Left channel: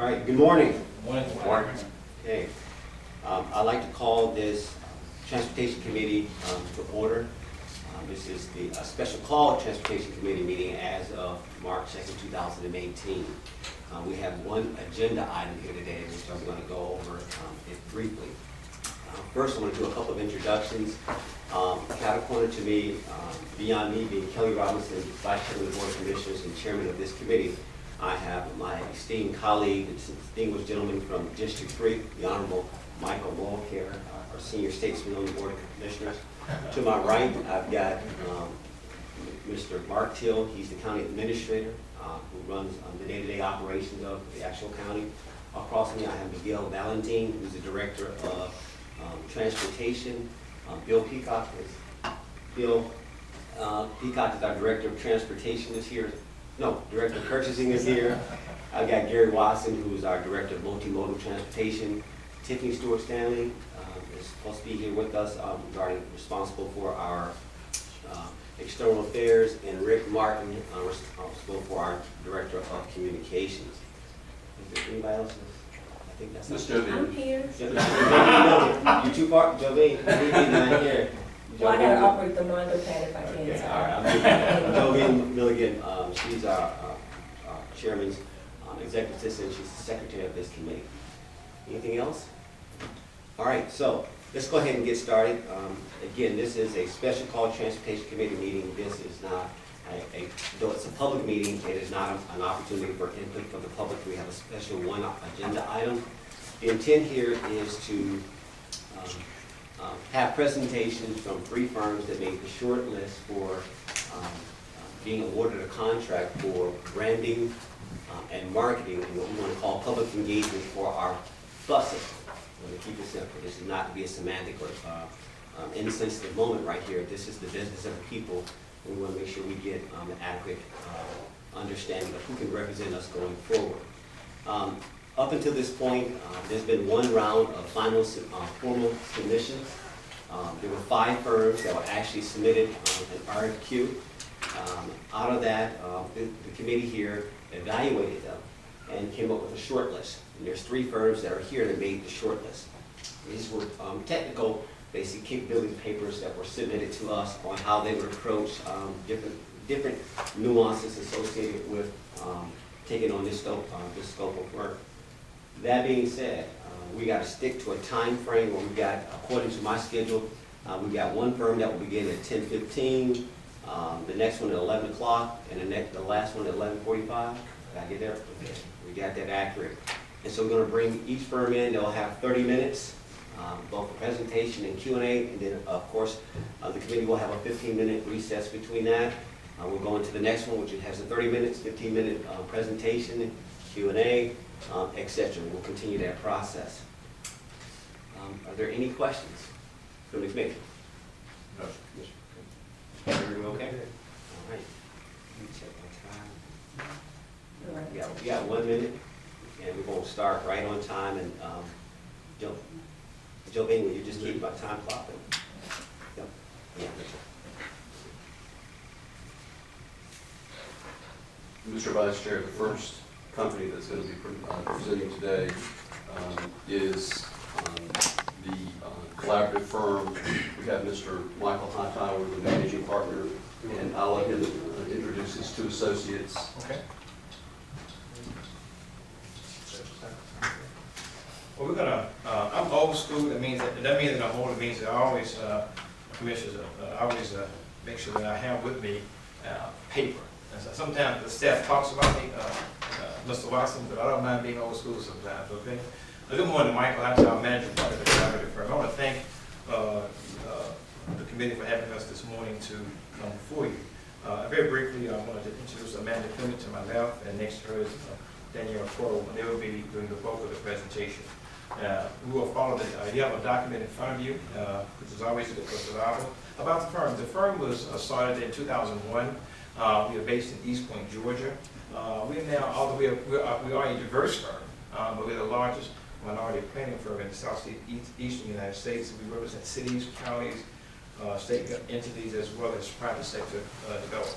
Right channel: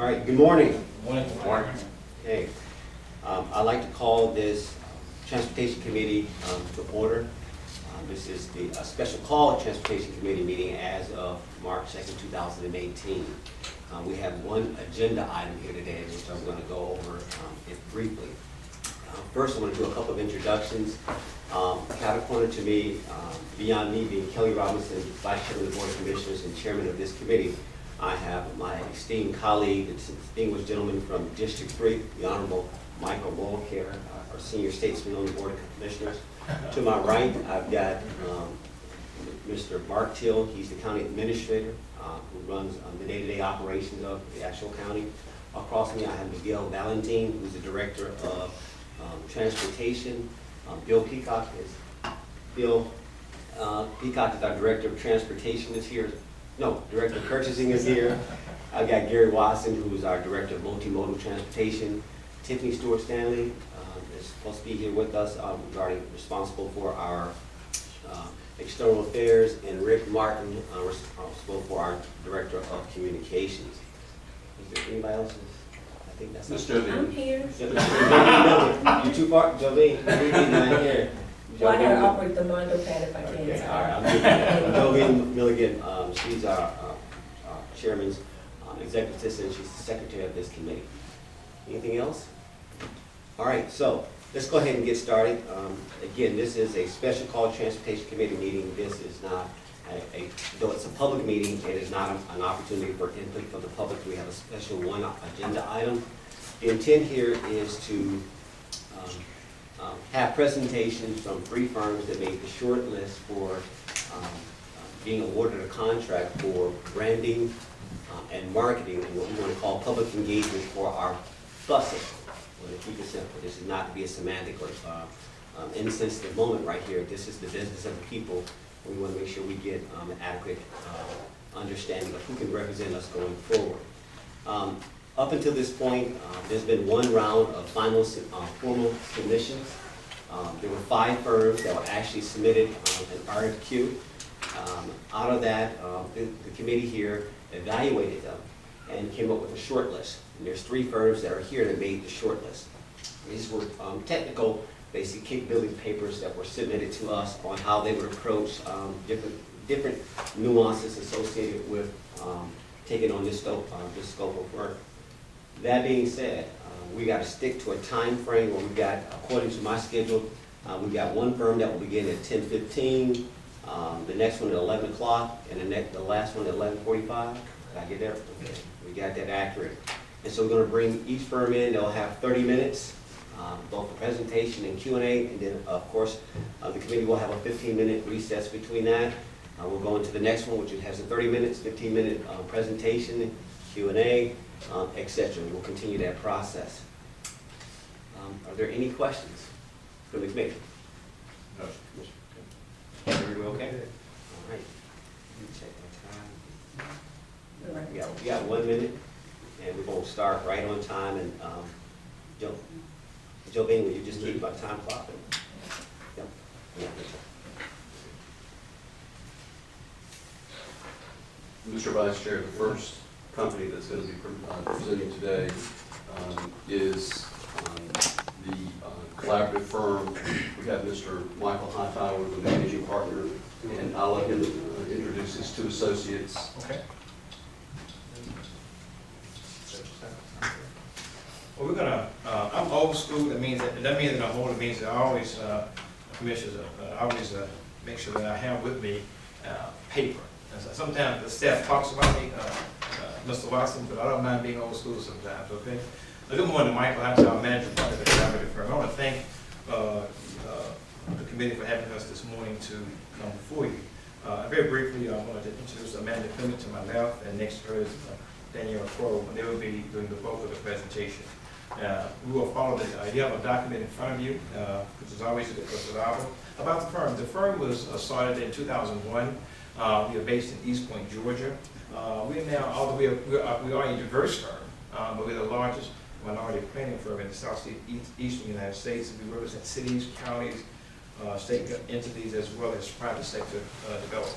All right, good morning. Morning. Okay, I'd like to call this Transportation Committee to order. This is the special call Transportation Committee meeting as of March 2nd, 2018. We have one agenda item here today, which I'm going to go over it briefly. First, I want to do a couple of introductions. Catapulted to me, beyond me being Kelly Robinson, Vice Chairman of the Board of Commissioners and Chairman of this committee, I have my esteemed colleague, the distinguished gentleman from District 3, the Honorable Michael Mulcair, our senior statesman on the Board of Commissioners. To my right, I've got Mr. Mark Till. He's the county administrator who runs the day-to-day operations of the actual county. Across me, I have Miguel Valentin, who's the director of transportation. Bill Peacock is our director of transportation is here. No, director of purchasing is here. I've got Gary Watson, who's our director of multimodal transportation. Tiffany Stewart Stanley is supposed to be here with us responsible for our external affairs, and Rick Martin responsible for our director of communications. Is there anybody else? I think that's Mr. I'm here. You too far, Jolene? Not here. Well, I gotta operate the Mondo pad if I can. Okay, so. all right. Jolene Milligan, she's our chairman's executive assistant. She's the secretary of this committee. Anything else? All right, so let's go ahead and get started. Again, this is a special call transportation committee meeting. This is not though it's a public meeting, it is not an opportunity for input from the public. We have a special one agenda item. The intent here is to have presentations from 3 firms that made the short list for being awarded a contract for branding and marketing and what we want to call public engagement for our buses. I want to keep it simple. This is not to be a semantic or insensitive moment right here. This is the business of the people. We want to make sure we get an adequate understanding of who can represent us going forward. Up until this point, there's been one round of final formal submissions. There were 5 firms that were actually submitted an RFQ. Out of that, the committee here evaluated them and came up with a short list. And there's 3 firms that are here that made the short list. These were technical, basic capability papers that were submitted to us on how they would approach different nuances associated with taking on this scope of work. That being said, we got to stick to a time frame where we got, according to my schedule, we got one firm that will begin at 10:15, the next one at 11 o'clock, and the last one at 11:45. Did I get that? Okay, we got that accurate. And so we're going to bring each firm in. They'll have 30 minutes, both for presentation and Q&A, and then of course the committee will have a 15-minute recess between that. We'll go into the next one, which has a 30 minutes, 15-minute presentation, Q&A, etc. We'll continue that process. Are there any questions from the committee? No. Everybody okay? All right. Let me check my time. All right. We got 1 minute, and we're going to start right on time. And Jolene, will you just keep my time clock? Yep. Yeah. Mr. Vice Chair, the first company that's going to be presenting today is the collaborative firm. We have Mr. Michael Hightower, the managing partner, and I'll let him introduce his 2 associates. Okay. Well, we're gonna. I'm old school. That means that I'm old. It means that I always commissioners. I always make sure that I have with me paper. And so sometimes the staff talks about me, Mr. Watson, but I don't mind being old school sometimes. Okay. Good morning, Michael. I'm our manager part of the collaborative firm. I want to thank the committee for having us this morning to come before you. Very briefly, I wanted to introduce Amanda Clement to my left, and next to her is Danielle Crow, and they will be doing the bulk of the presentation. We will follow the, you have a document in front of you, which is always a good reliable. About the firm. The firm was started in 2001. We are based in East Point, Georgia. We are now, although we are a diverse firm, but we're the largest minority planning firm in the southeastern United States. We represent cities, counties, state entities, as well as private sector developers.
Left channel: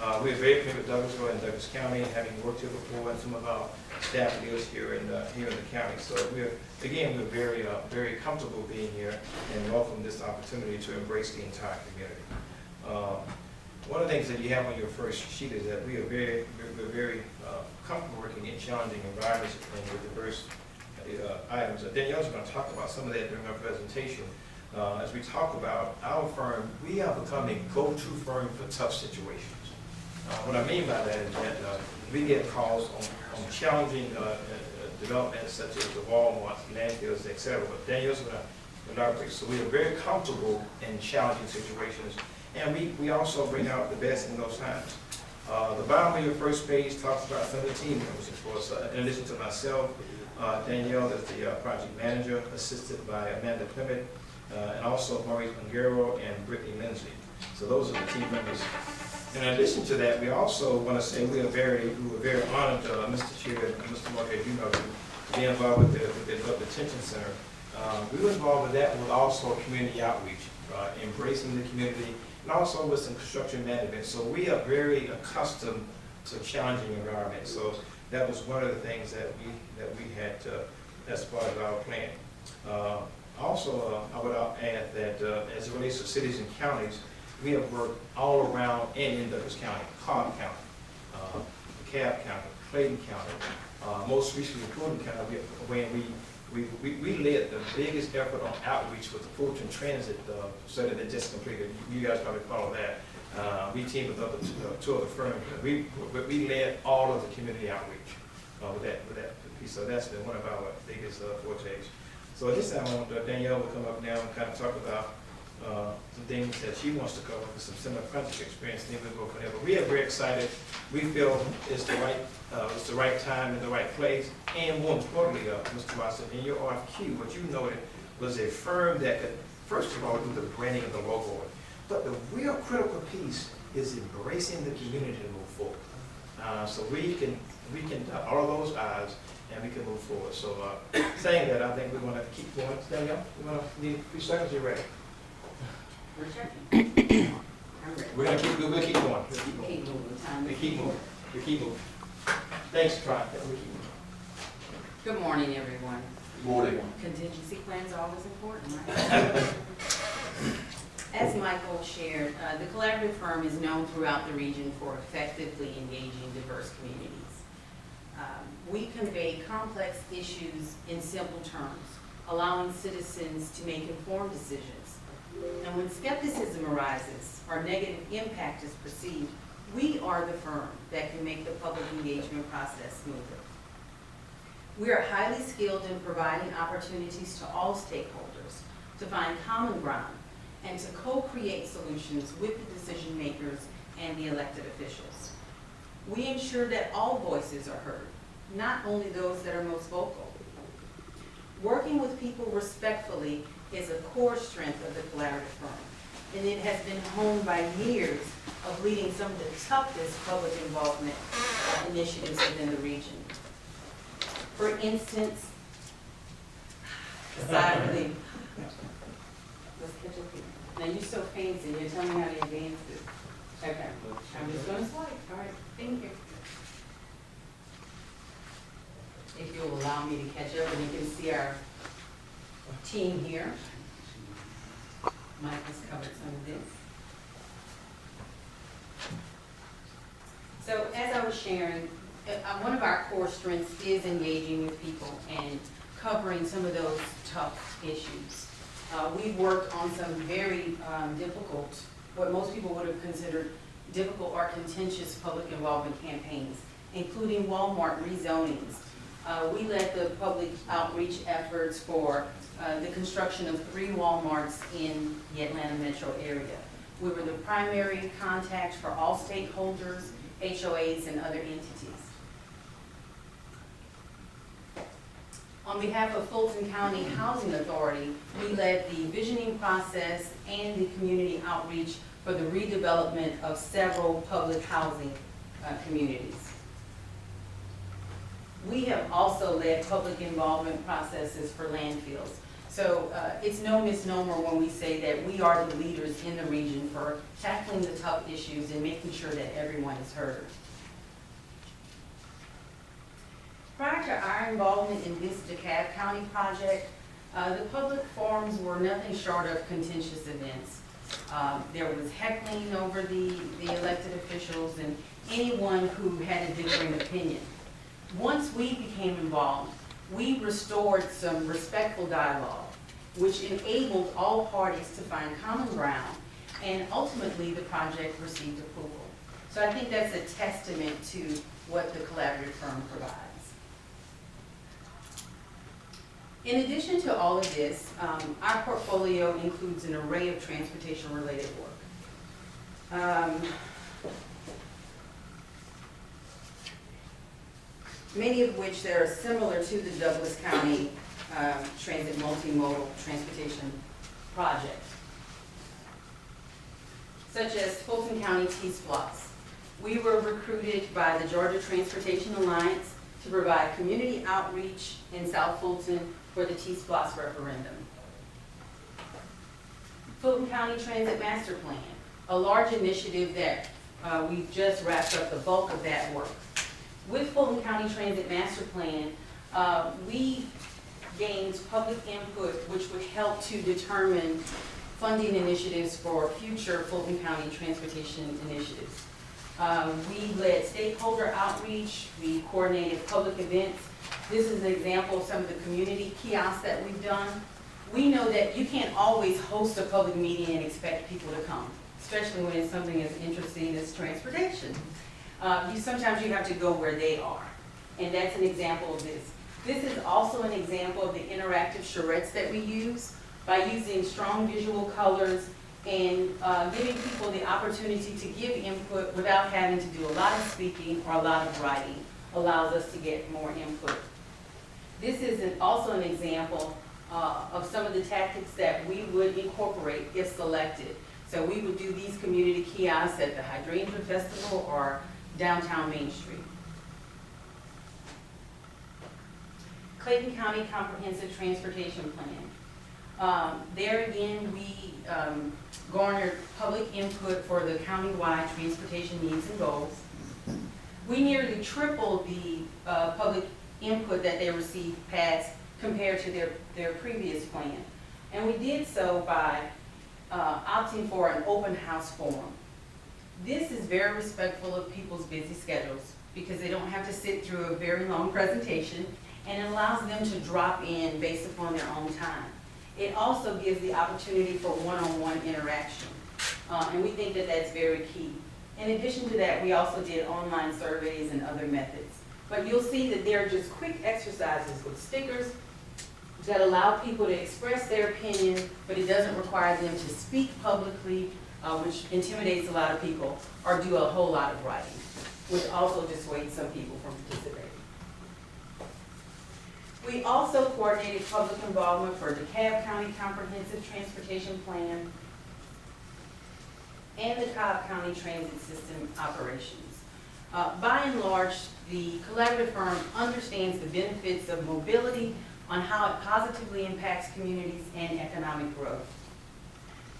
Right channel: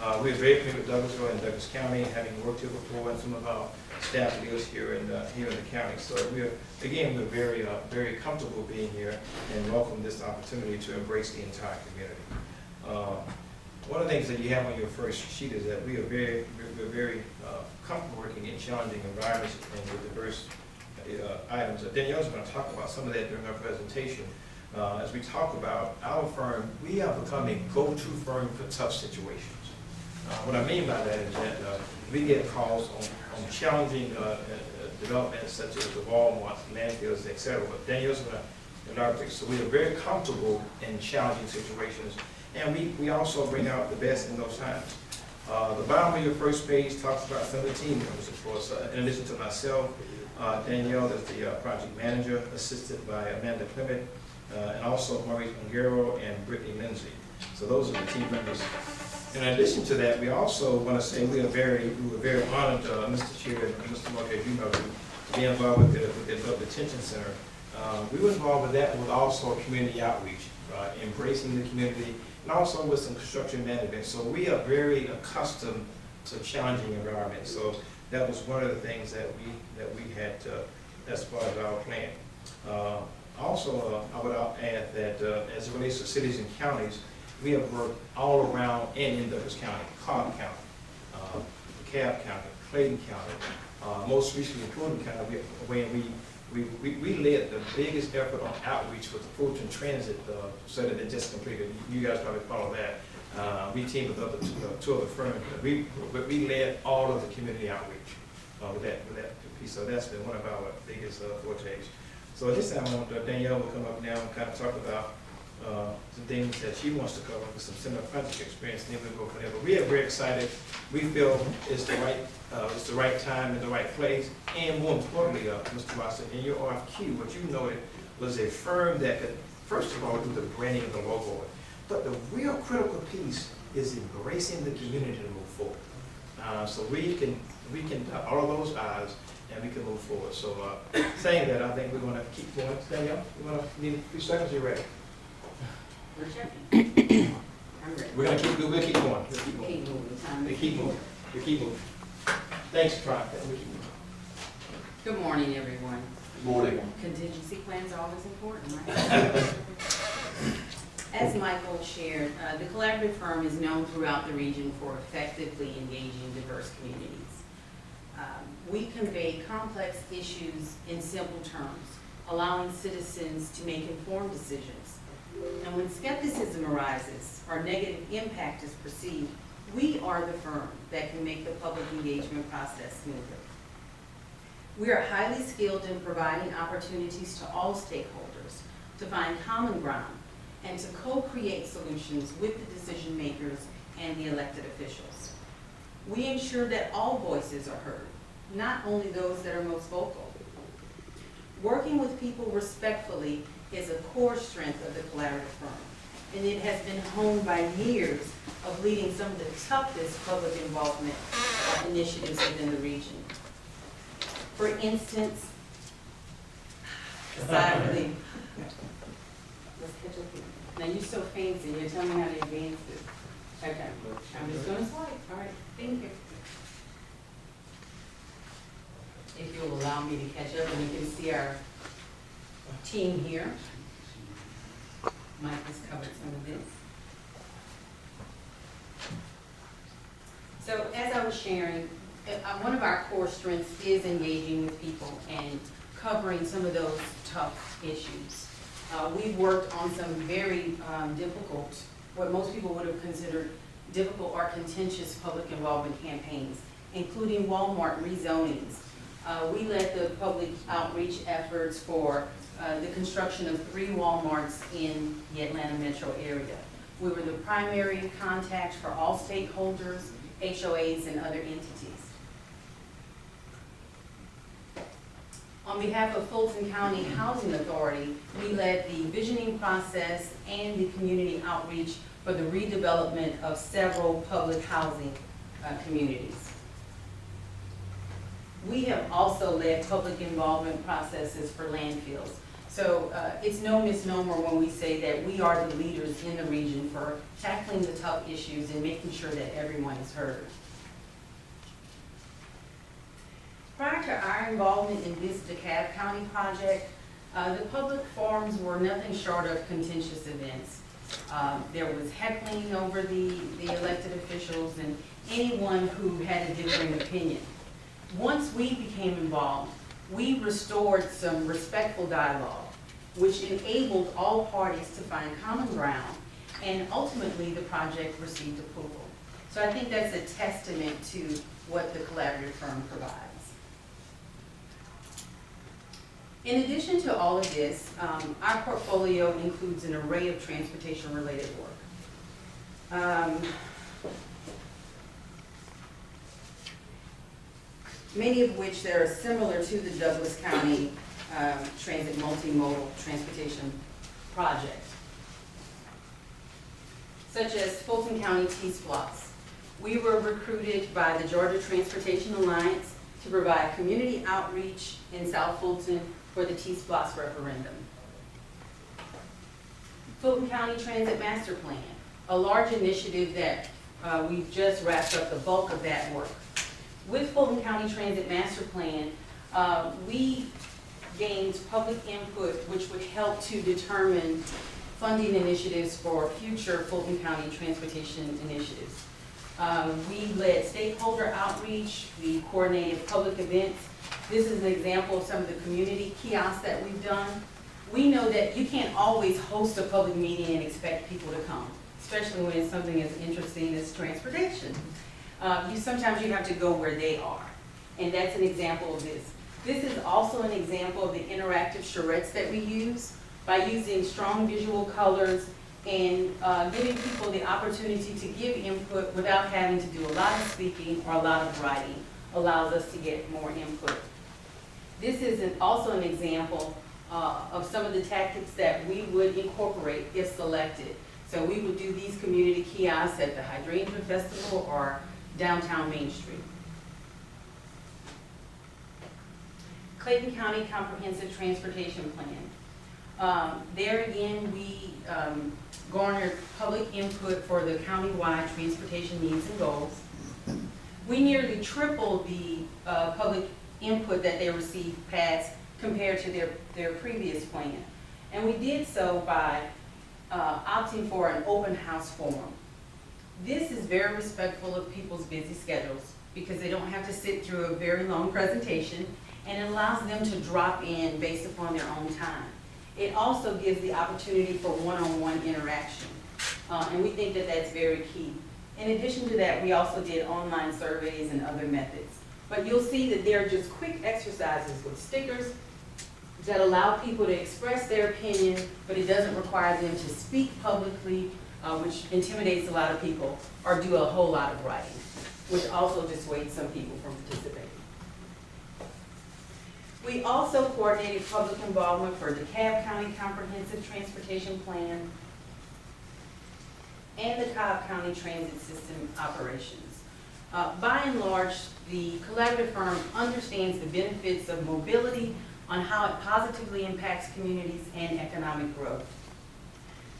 We're very familiar with Douglasville and Douglas County, having worked here before, and some of our staff lives here in the county. So we're very comfortable being here and welcome this opportunity to embrace the entire community. One of the things that you have on your first sheet is that we're very comfortable working in challenging environments and with diverse items. Danielle's going to talk about some of that during our presentation. As we talk about our firm, we are becoming go-to firm for tough situations. What I mean by that is that we get calls on challenging developments such as the Walmart, landfills, etc. But Danielle's going to elaborate. So we are very comfortable in challenging situations, and we also bring out the best in those times. The bottom of your first page talks about some of the team members, of course. In addition to myself, Danielle is the project manager, assisted by Amanda Clement, and also Maurice Ongaro and Brittany Lindsay. So those are the team members. In addition to that, we also want to say we were very honored, Mr. Chair and Mr. Marquez, you know, to be involved with the Adult Detention Center. We were involved with that, with also community outreach, embracing the community, and also with some construction management. So we are very accustomed to challenging environments. So that was one of the things that we had as part of our plan. Also, I would add that as it relates to cities and counties, we have worked all around and in Douglas County, Cobb County, DeKalb County, Clayton County, most recently Fulton County, when we led the biggest effort on outreach with the Fulton Transit study that just completed. You guys probably follow that. We teamed with two other firms. We led all of the community outreach with that piece. So that's been one of our biggest fortes. So at this time, Danielle will come up now and kind of talk about some things that she wants to cover with some similar project experience, and then we'll go from there. But we are very excited. We feel it's the right time and the right place, and more importantly, Mr. Watson, in your RFQ, what you noted was a firm that could, first of all, do the branding of the logo. But the real critical piece is embracing the community to move forward. So we can dot all of those I's and we can move forward. So saying that, I think we're going to keep going. Danielle, you want to need 3 seconds? You're ready. We're checking. I'm ready. We'll keep going. Keep moving. Time. We keep moving. Thanks, Tron. Good morning, everyone. Morning. Contingency plans are always important, right? As Michael shared, the collaborative firm is known throughout the region for effectively engaging diverse communities. We convey complex issues in simple terms, allowing citizens to make informed decisions. And when skepticism arises or negative impact is perceived, we are the firm that can make the public engagement process smoother. We are highly skilled in providing opportunities to all stakeholders to find common ground and to co-create solutions with the decision makers and the elected officials. We ensure that all voices are heard, not only those that are most vocal. Working with people respectfully is a core strength of the collaborative firm, and it has been honed by years of leading some of the toughest public involvement initiatives within the region. For instance, aside relief. Let's catch up here. Now you're so fancy, you're telling me how to advance this. Okay, I'm just gonna swipe. All right, thank you. If you'll allow me to catch up, and you can see our team here. Mike has covered some of this. So as I was sharing, one of our core strengths is engaging with people and covering some of those tough issues. We've worked on some very difficult, what most people would have considered difficult or contentious public involvement campaigns, including Walmart rezonings. We led the public outreach efforts for the construction of 3 Walmarts in the Atlanta metro area. We were the primary contact for all stakeholders, HOAs, and other entities. On behalf of Fulton County Housing Authority, we led the visioning process and the community outreach for the redevelopment of several public housing communities. We have also led public involvement processes for landfills. So it's no misnomer when we say that we are the leaders in the region for tackling the tough issues and making sure that everyone is heard. Prior to our involvement in this DeKalb County project, the public forums were nothing short of contentious events. There was heckling over the elected officials and anyone who had a differing opinion. Once we became involved, we restored some respectful dialogue, which enabled all parties to find common ground, and ultimately the project received approval. So I think that's a testament to what the collaborative firm provides. In addition to all of this, our portfolio includes an array of transportation-related work. Many of which that are similar to the Douglas County Transit Multimodal Transportation Project, such as Fulton County T-Splosh. We were recruited by the Georgia Transportation Alliance to provide community outreach in South Fulton for the T-Splosh referendum. Fulton County Transit Master Plan, a large initiative that we've just wrapped up the bulk of that work. With Fulton County Transit Master Plan, we gained public input which would help to determine funding initiatives for future Fulton County transportation initiatives. We led stakeholder outreach, we coordinated public events. This is an example of some of the community kiosks that we've done. We know that you can't always host a public meeting and expect people to come, especially when it's something as interesting as transportation. Sometimes you have to go where they are, and that's an example of this. This is also an example of the interactive charrettes that we use by using strong visual colors and giving people the opportunity to give input without having to do a lot of speaking or a lot of writing, allows us to get more input. This is also an example of some of the tactics that we would incorporate if selected. So we would do these community kiosks at the Hydrangea Festival or downtown Main Street. Clayton County Comprehensive Transportation Plan. There again, we garnered public input for the countywide transportation needs and goals. We nearly tripled the public input that they received passed compared to their previous plan. And we did so by opting for an open house forum. This is very respectful of people's busy schedules because they don't have to sit through a very long presentation, and it allows them to drop in based upon their own time. It also gives the opportunity for one-on-one interaction, and we think that that's very key. In addition to that, we also did online surveys and other methods. But you'll see that they're just quick exercises with stickers that allow people to express their opinion, but it doesn't require them to speak publicly, which intimidates a lot of people, or do a whole lot of writing, which also dissuades some people from participating. We also coordinated public involvement for DeKalb County Comprehensive Transportation Plan and the Cobb County Transit System operations. By and large, the collaborative firm understands the benefits of mobility on how it positively impacts communities and economic growth.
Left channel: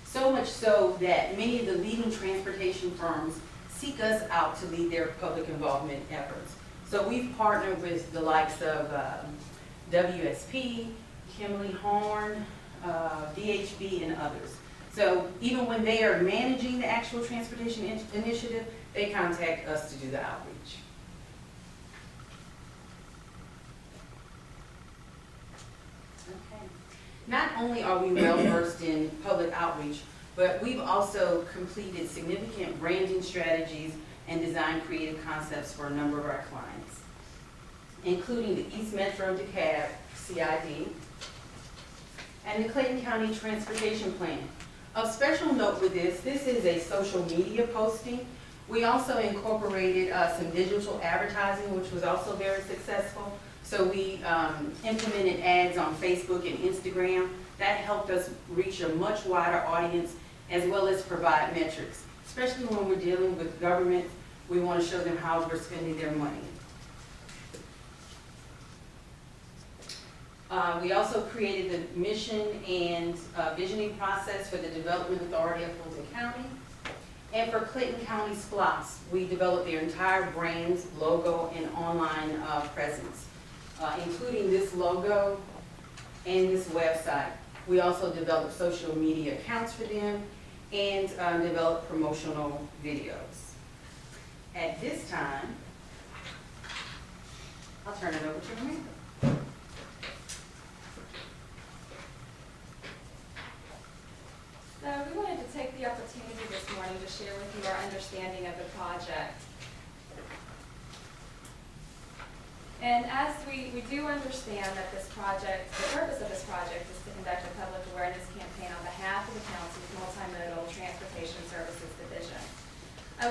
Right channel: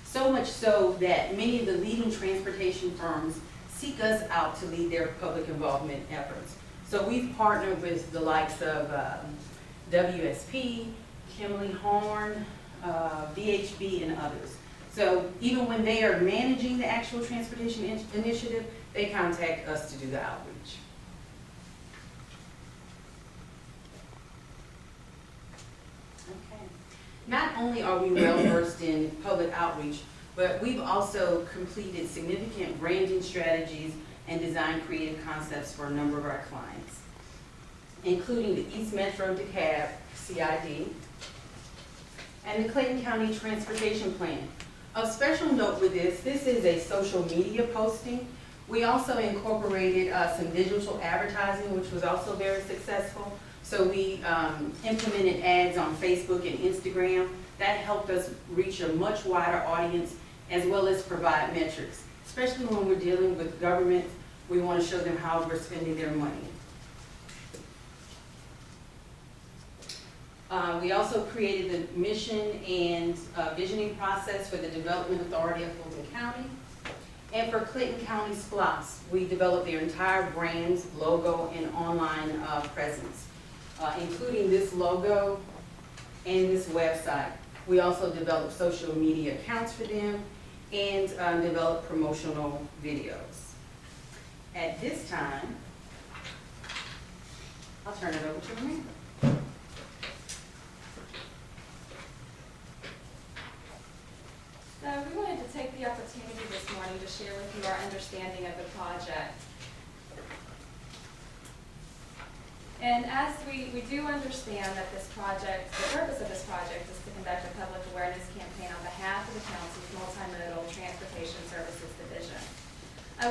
So much so that many of the leading transportation firms seek us out to lead their public involvement efforts. So we've partnered with the likes of WSP, Kimley Horn, VHB, and others. So even when they are managing the actual transportation initiative, they contact us to do the outreach. Okay. Not only are we well versed in public outreach, but we've also completed significant branding strategies and designed creative concepts for a number of our clients, including the East Metro DeKalb, CID, and the Clayton County Transportation Plan. Of special note with this is a social media posting. We also incorporated some digital advertising, which was also very successful. So we implemented ads on Facebook and Instagram. That helped us reach a much wider audience, as well as provide metrics. Especially when we're dealing with government, we want to show them how we're spending their money. We also created the mission and visioning process for the Development Authority of Fulton County. And for Clinton County SPLOS, we developed their entire brand, logo, and online presence, including this logo and this website. We also developed social media accounts for them and developed promotional videos. At this time, I'll turn it over to Amanda. So we wanted to take the opportunity this morning to share with you our understanding of the project. And as we do understand that this project, the purpose of this project is to conduct a public awareness campaign on behalf of the county's multimodal transportation services division.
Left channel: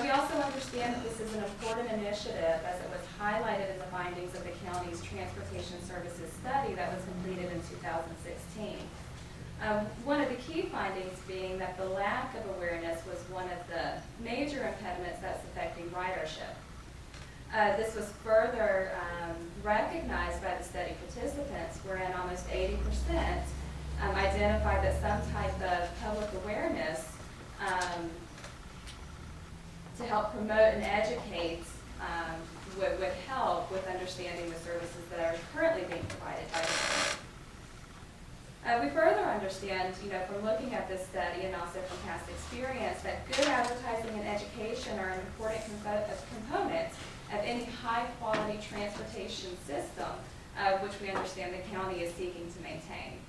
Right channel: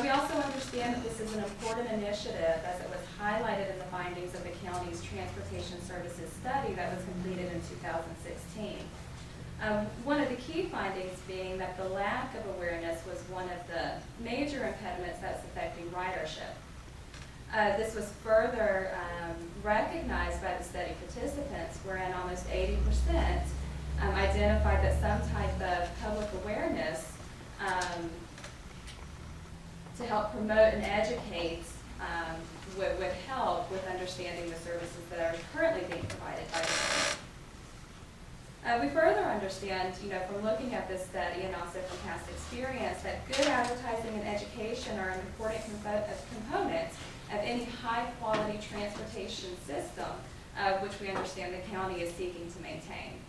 We also understand that this is an important initiative as it was highlighted in the findings of the county's transportation services study that was completed in 2016. One of the key findings being that the lack of awareness was one of the major impediments that's affecting ridership. This was further recognized by the study participants, wherein almost 80% identified that some type of public awareness to help promote and educate would help with understanding the services that are currently being provided by the county. We further understand, from looking at this study and also from past experience, that good advertising and education are an important component of any high-quality transportation system, which we understand the county is seeking to maintain.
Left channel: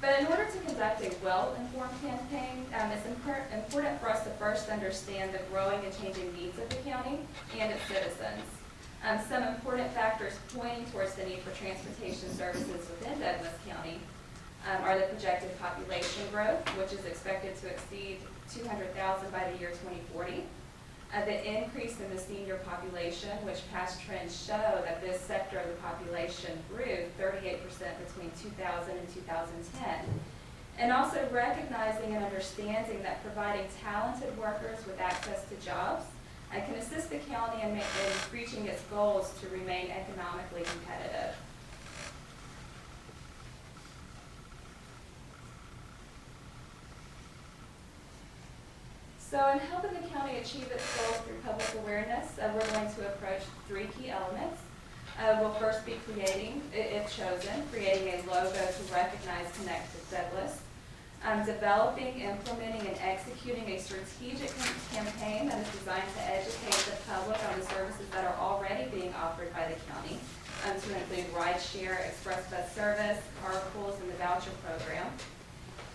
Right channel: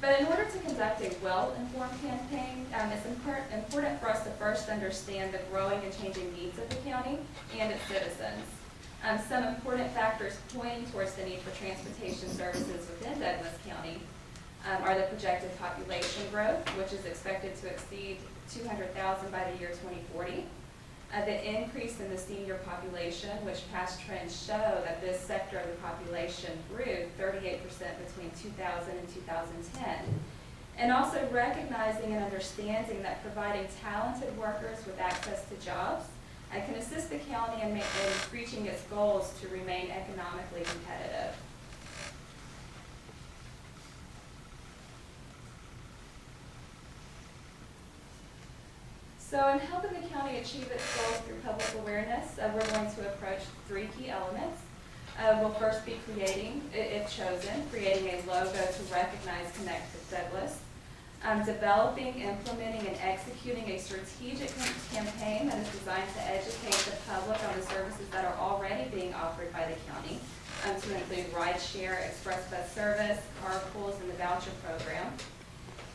But in order to conduct a well-informed campaign, it's important for us to first understand the growing and changing needs of the county and its citizens. Some important factors pointing towards the need for transportation services within Douglas County are the projected population growth, which is expected to exceed 200,000 by the year 2040. The increase in the senior population, which past trends show that this sector of the population grew 38% between 2000 and 2010. And also recognizing and understanding that providing talented workers with access to jobs can assist the county in reaching its goals to remain economically competitive. So in helping the county achieve its goals through public awareness, we're going to approach three key elements. We'll first be creating, if chosen, creating a logo to recognize Connect with Douglas. Developing, implementing, and executing a strategic campaign that is designed to educate the public on the services that are already being offered by the county, to include rideshare, express bus service, carpools, and the voucher program.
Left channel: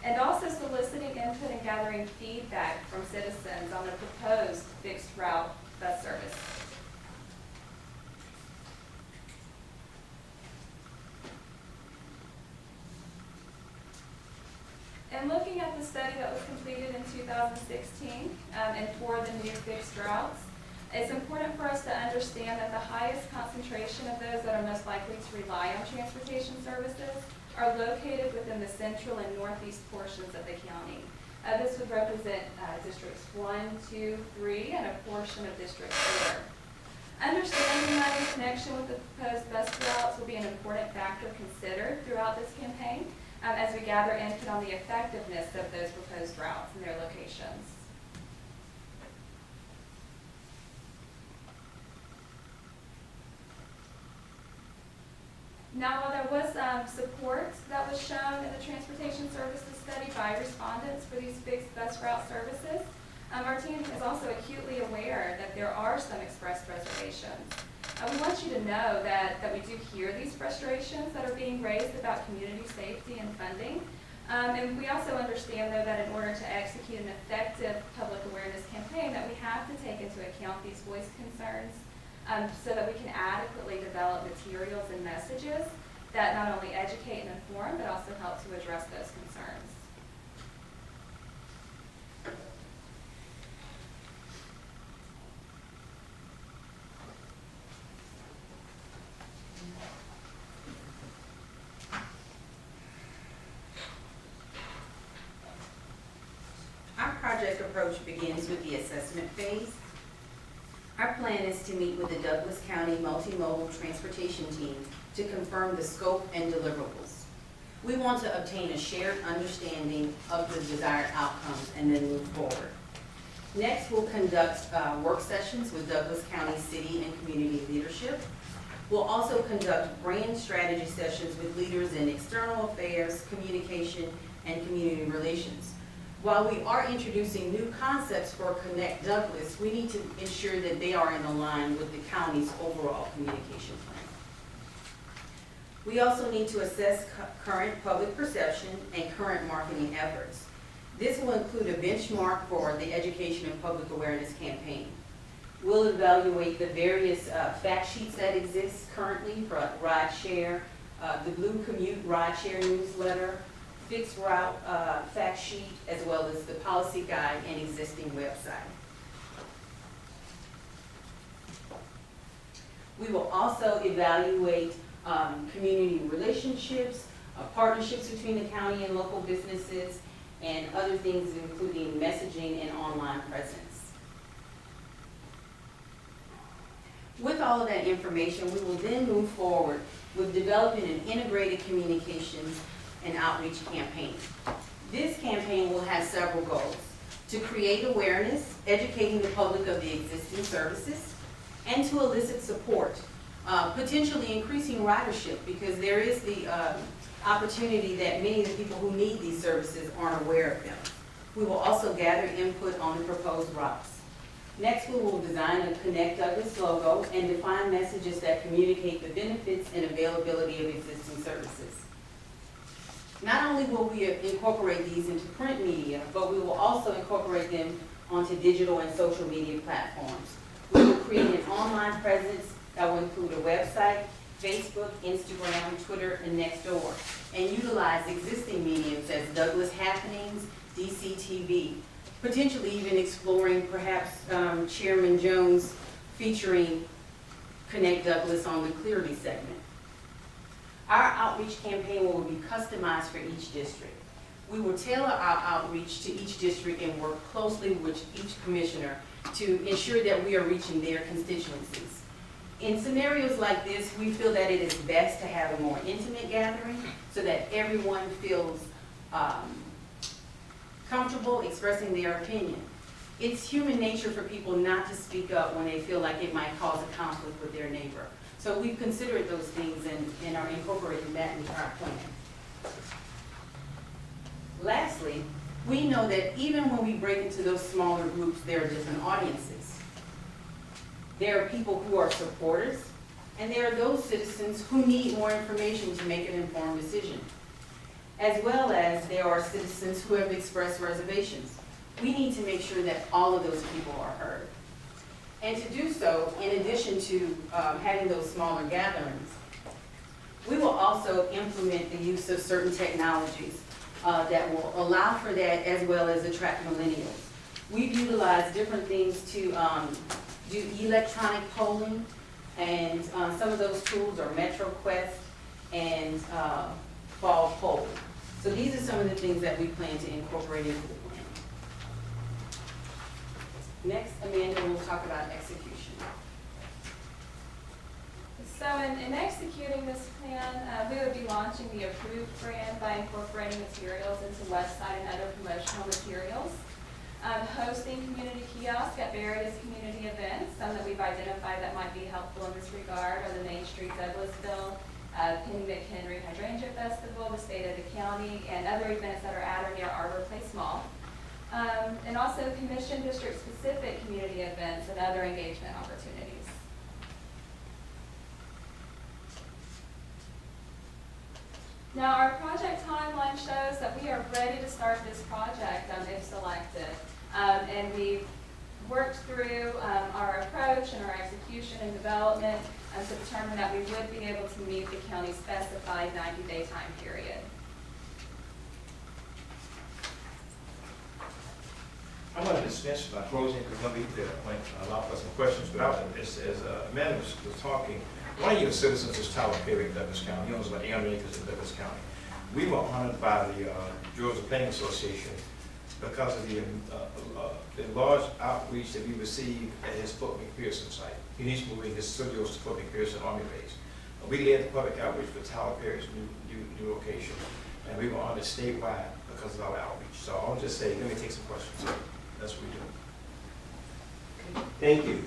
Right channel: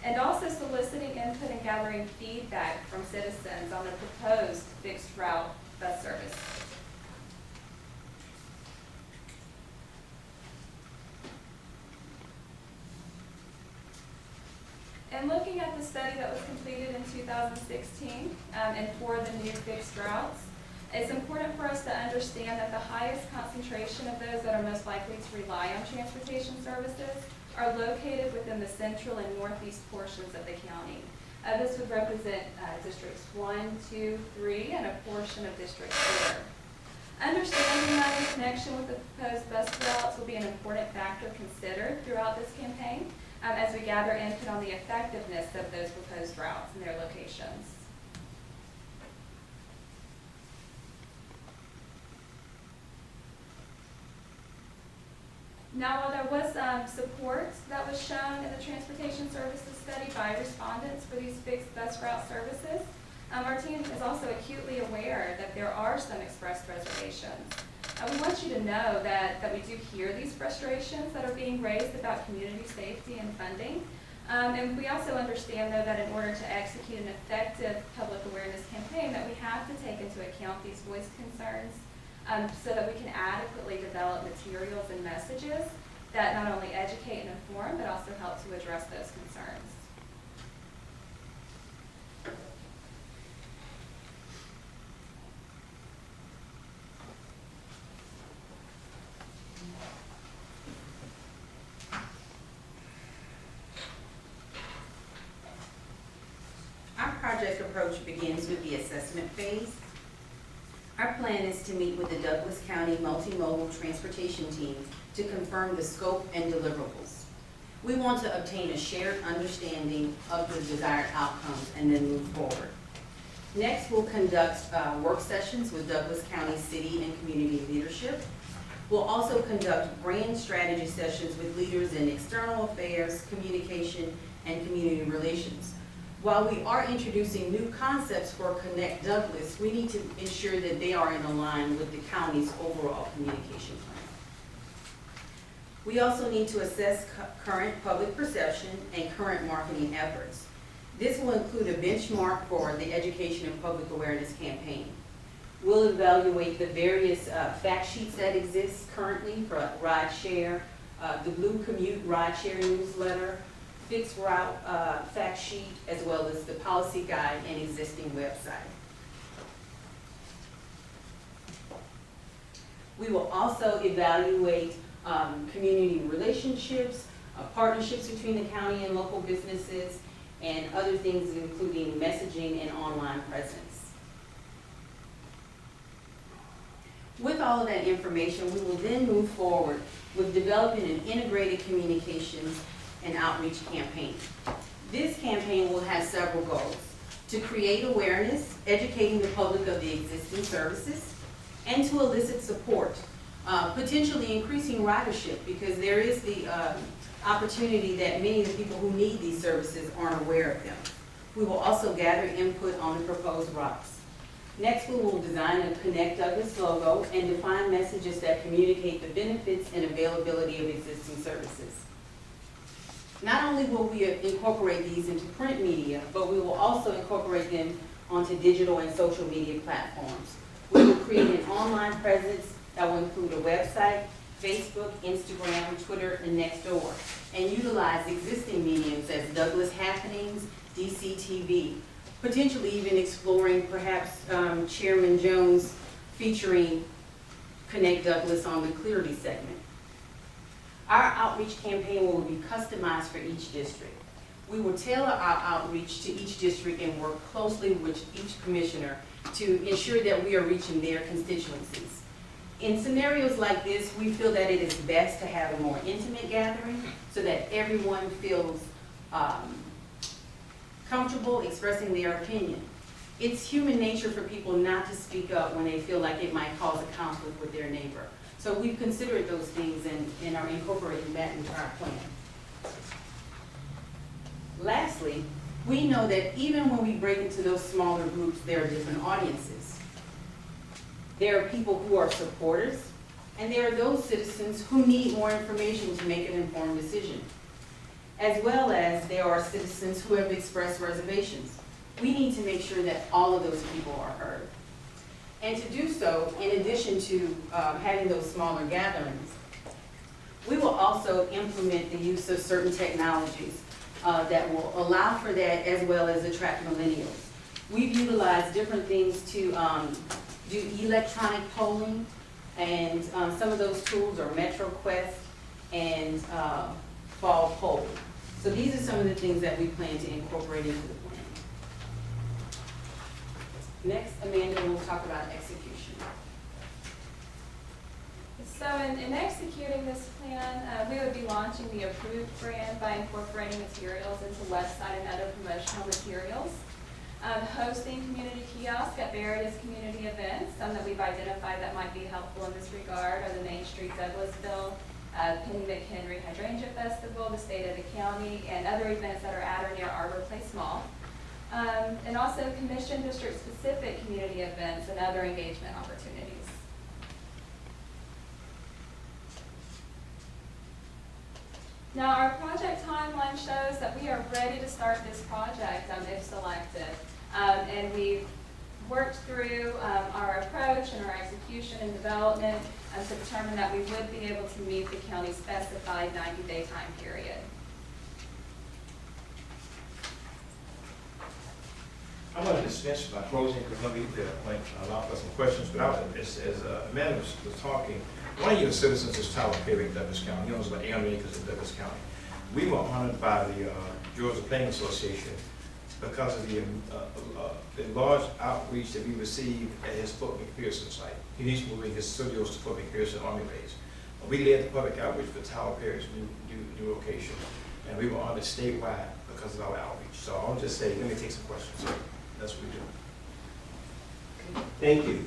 And also soliciting input and gathering feedback from citizens on the proposed fixed route bus service. And looking at the study that was completed in 2016 and for the new fixed routes, it's important for us to understand that the highest concentration of those that are most likely to rely on transportation services are located within the central and northeast portions of the county. This would represent districts 1, 2, 3, and a portion of district 4. Understanding that in connection with the proposed bus routes will be an important factor considered throughout this campaign as we gather input on the effectiveness of those proposed routes and their locations. Now, while there was support that was shown in the transportation services study by respondents for these fixed bus route services, our team is also acutely aware that there are some expressed reservations. We want you to know that we do hear these frustrations that are being raised about community safety and funding. And we also understand, though, that in order to execute an effective public awareness campaign, that we have to take into account these voiced concerns so that we can adequately develop materials and messages that not only educate and inform, but also help to address those concerns. Our project approach begins with the assessment phase. Our plan is to meet with the Douglas County Multimodal Transportation Team to confirm the scope and deliverables. We want to obtain a shared understanding of the desired outcomes and then move forward. Next, we'll conduct work sessions with Douglas County city and community leadership. We'll also conduct brand strategy sessions with leaders in external affairs, communication, and community relations. While we are introducing new concepts for Connect Douglas, we need to ensure that they are in line with the county's overall communication plan. We also need to assess current public perception and current marketing efforts. This will include a benchmark for the Education and Public Awareness campaign. We'll evaluate the various fact sheets that exist currently for rideshare, the Blue Commute rideshare newsletter, fixed route fact sheet, as well as the policy guide and existing website. We will also evaluate community relationships, partnerships between the county and local businesses, and other things including messaging and online presence. With all of that information, we will then move forward with developing an integrated communications and outreach campaign. This campaign will have several goals: to create awareness, educating the public of the existing services, and to elicit support, potentially increasing ridership, because there is the opportunity that many of the people who need these services aren't aware of them. We will also gather input on the proposed routes. Next, we will design a Connect Douglas logo and define messages that communicate the benefits and availability of existing services. Not only will we incorporate these into print media, but we will also incorporate them onto digital and social media platforms. We will create an online presence that will include a website, Facebook, Instagram, Twitter, and Nextdoor, and utilize existing mediums as Douglas Happenings, DCTV, potentially even exploring perhaps Chairman Jones featuring Connect Douglas on the Clearly segment. Our outreach campaign will be customized for each district. We will tailor our outreach to each district and work closely with each commissioner to ensure that we are reaching their constituencies. In scenarios like this, we feel that it is best to have a more intimate gathering so that everyone feels comfortable expressing their opinion. It's human nature for people not to speak up when they feel like it might cause a conflict with their neighbor. So we've considered those things and are incorporating that into our plan. Lastly, we know that even when we break into those smaller groups, there are different audiences. There are people who are supporters, and there are those citizens who need more information to make an informed decision. As well as there are citizens who have expressed reservations. We need to make sure that all of those people are heard. And to do so, in addition to having those smaller gatherings, we will also implement the use of certain technologies that will allow for that, as well as attract millennials. We've utilized different things to do electronic polling, and some of those tools are MetroQuest and Fall Poll. So these are some of the things that we plan to incorporate into the plan. Next, Amanda will talk about execution. So in executing this plan, we would be launching the Approved brand by incorporating materials into website and other promotional materials. Hosting community kiosks at various community events. Some that we've identified that might be helpful in this regard are the Main Street Douglasville, Penny McHenry Hydrangea Festival, the State of the County, and other events that are at or near Arbor Place Mall. And also commission district-specific community events and other engagement opportunities. Now, our project timeline shows that we are ready to start this project if selected. And we've worked through our approach and our execution and development to determine that we would be able to meet the county's specified 90-day time period. I want to dismiss by closing, because let me allow for some questions, but as Amanda was talking, one of your citizens is Tyler Perry in Douglas County. He owns about 800 acres in Douglas County. We were honored by the Georgia Planning Association because of the large outreach that we received at his Fort McPherson site. He needs moving his studios to Fort McPherson Army Base. We led the public outreach for Tyler Perry's new location, and we were on it statewide because of our outreach. So I'll just say, let me take some questions. So that's what we do. Thank you.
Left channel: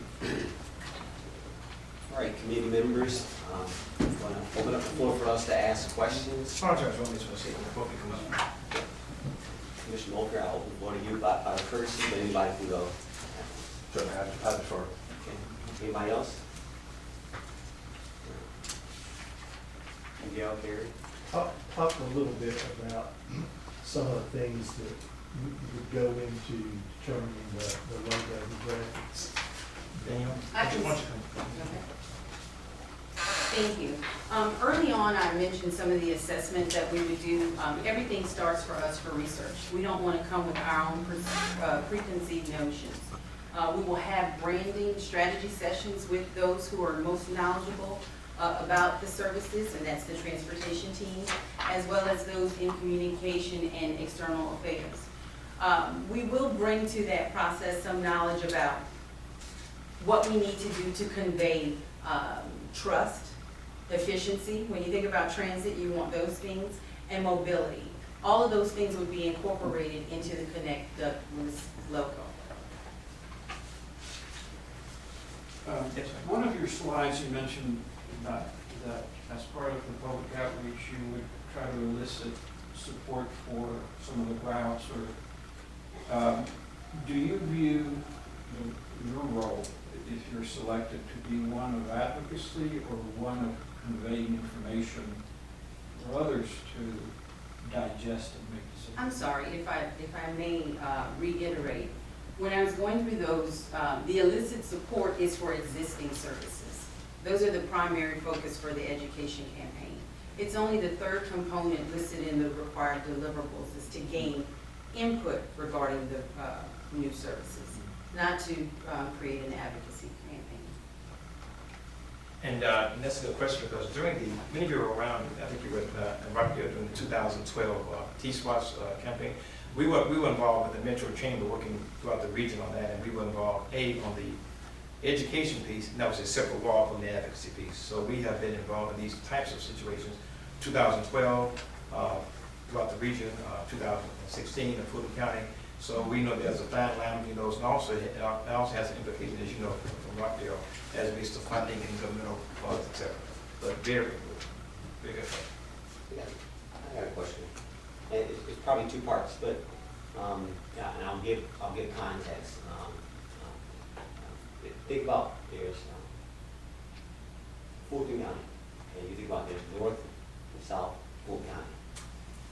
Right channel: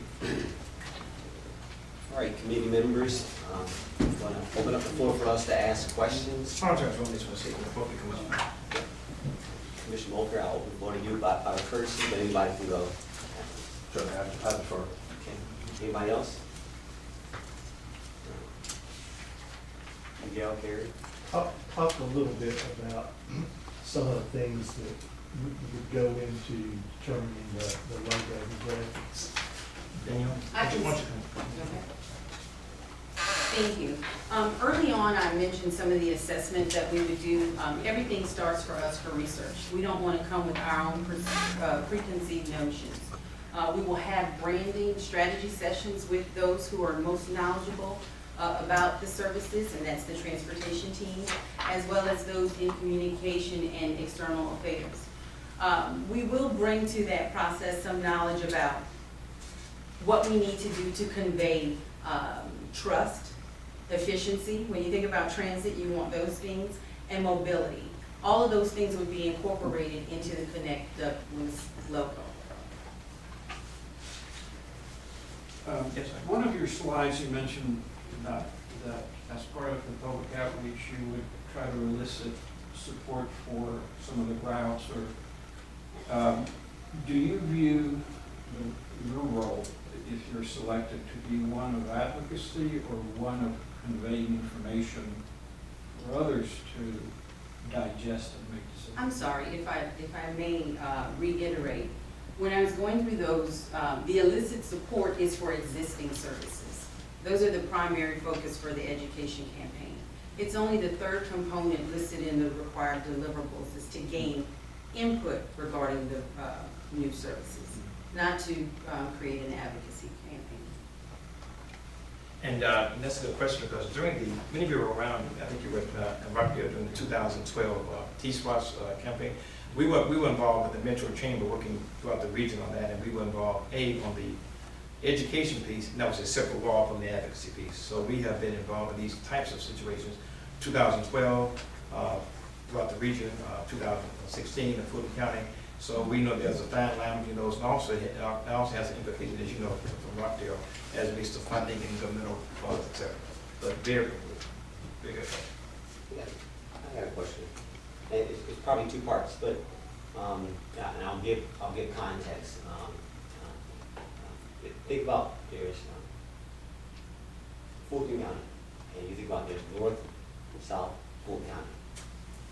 All right, committee members, want to open up the floor for us to ask questions? Apologize on this one, see, before we come up. Commissioner Mulcair, I'll open the floor to you by courtesy, but anybody can go. Sure, I defer. Okay, anybody else? Miguel, Gary? Talk a little bit about some of the things that would go into determining the logo, the graphics. Daniel, I why can- don't you come? Okay. Thank you. Early on, I mentioned some of the assessment that we would do. Everything starts for us for research. We don't want to come with our own preconceived notions. We will have branding strategy sessions with those who are most knowledgeable about the services, and that's the transportation team, as well as those in communication and external affairs. We will bring to that process some knowledge about what we need to do to convey trust, efficiency. When you think about transit, you want those things, and mobility. All of those things would be incorporated into the Connect Douglas logo. Yes, sir. One of your slides, you mentioned that as part of the public outreach, you would try to elicit support for some of the routes, or do you view your role, if you're selected, to be one of advocacy or one of conveying information for others to digest and make decisions? I'm sorry, if I may reiterate, when I was going through those, the illicit support is for existing services. Those are the primary focus for the education campaign. It's only the third component listed in the required deliverables is to gain input regarding the new services, not to create an advocacy campaign. And that's a good question, because during the, many of you were around, I think you were in Rockdale during the 2012 T-SWAT's campaign. We were involved with the Metro Chamber working throughout the region on that, and we were involved, on the education piece, and that was a separate wall from the advocacy piece. So we have been involved in these types of situations. 2012, throughout the region, 2016 in Fulton County. So we know there's a fine line between those, and also it also has an implication, as you know, from Rockdale, as it relates to funding and governmental funds, et cetera. But very good. Yeah, I got a question. And it's probably two parts, but, yeah, and I'll give context. Think about there's Fulton County, and you think about there's North and South Fulton County,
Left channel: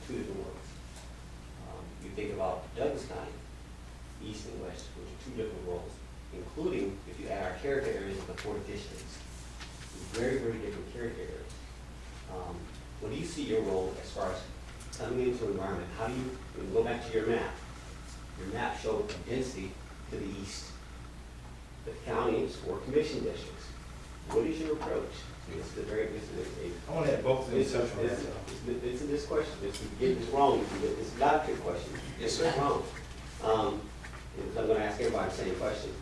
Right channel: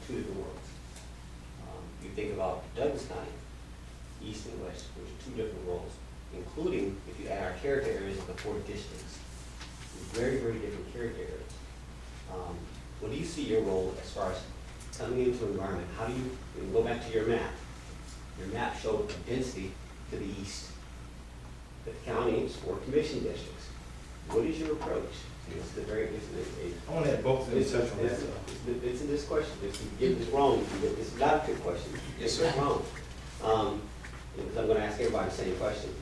two different worlds. You think about Douglas County, East and West, which are two different worlds, including if you add our character areas of the 4 districts. Very, very different character areas. What do you see your role as far as coming into an environment? How do you, and go back to your map showed a density to the east. The county is 4 commission districts. What is your approach? And this is a very, I want to have both of them touch on that. it's in this question. If you get this wrong, it's not a trick question. Yes, It's sir. wrong. Because I'm gonna ask everybody the same question.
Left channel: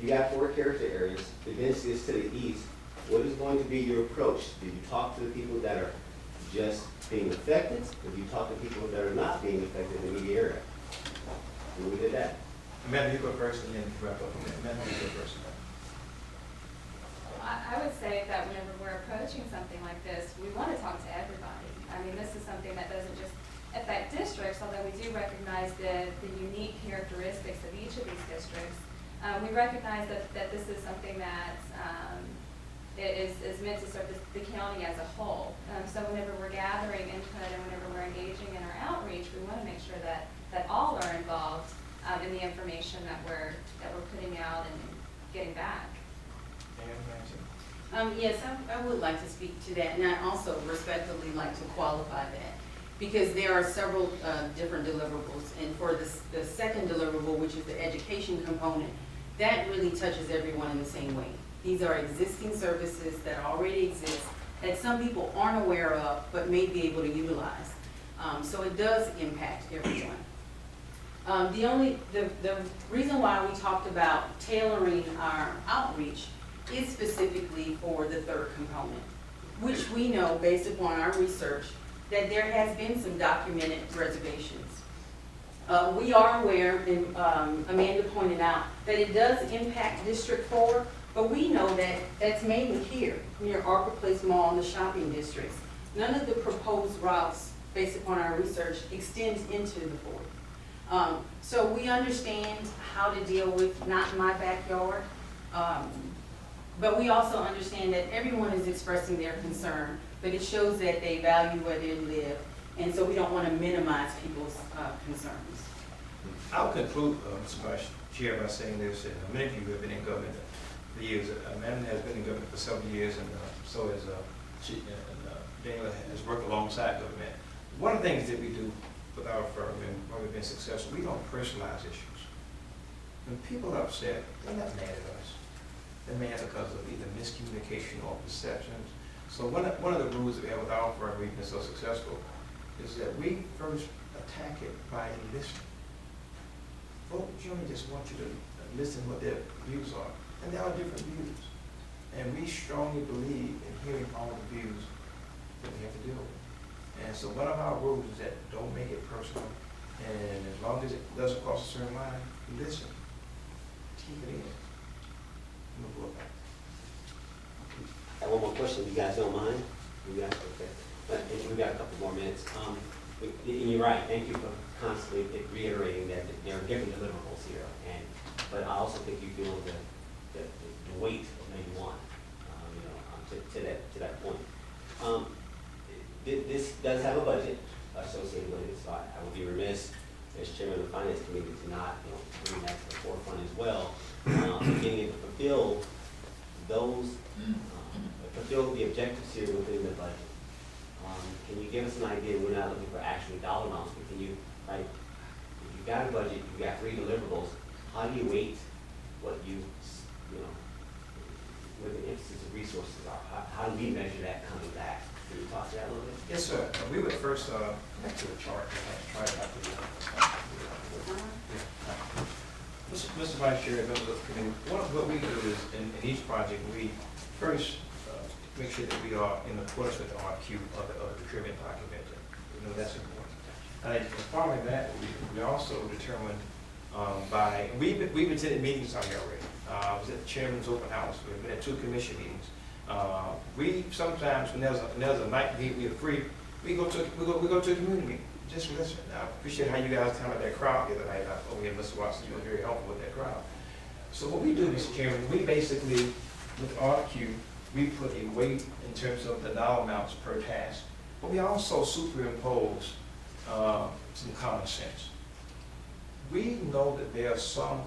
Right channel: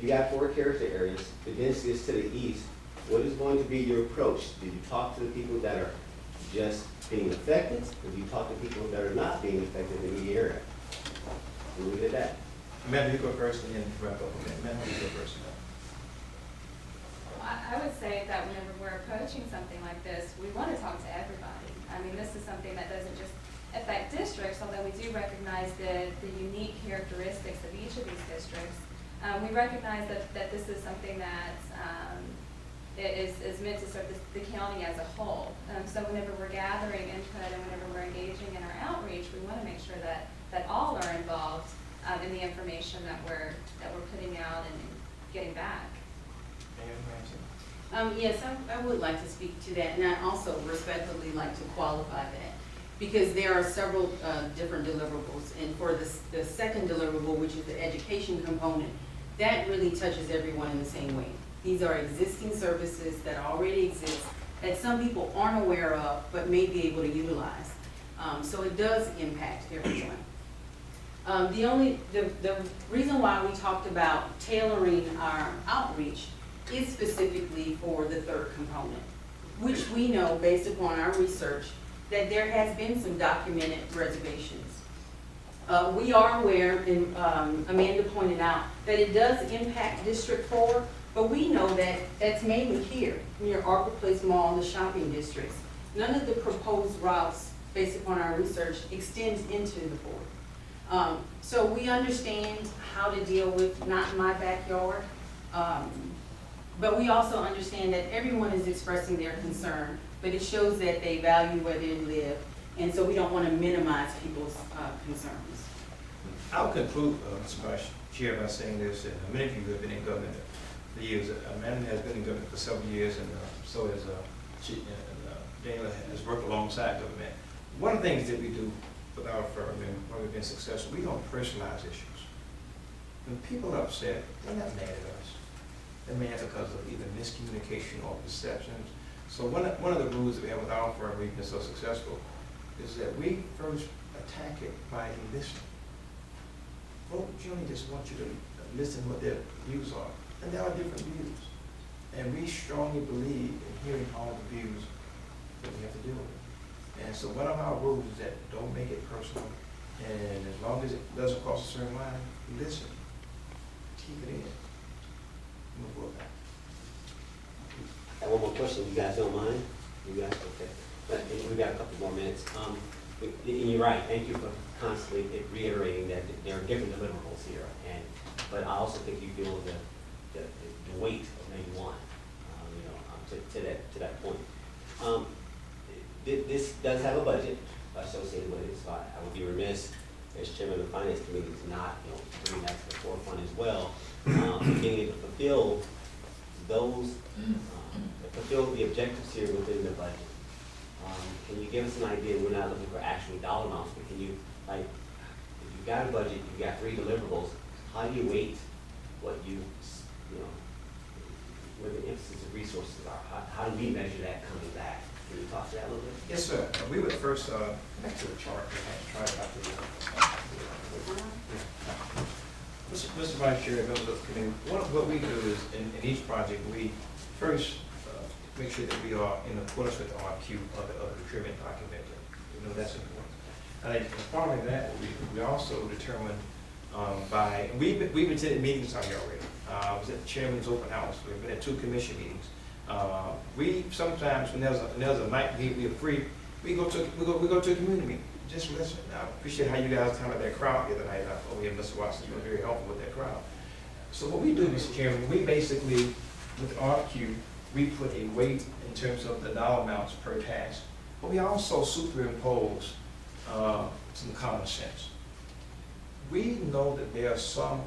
You got 4 character areas, the density is to the east. What is going to be your approach? Do you talk to the people that are just being affected, or do you talk to people that are not being affected in the area? We'll leave it at that. Amanda, you go first, and then wrap up. Amanda, you go first. I would say that whenever we're approaching something like this, we want to talk to everybody. I mean, this is something that doesn't just affect districts, although we do recognize the unique characteristics of each of these districts. We recognize that this is something that is meant to serve the county as a whole. So whenever we're gathering input and whenever we're engaging in our outreach, we want to make sure that all are involved in the information that we're putting out and getting back. Yes, I would like to speak to that, and I also respectfully like to qualify that, because there are several different deliverables, and for the second deliverable, which is the education component, that really touches everyone in the same way. These are existing services that already exist, that some people aren't aware of, but may be able to utilize. So it does impact everyone. The reason why we talked about tailoring our outreach is specifically for the third component, which we know, based upon our research, that there has been some documented reservations. We are aware, and Amanda pointed out, that it does impact District 4, but we know that that's mainly here, near Arbor Place Mall and the shopping districts. None of the proposed routes, based upon our research, extends into the 4th. So we understand how to deal with not in my backyard, but we also understand that everyone is expressing their concern, but it shows that they value where they live, and so we don't want to minimize people's concerns. I'll conclude, Mr. Vice Chair, by saying this, and many of you have been in government for years. Amanda has been in government for several years, and so has Daniel has worked alongside government. One of the things that we do with our firm and why we've been successful, we don't personalize issues. When people are upset, they're not mad at us. They're mad because of either miscommunication or perceptions. So one of the rules that we have with our firm, we've been so successful, is that we first attack it by listening. Folks generally just want you to listen to what their views are, and there are different views. And we strongly believe in hearing all the views that we have to deal with. And so one of our rules is that don't make it personal, and as long as it doesn't cross a certain line, listen, take it in, move forward. I have one more question, you guys don't mind? You guys, okay. But we've got a couple more minutes. And you're right, thank you for constantly reiterating that there are different deliverables here. But I also think you feel the weight of maybe one, to that point. This does have a budget associated with it, so I would be remiss as chairman of the finance committee to not, bring that to the forefront as well. Being able to fulfill those, fulfill the objectives here within the budget. Can you give us an idea? We're not looking for actual dollar amounts, but can you, if you've got a budget, you've got 3 deliverables, how do you weight what where the emphasis of resources are? How do we measure that coming back? Can you talk to that a little bit? Yes, sir. We would first, back to the chart, try it after Mr. Vice Chair, members of the committee, what we do is, in each project, we first make sure that we are in accordance with the RQ of the procurement document. That's important. And following that, we also determined we've attended meetings out here already. I was at the chairman's open house. We've been at 2 commission meetings. We sometimes, when there's a night we are free, we go to a community meeting. Just listen. I appreciate how you guys handled that crowd the other night. Oh yeah, Mr. Watson, you were very helpful with that crowd. So what we do, Mr. Chairman, we basically, with RQ, we put a weight in terms of the dollar amounts per task, but we also superimpose some common sense. We know that there are some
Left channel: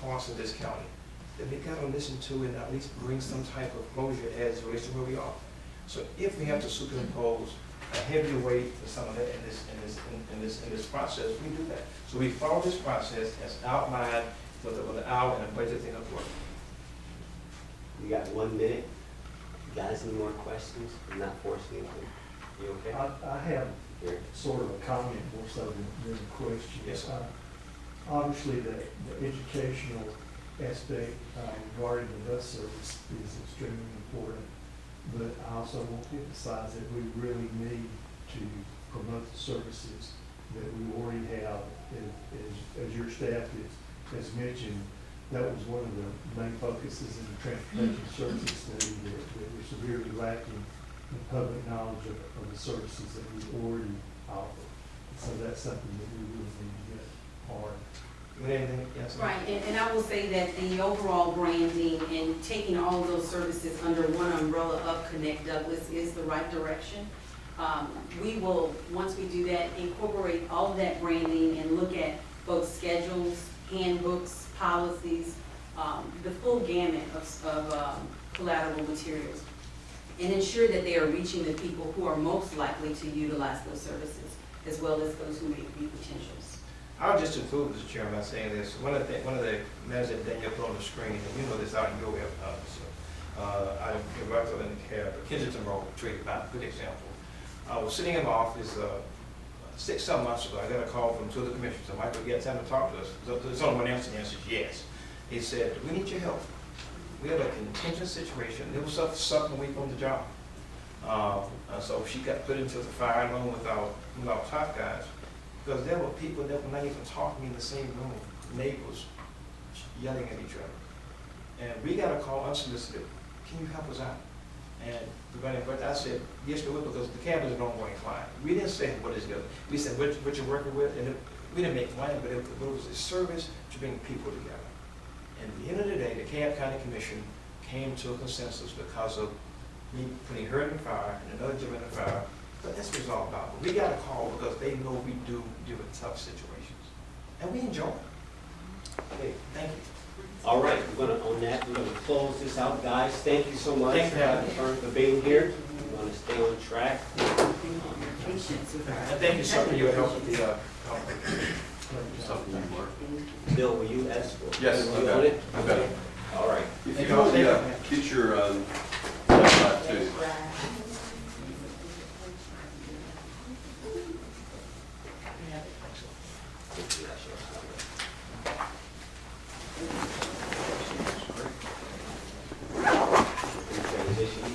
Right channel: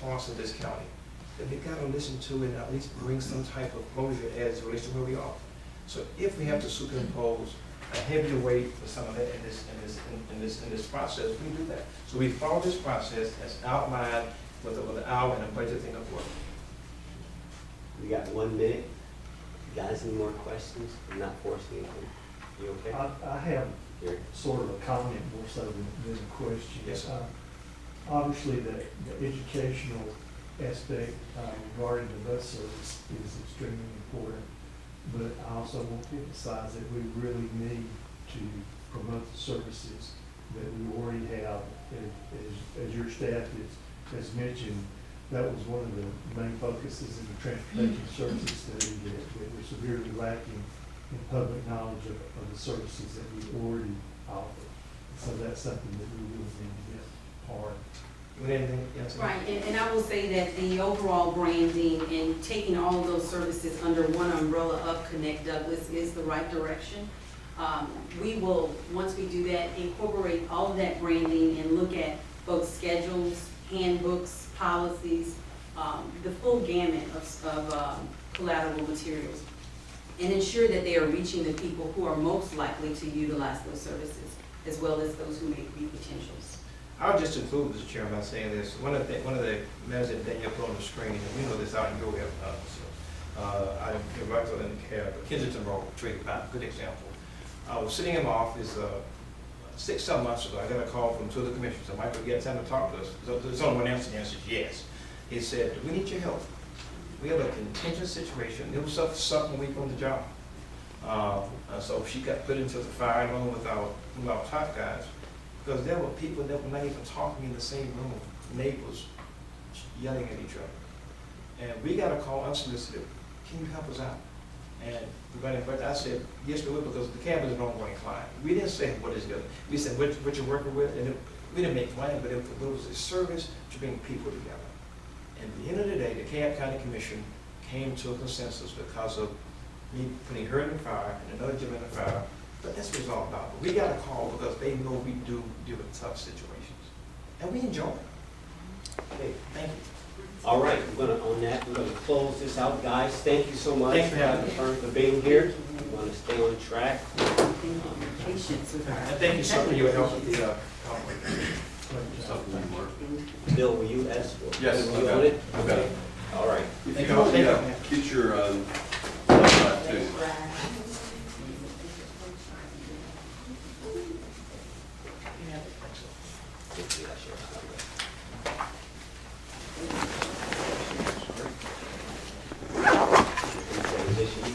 parts of this county that we've got to listen to and at least bring some type of closure as it relates to where we are. So if we have to superimpose a heavier weight for some of that in this process, we do that. So we follow this process as outlined with an hour and a budget thing of work. We got 1 minute. You guys any more questions? I'm not forcing anything. You okay? I have Here. sort of a comment more so than a question. Yes, sir. Obviously, the educational aspect regarding the bus service is extremely important, but I also want to emphasize that we really need to promote the services that we already have. As your staff has mentioned, that was one of the main focuses in the transportation services study, that we're severely lacking in public knowledge of the services that we already offer. So that's something that we really need to get hard. Anything? Yes, Right, and I will say that the overall branding and taking all of those services under one umbrella of Connect Douglas is the right direction. We will, once we do that, incorporate all of that branding and look at both schedules, handbooks, policies, the full gamut of collateral materials, and ensure that they are reaching the people who are most likely to utilize those services, as well as those who may be potentials. I'll just conclude, Mr. Chairman, by saying this. One of the matters that Danielle put on the screen, and you know this out in your way, I'm right in the cab, Kensington Road, Trade Mount, good example. I was sitting in my office 6, 7 months ago, I got a call from two of the commissioners, said, Michael, you got time to talk to us? There's only one answer, and the answer is yes. He said, we need your help. We have a contingent situation. It was a second week on the job. So she got put into the fire along with our top guys, because there were people that were not even talking in the same room, neighbors yelling at each other. And we got a call unsolicited, can you help us out? And but I said, yes, we will, because the camp is an ongoing client. We didn't say what is good. We said what you're working with, and we didn't make money, but it was a service to bring people together. And at the end of the day, the Camp County Commission came to a consensus because of me putting her in the fire and another gentleman in the fire. But that's what it's all about. But we got a call because they know we do deal with tough situations. And we enjoy it. Okay. Thank you. All right, on that, we're gonna close this out, guys. Thank you so much Thank you. for being here. We're gonna stay on track. Patience with And our. thank you so much for your help with the conference. Something you learned. Bill, will you ask for? Yes, will I you got own it. it? I got it. Okay. All right. If Thank you you. don't, yeah, get your, website too. Transition.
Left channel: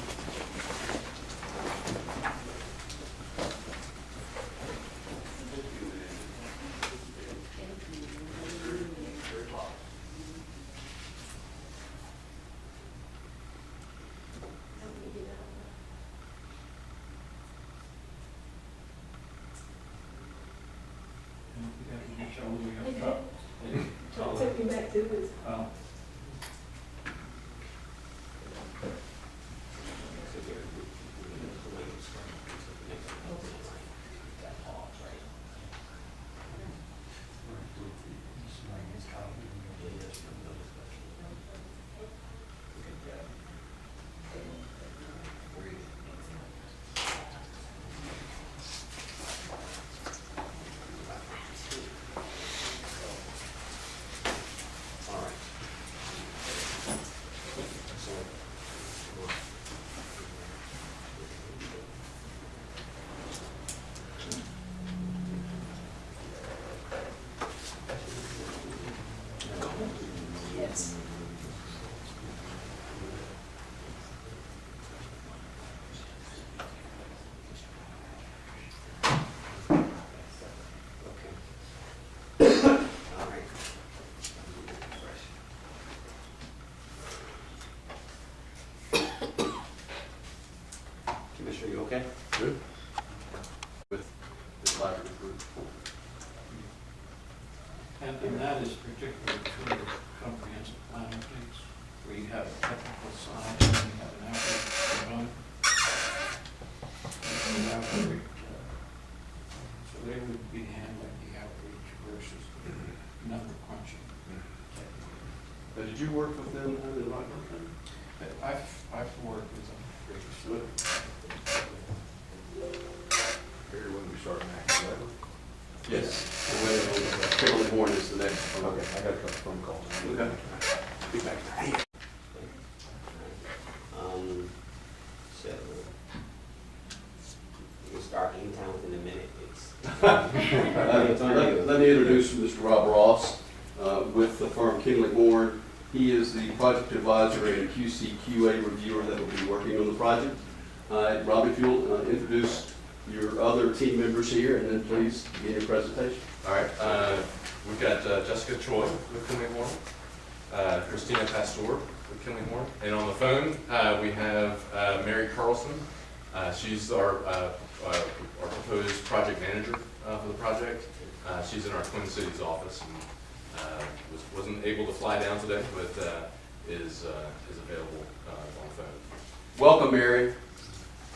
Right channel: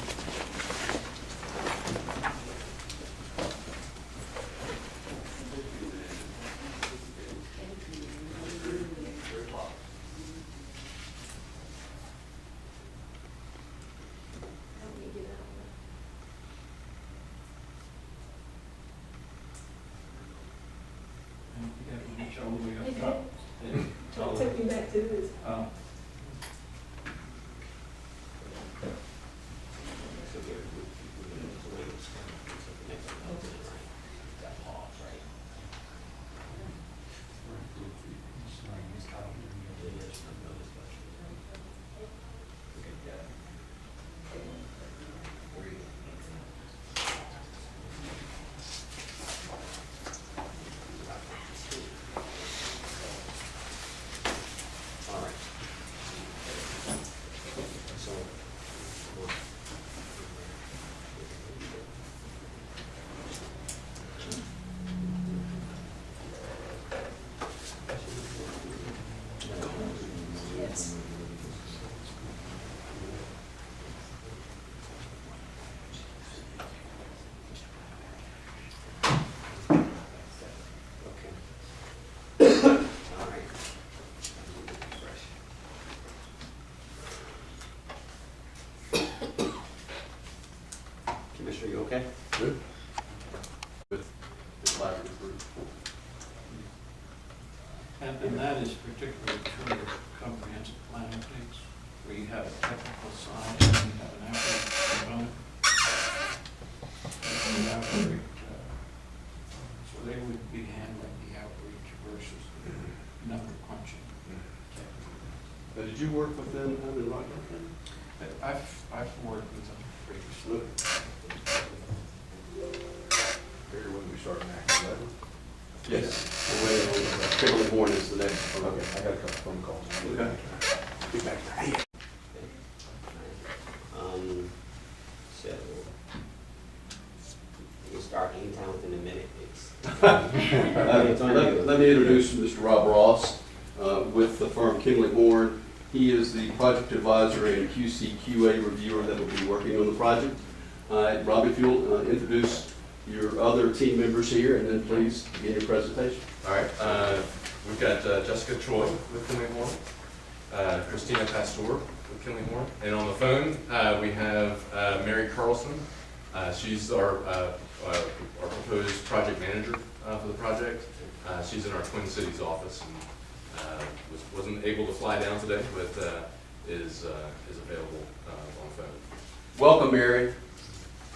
And you got to reach all the way up top. Don't take me back to this. Oh. All right. So, Yes. okay. All right. Commissioner, you okay? Good. With the collaborative group. And that is particularly true of comprehensive plan updates, where you have a technical side and you have an outreach component. And the outreach, so they would be handling the outreach versus the number crunching. Did you work with them in Rockland County? I've worked with them previously. Here, when we start next, 11? Yes. We're waiting on, Kimberly Bourne is the next. Okay, I got a couple phone calls. Okay. Be back. So, you can start anytime within a minute. It's Let me introduce Mr. Rob Ross with the firm Kimberly Bourne. He is the project advisor and QC/QA reviewer that will be working on the project. Rob, if you'll introduce your other team members here, and then please begin your presentation. All right, we've got Jessica Troy with Kinley Horn, Christina Pastor with Kinley Horn, and on the phone we have Mary Carlson. She's our proposed project manager for the project. She's in our Twin Cities office and wasn't able to fly down today, but is available on the phone. Welcome, Mary.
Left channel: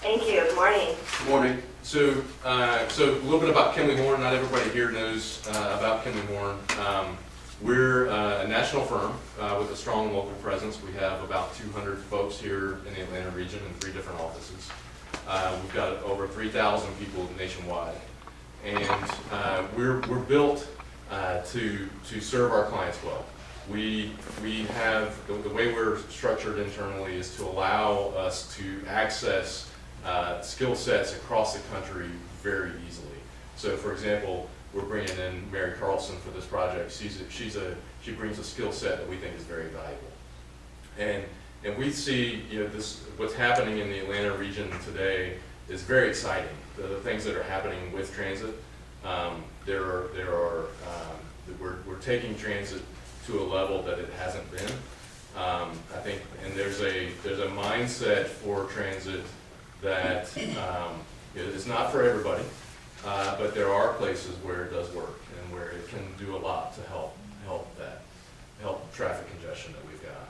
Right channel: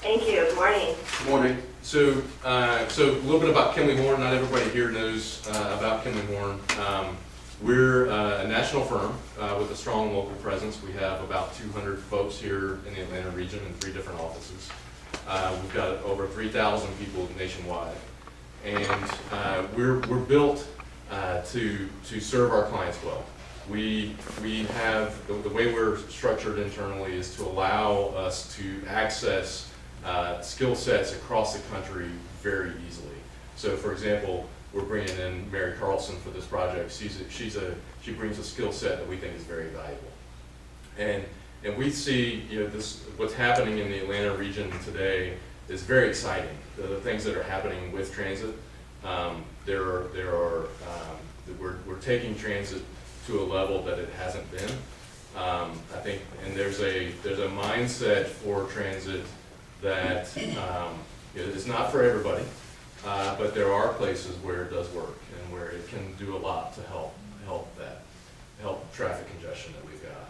Thank you. Good morning. Good morning. So a little bit about Kinley Horn. Not everybody here knows about Kinley Horn. We're a national firm with a strong local presence. We have about 200 folks here in the Atlanta region in 3 different offices. We've got over 3,000 people nationwide, and we're built to serve our clients well. We have the way we're structured internally is to allow us to access skill sets across the country very easily. So for example, we're bringing in Mary Carlson for this project. She brings a skill set that we think is very valuable. And we see, what's happening in the Atlanta region today is very exciting. The things that are happening with transit, we're taking transit to a level that it hasn't been. I think, and there's a mindset for transit that it's not for everybody, but there are places where it does work and where it can do a lot to help traffic congestion that we've got.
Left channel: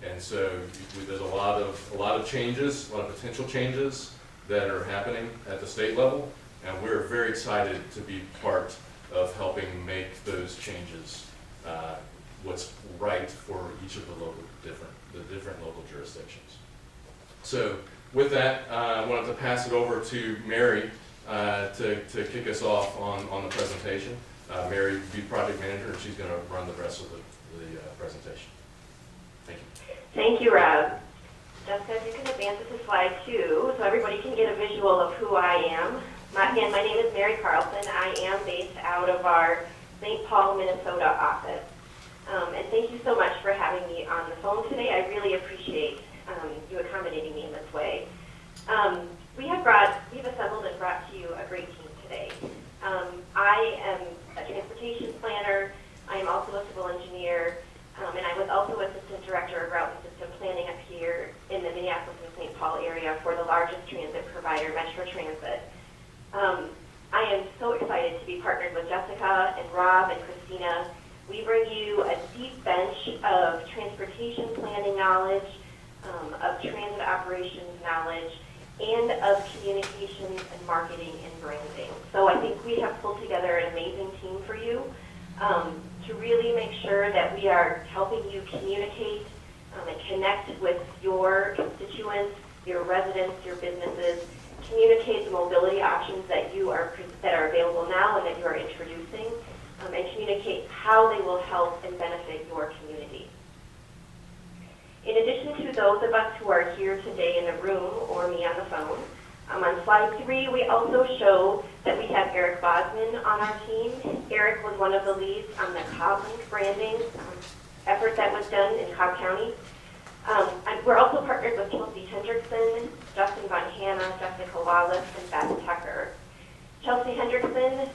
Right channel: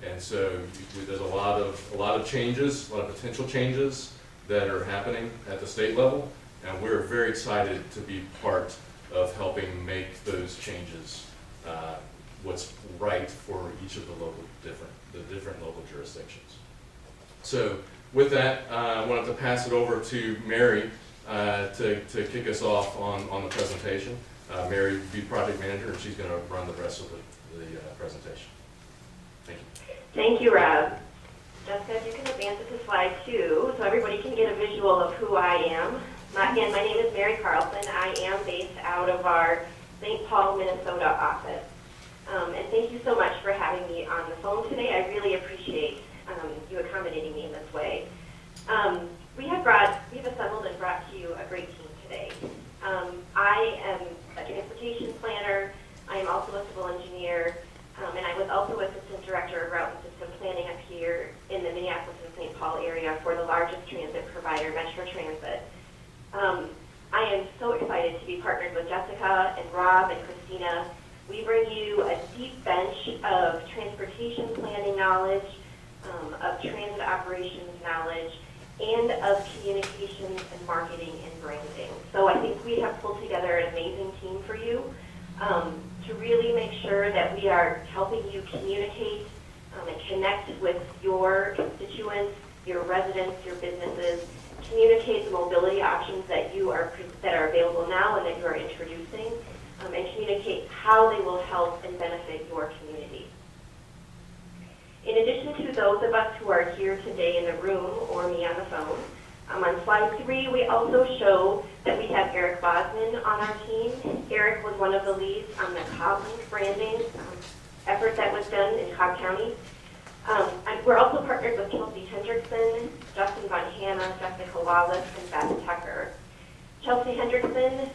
And so there's a lot of changes, a lot of potential changes that are happening at the state level, and we're very excited to be part of helping make those changes what's right for each of the different local jurisdictions. So with that, I wanted to pass it over to Mary to kick us off on the presentation. Mary will be project manager, and she's going to run the rest of the presentation. Thank you. Thank you, Rob. Jessica, if you can advance it to slide 2 so everybody can get a visual of who I am. Again, my name is Mary Carlson. I am based out of our St. Paul, Minnesota office. And thank you so much for having me on the phone today. I really appreciate you accommodating me in this way. We've assembled and brought to you a great team today. I am a transportation planner. I am also a civil engineer. And I was also Assistant Director of Route and System Planning up here in the Minneapolis and St. Paul area for the largest transit provider, Metro Transit. I am so excited to be partnered with Jessica and Rob and Christina. We bring you a deep bench of transportation planning knowledge, of transit operations knowledge, and of communications and marketing and branding. So I think we have pulled together an amazing team for you. To really make sure that we are helping you communicate and connect with your constituents, your residents, your businesses, communicate the mobility options that are available now and that you are introducing, and communicate how they will help and benefit your community. In addition to those of us who are here today in the room or me on the phone, on slide 3, we also show that we have Eric Bosman on our team. Eric was one of the leads on the CobbLink branding effort that was done in Cobb County. And we're also partnered with Chelsea Hendrickson, Justin Von Hanna, Jessica Wallace, and Beth Tucker. Chelsea Hendrickson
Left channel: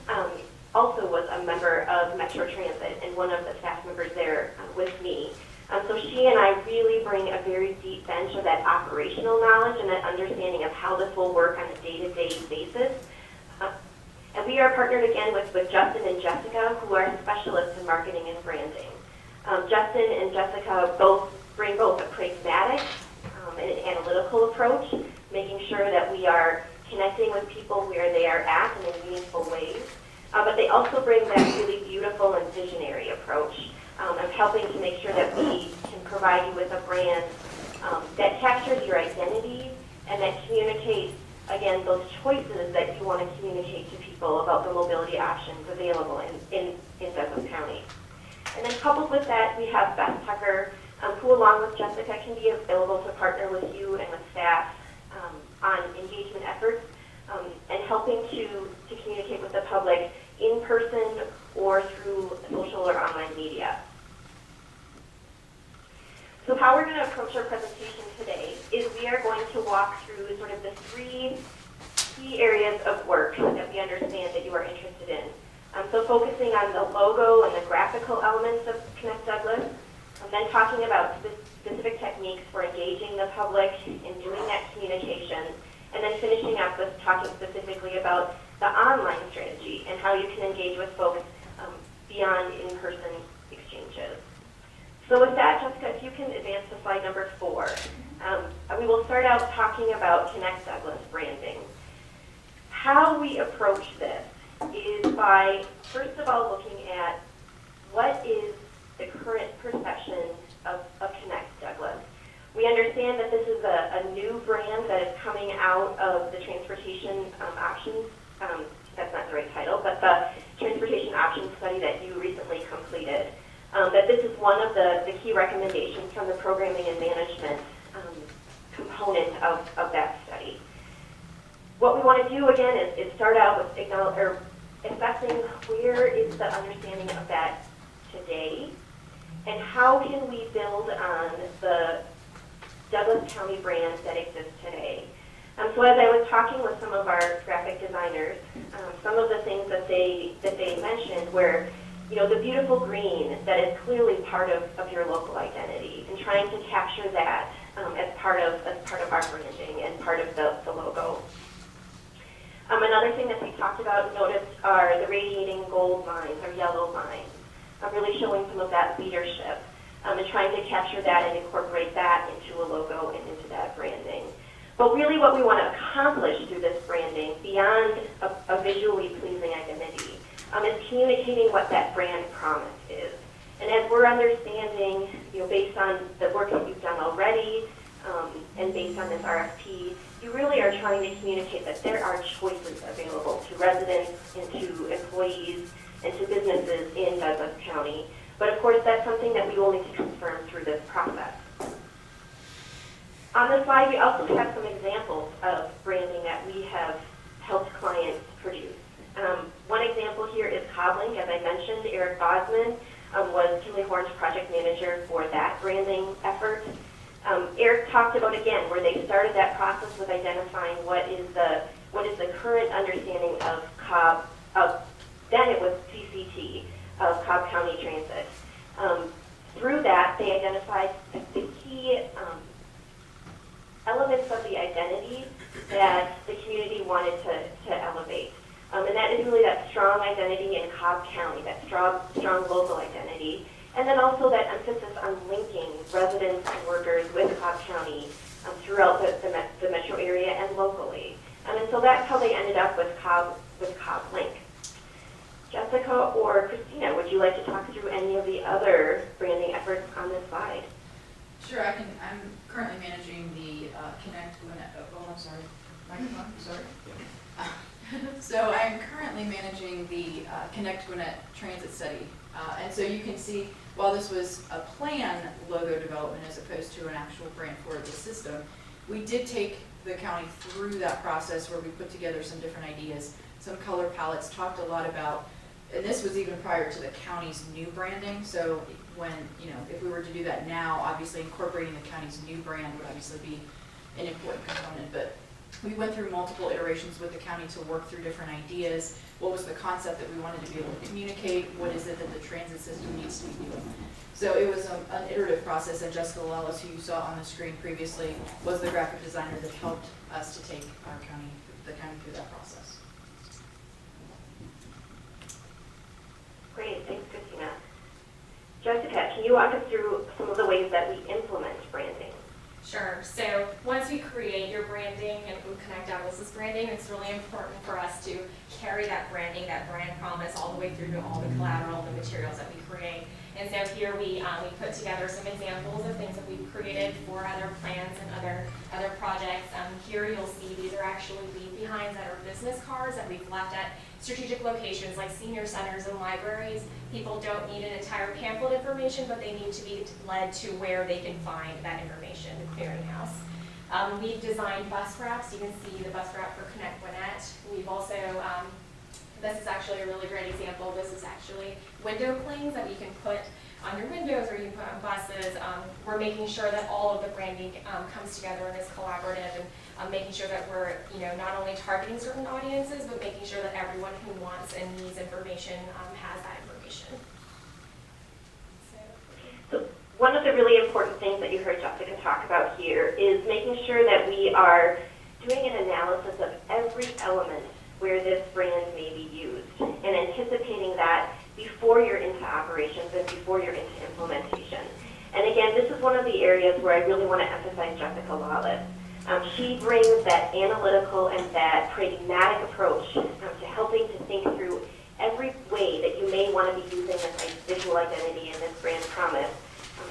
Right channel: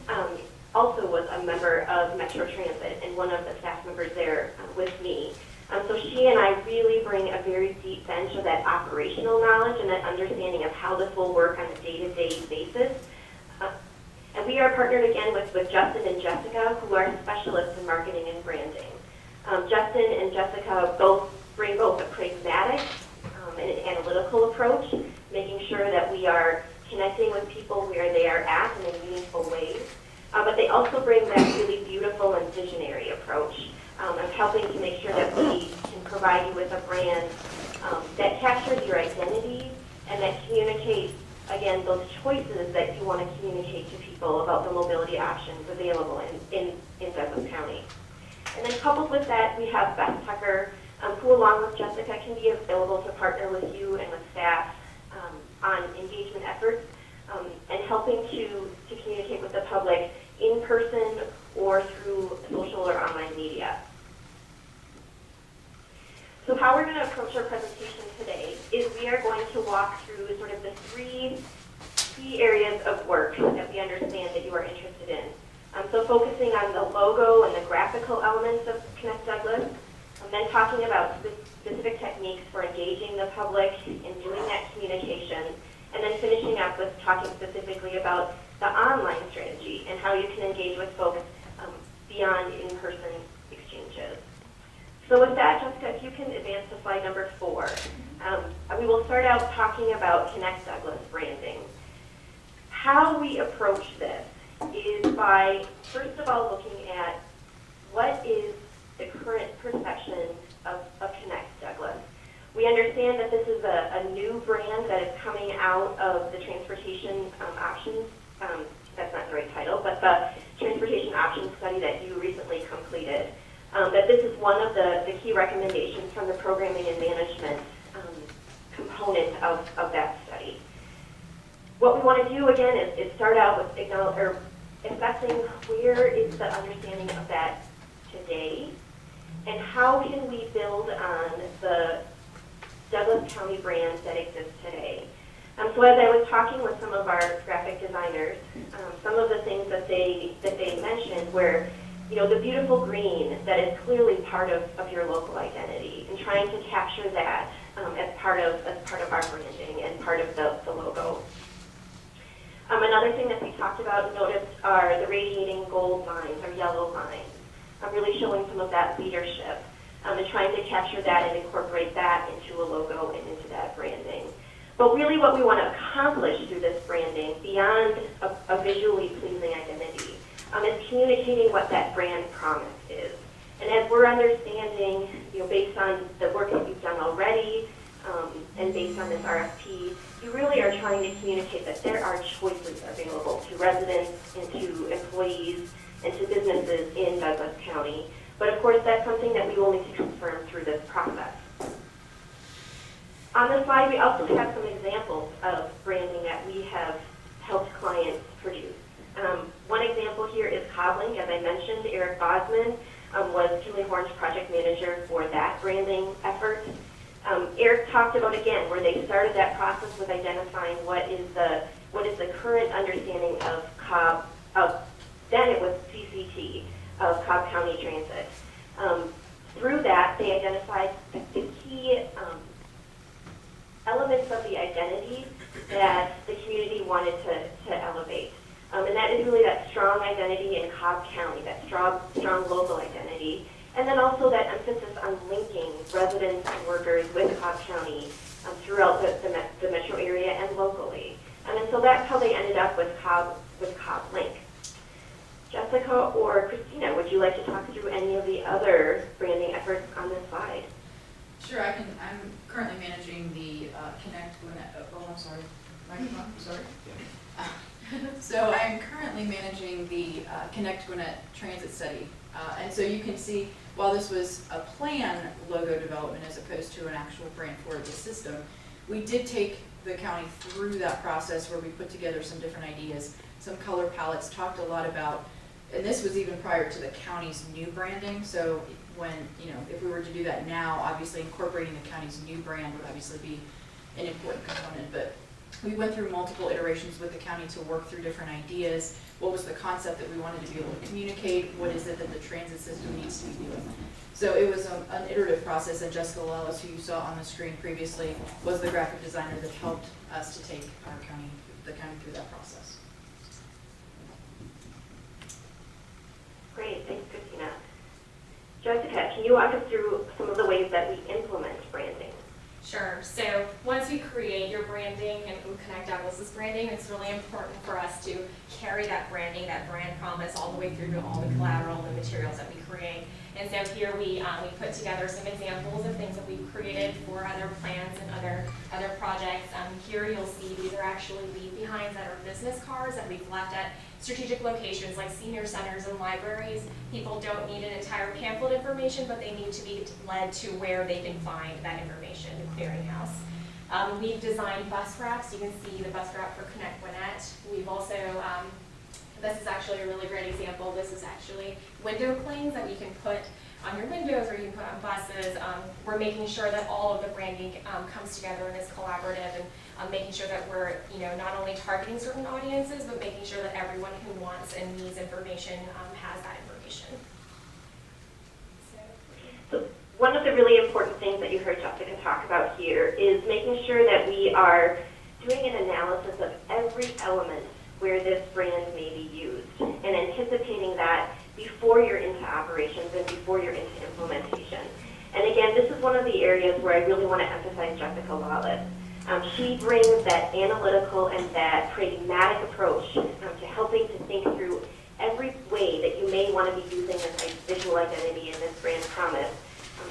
also was a member of Metro Transit and one of the staff members there with me. So she and I really bring a very deep bench of that operational knowledge and that understanding of how this will work on a day-to-day basis. And we are partnered again with Justin and Jessica, who are specialists in marketing and branding. Justin and Jessica bring both a pragmatic and an analytical approach, making sure that we are connecting with people where they are at in meaningful ways. But they also bring that really beautiful and visionary approach of helping to make sure that we can provide you with a brand that captures your identity and that communicates, again, those choices that you want to communicate to people about the mobility options available in Douglas County. And then coupled with that, we have Beth Tucker, who along with Jessica can be available to partner with you and with staff on engagement efforts and helping to communicate with the public in person or through social or online media. So how we're going to approach our presentation today is we are going to walk through sort of the 3 key areas of work that we understand that you are interested in. So focusing on the logo and the graphical elements of Connect Douglas, then talking about specific techniques for engaging the public and doing that communication, and then finishing up with talking specifically about the online strategy and how you can engage with folks beyond in-person exchanges. So with that, Jessica, if you can advance to slide number 4. We will start out talking about Connect Douglas branding. How we approach this is by, first of all, looking at what is the current perception of Connect Douglas. We understand that this is a new brand that is coming out of the transportation options, that's not the right title, but the transportation options study that you recently completed. That this is one of the key recommendations from the programming and management component of that study. What we want to do again is start out with assessing where is the understanding of that today, and how can we build on the Douglas County brand that exists today. So as I was talking with some of our graphic designers, some of the things that they mentioned were, you know, the beautiful green that is clearly part of your local identity, and trying to capture that as part of our branding and part of the logo. Another thing that we talked about and noticed are the radiating gold lines or yellow lines. Really showing some of that leadership and trying to capture that and incorporate that into a logo and into that branding. But really what we want to accomplish through this branding, beyond a visually pleasing identity, is communicating what that brand promise is. And as we're understanding, you know, based on the work that you've done already, and based on this RFP, you really are trying to communicate that there are choices available to residents and to employees and to businesses in Douglas County. But of course, that's something that we will need to confirm through this process. On this slide, we also have some examples of branding that we have helped clients produce. One example here is Coblink. As I mentioned, Eric Bosman was Kimley Horn's project manager for that branding effort. Eric talked about, again, where they started that process with identifying what is the current understanding of Cobb, then it was CCT, of Cobb County Transit. Through that, they identified the key elements of the identity that the community wanted to elevate. And that is really that strong identity in Cobb County, that strong local identity, and then also that emphasis on linking residents and workers with Cobb County throughout the metro area and locally. And so that's how they ended up with Cobb Link. Jessica or Christina, would you like to talk through any of the other branding efforts on this slide? Sure, I can. I'm currently managing the Connect Gwinnett. Oh, I'm sorry. Microphone. Sorry. So I'm currently managing the Connect Gwinnett Transit Study, and so you can see, while this was a plan logo development as opposed to an actual brand for the system, we did take the county through that process where we put together some different ideas, some color palettes, talked a lot about. And this was even prior to the county's new branding, so when, you know, if we were to do that now, obviously incorporating the county's new brand would obviously be an important component, but we went through multiple iterations with the county to work through different ideas. What was the concept that we wanted to be able to communicate? What is it that the transit system needs to be doing? So it was an iterative process, and Jessica Lellis, who you saw on the screen previously, was the graphic designer that helped us to take the county through that process. Great, thanks, Christina. Jessica, can you walk us through some of the ways that we implement branding? Sure. So once we create your branding and Connect Douglas's branding, it's really important for us to carry that branding, that brand promise, all the way through to all the collateral, the materials that we create. And so here we put together some examples of things that we've created for other plans and other projects. Here you'll see these are actually leave behinds that are business cards that we've left at strategic locations like senior centers and libraries. People don't need an entire pamphlet information, but they need to be led to where they can find that information, the clearinghouse. We've designed bus wraps. You can see the bus wrap for Connect Gwinnett. We've also, this is actually a really great example. This is actually window clings that we can put on your windows or you can put on buses. We're making sure that all of the branding comes together and is collaborative, and making sure that we're, you know, not only targeting certain audiences, but making sure that everyone who wants and needs information has that information. So one of the really important things that you heard Jessica talk about here is making sure that we are doing an analysis of every element where this brand may be used and anticipating that before you're into operations and before you're into implementation. And again, this is one of the areas where I really want to emphasize Jessica Lawless. She brings that analytical and that pragmatic approach to helping to think through every way that you may want to be using this visual identity and this brand promise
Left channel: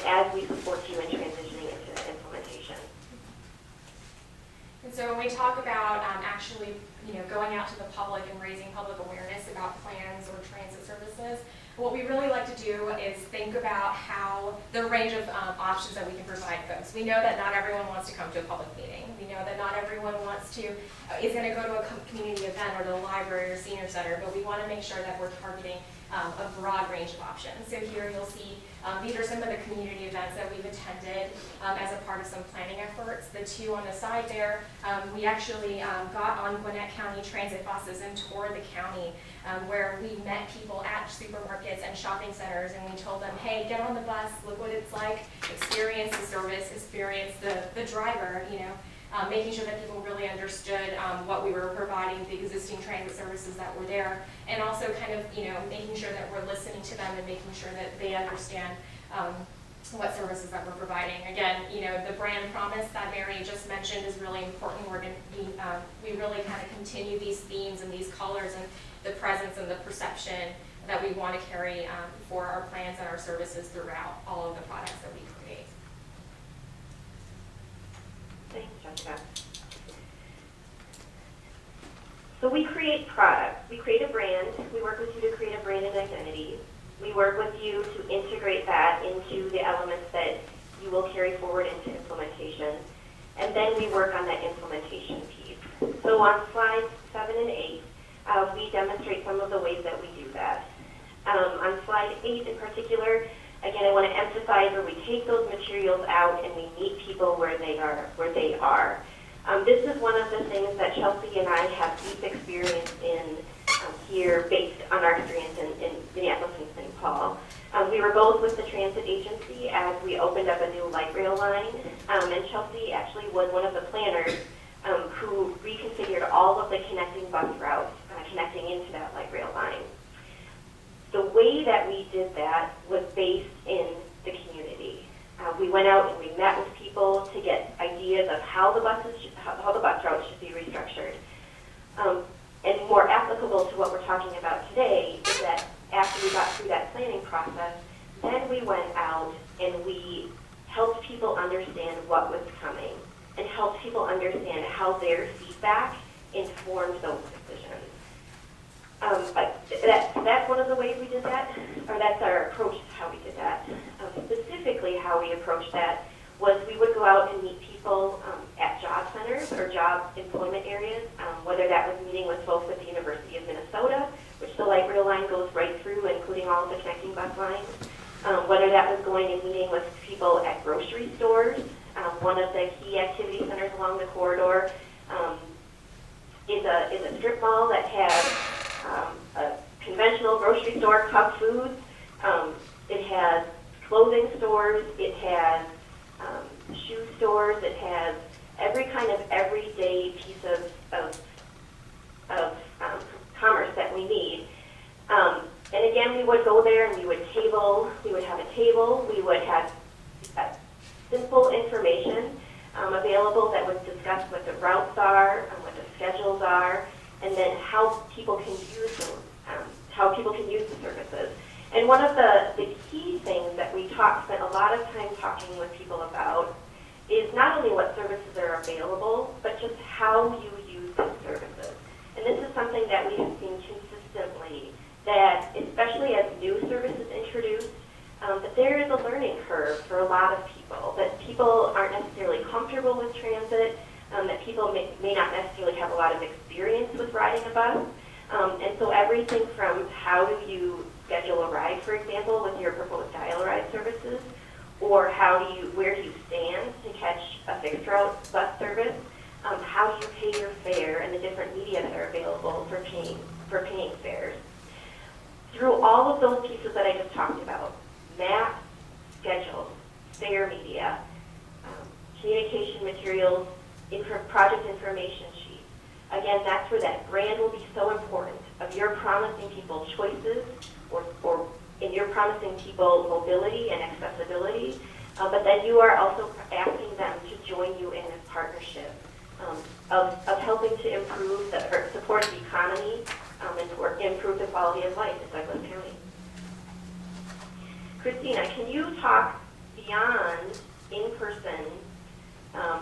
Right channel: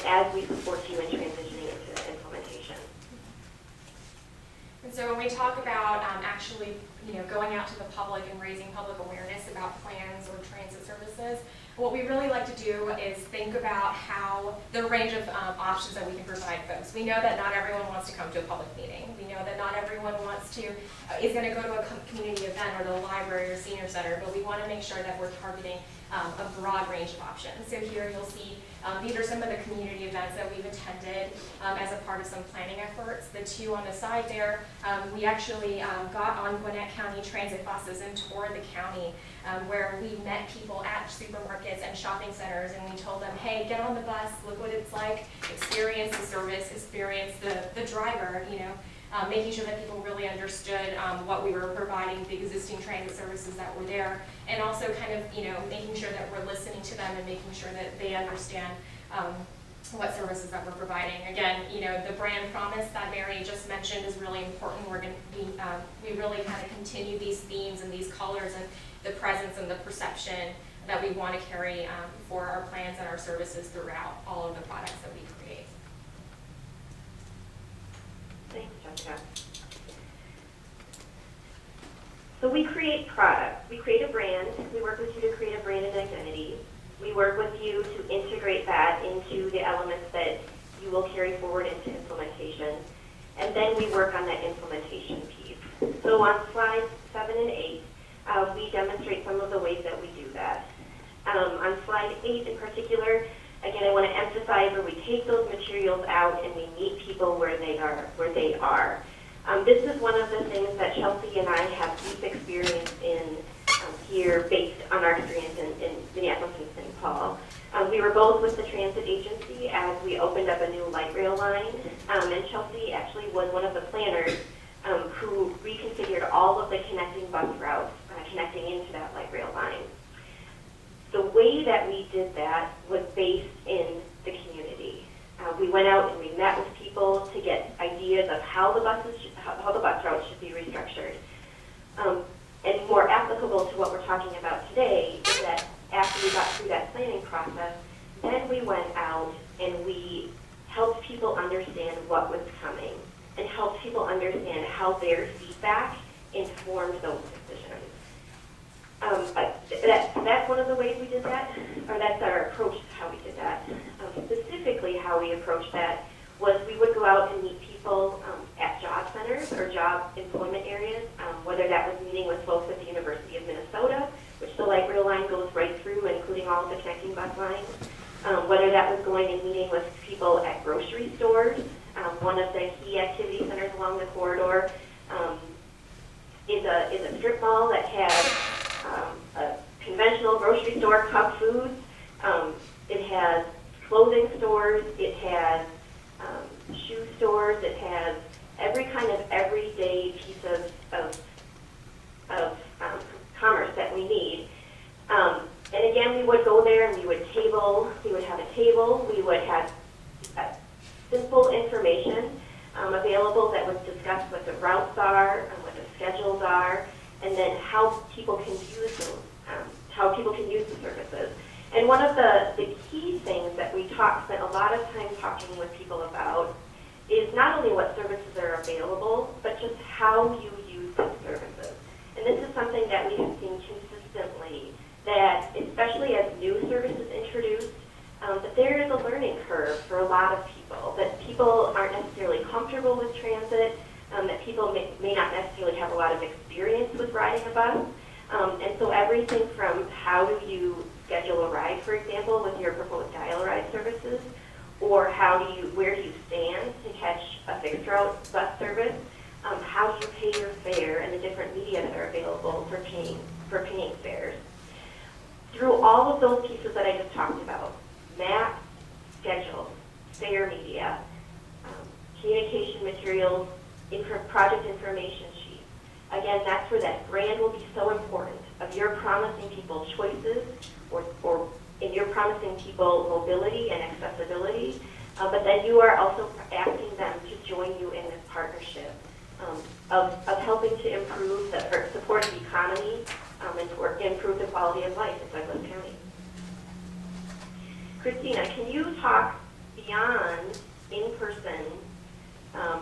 as we support you in transitioning into implementation. And so when we talk about actually, you know, going out to the public and raising public awareness about plans or transit services, What we really like to do is think about how the range of options that we can provide folks. We know that not everyone wants to come to a public meeting. We know that not everyone wants to, is going to go to a community event or the library or senior center, but we want to make sure that we're targeting a broad range of options. So here you'll see these are some of the community events that we've attended as a part of some planning efforts. The two on the side there, we actually got on Gwinnett County transit buses and toured the county where we met people at supermarkets and shopping centers, and we told them, hey, get on the bus, look what it's like, experience the service, experience the driver, you know, making sure that people really understood what we were providing, the existing transit services that were there, and also kind of, you know, making sure that we're listening to them and making sure that they understand what services that we're providing. Again, you know, the brand promise that Mary just mentioned is really important. We're going to be, we really kind of continue these themes and these colors and the presence and the perception that we want to carry for our plans and our services throughout all of the products that we create. Thanks, Jessica. So we create products. We create a brand. We work with you to create a brand and identity. We work with you to integrate that into the elements that you will carry forward into implementation. And then we work on that implementation piece. So on slides 7 and 8, we demonstrate some of the ways that we do that. On slide 8 in particular, again, I want to emphasize where we take those materials out and we meet people where they are. This is one of the things that Chelsea and I have deep experience in here based on our experience in Minneapolis and St. Paul. We were both with the transit agency as we opened up a new light rail line, and Chelsea actually was one of the planners who reconfigured all of the connecting bus routes connecting into that light rail line. The way that we did that was based in the community. We went out and we met with people to get ideas of how the bus routes should be restructured. And more applicable to what we're talking about today is that after we got through that planning process, then we went out and we helped people understand what was coming and helped people understand how their feedback informed those decisions. That's one of the ways we did that, or that's our approach to how we did that. Specifically, how we approached that was we would go out and meet people at job centers or job employment areas, whether that was meeting with folks at the University of Minnesota, which the light rail line goes right through, including all of the connecting bus lines, whether that was going and meeting with people at grocery stores. One of the key activity centers along the corridor is a strip mall that has a conventional grocery store, Cub Foods. It has clothing stores. It has shoe stores. It has every kind of everyday piece of commerce that we need. And again, we would go there and we would have a table. We would have simple information available that would discuss what the routes are, what the schedules are, and then how people can use them, how people can use the services. And one of the key things that we spent a lot of time talking with people about is not only what services are available, but just how you use those services. And this is something that we have seen consistently, that especially as new services introduced, that there is a learning curve for a lot of people, that people aren't necessarily comfortable with transit, that people may not necessarily have a lot of experience with riding a bus. And so everything from how do you schedule a ride, for example, with your proposed dial-a-ride services, or where do you stand to catch a fixed route bus service, how do you pay your fare, and the different media that are available for paying fares. Through all of those pieces that I just talked about, map, schedules, fare media, communication materials, project information sheets. Again, that's where that brand will be so important, of you're promising people choices, or you're promising people mobility and accessibility, but then you are also asking them to join you in this partnership of helping to support the economy and improve the quality of life in Douglas County. Christina, can you talk beyond in-person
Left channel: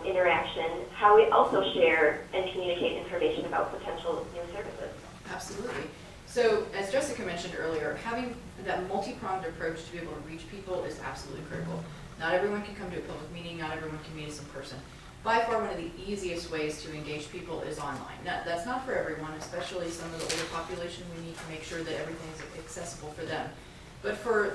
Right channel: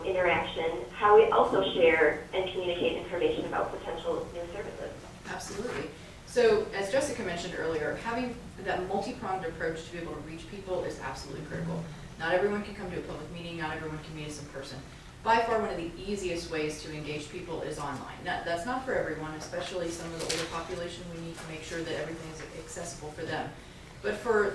interaction, how we also share and communicate information about potential new services? Absolutely. So, as Jessica mentioned earlier, having that multi-pronged approach to be able to reach people is absolutely critical. Not everyone can come to a public meeting, not everyone can meet us in person. By far, one of the easiest ways to engage people is online. Now, that's not for everyone, especially some of the older population. We need to make sure that everything is accessible for them. But for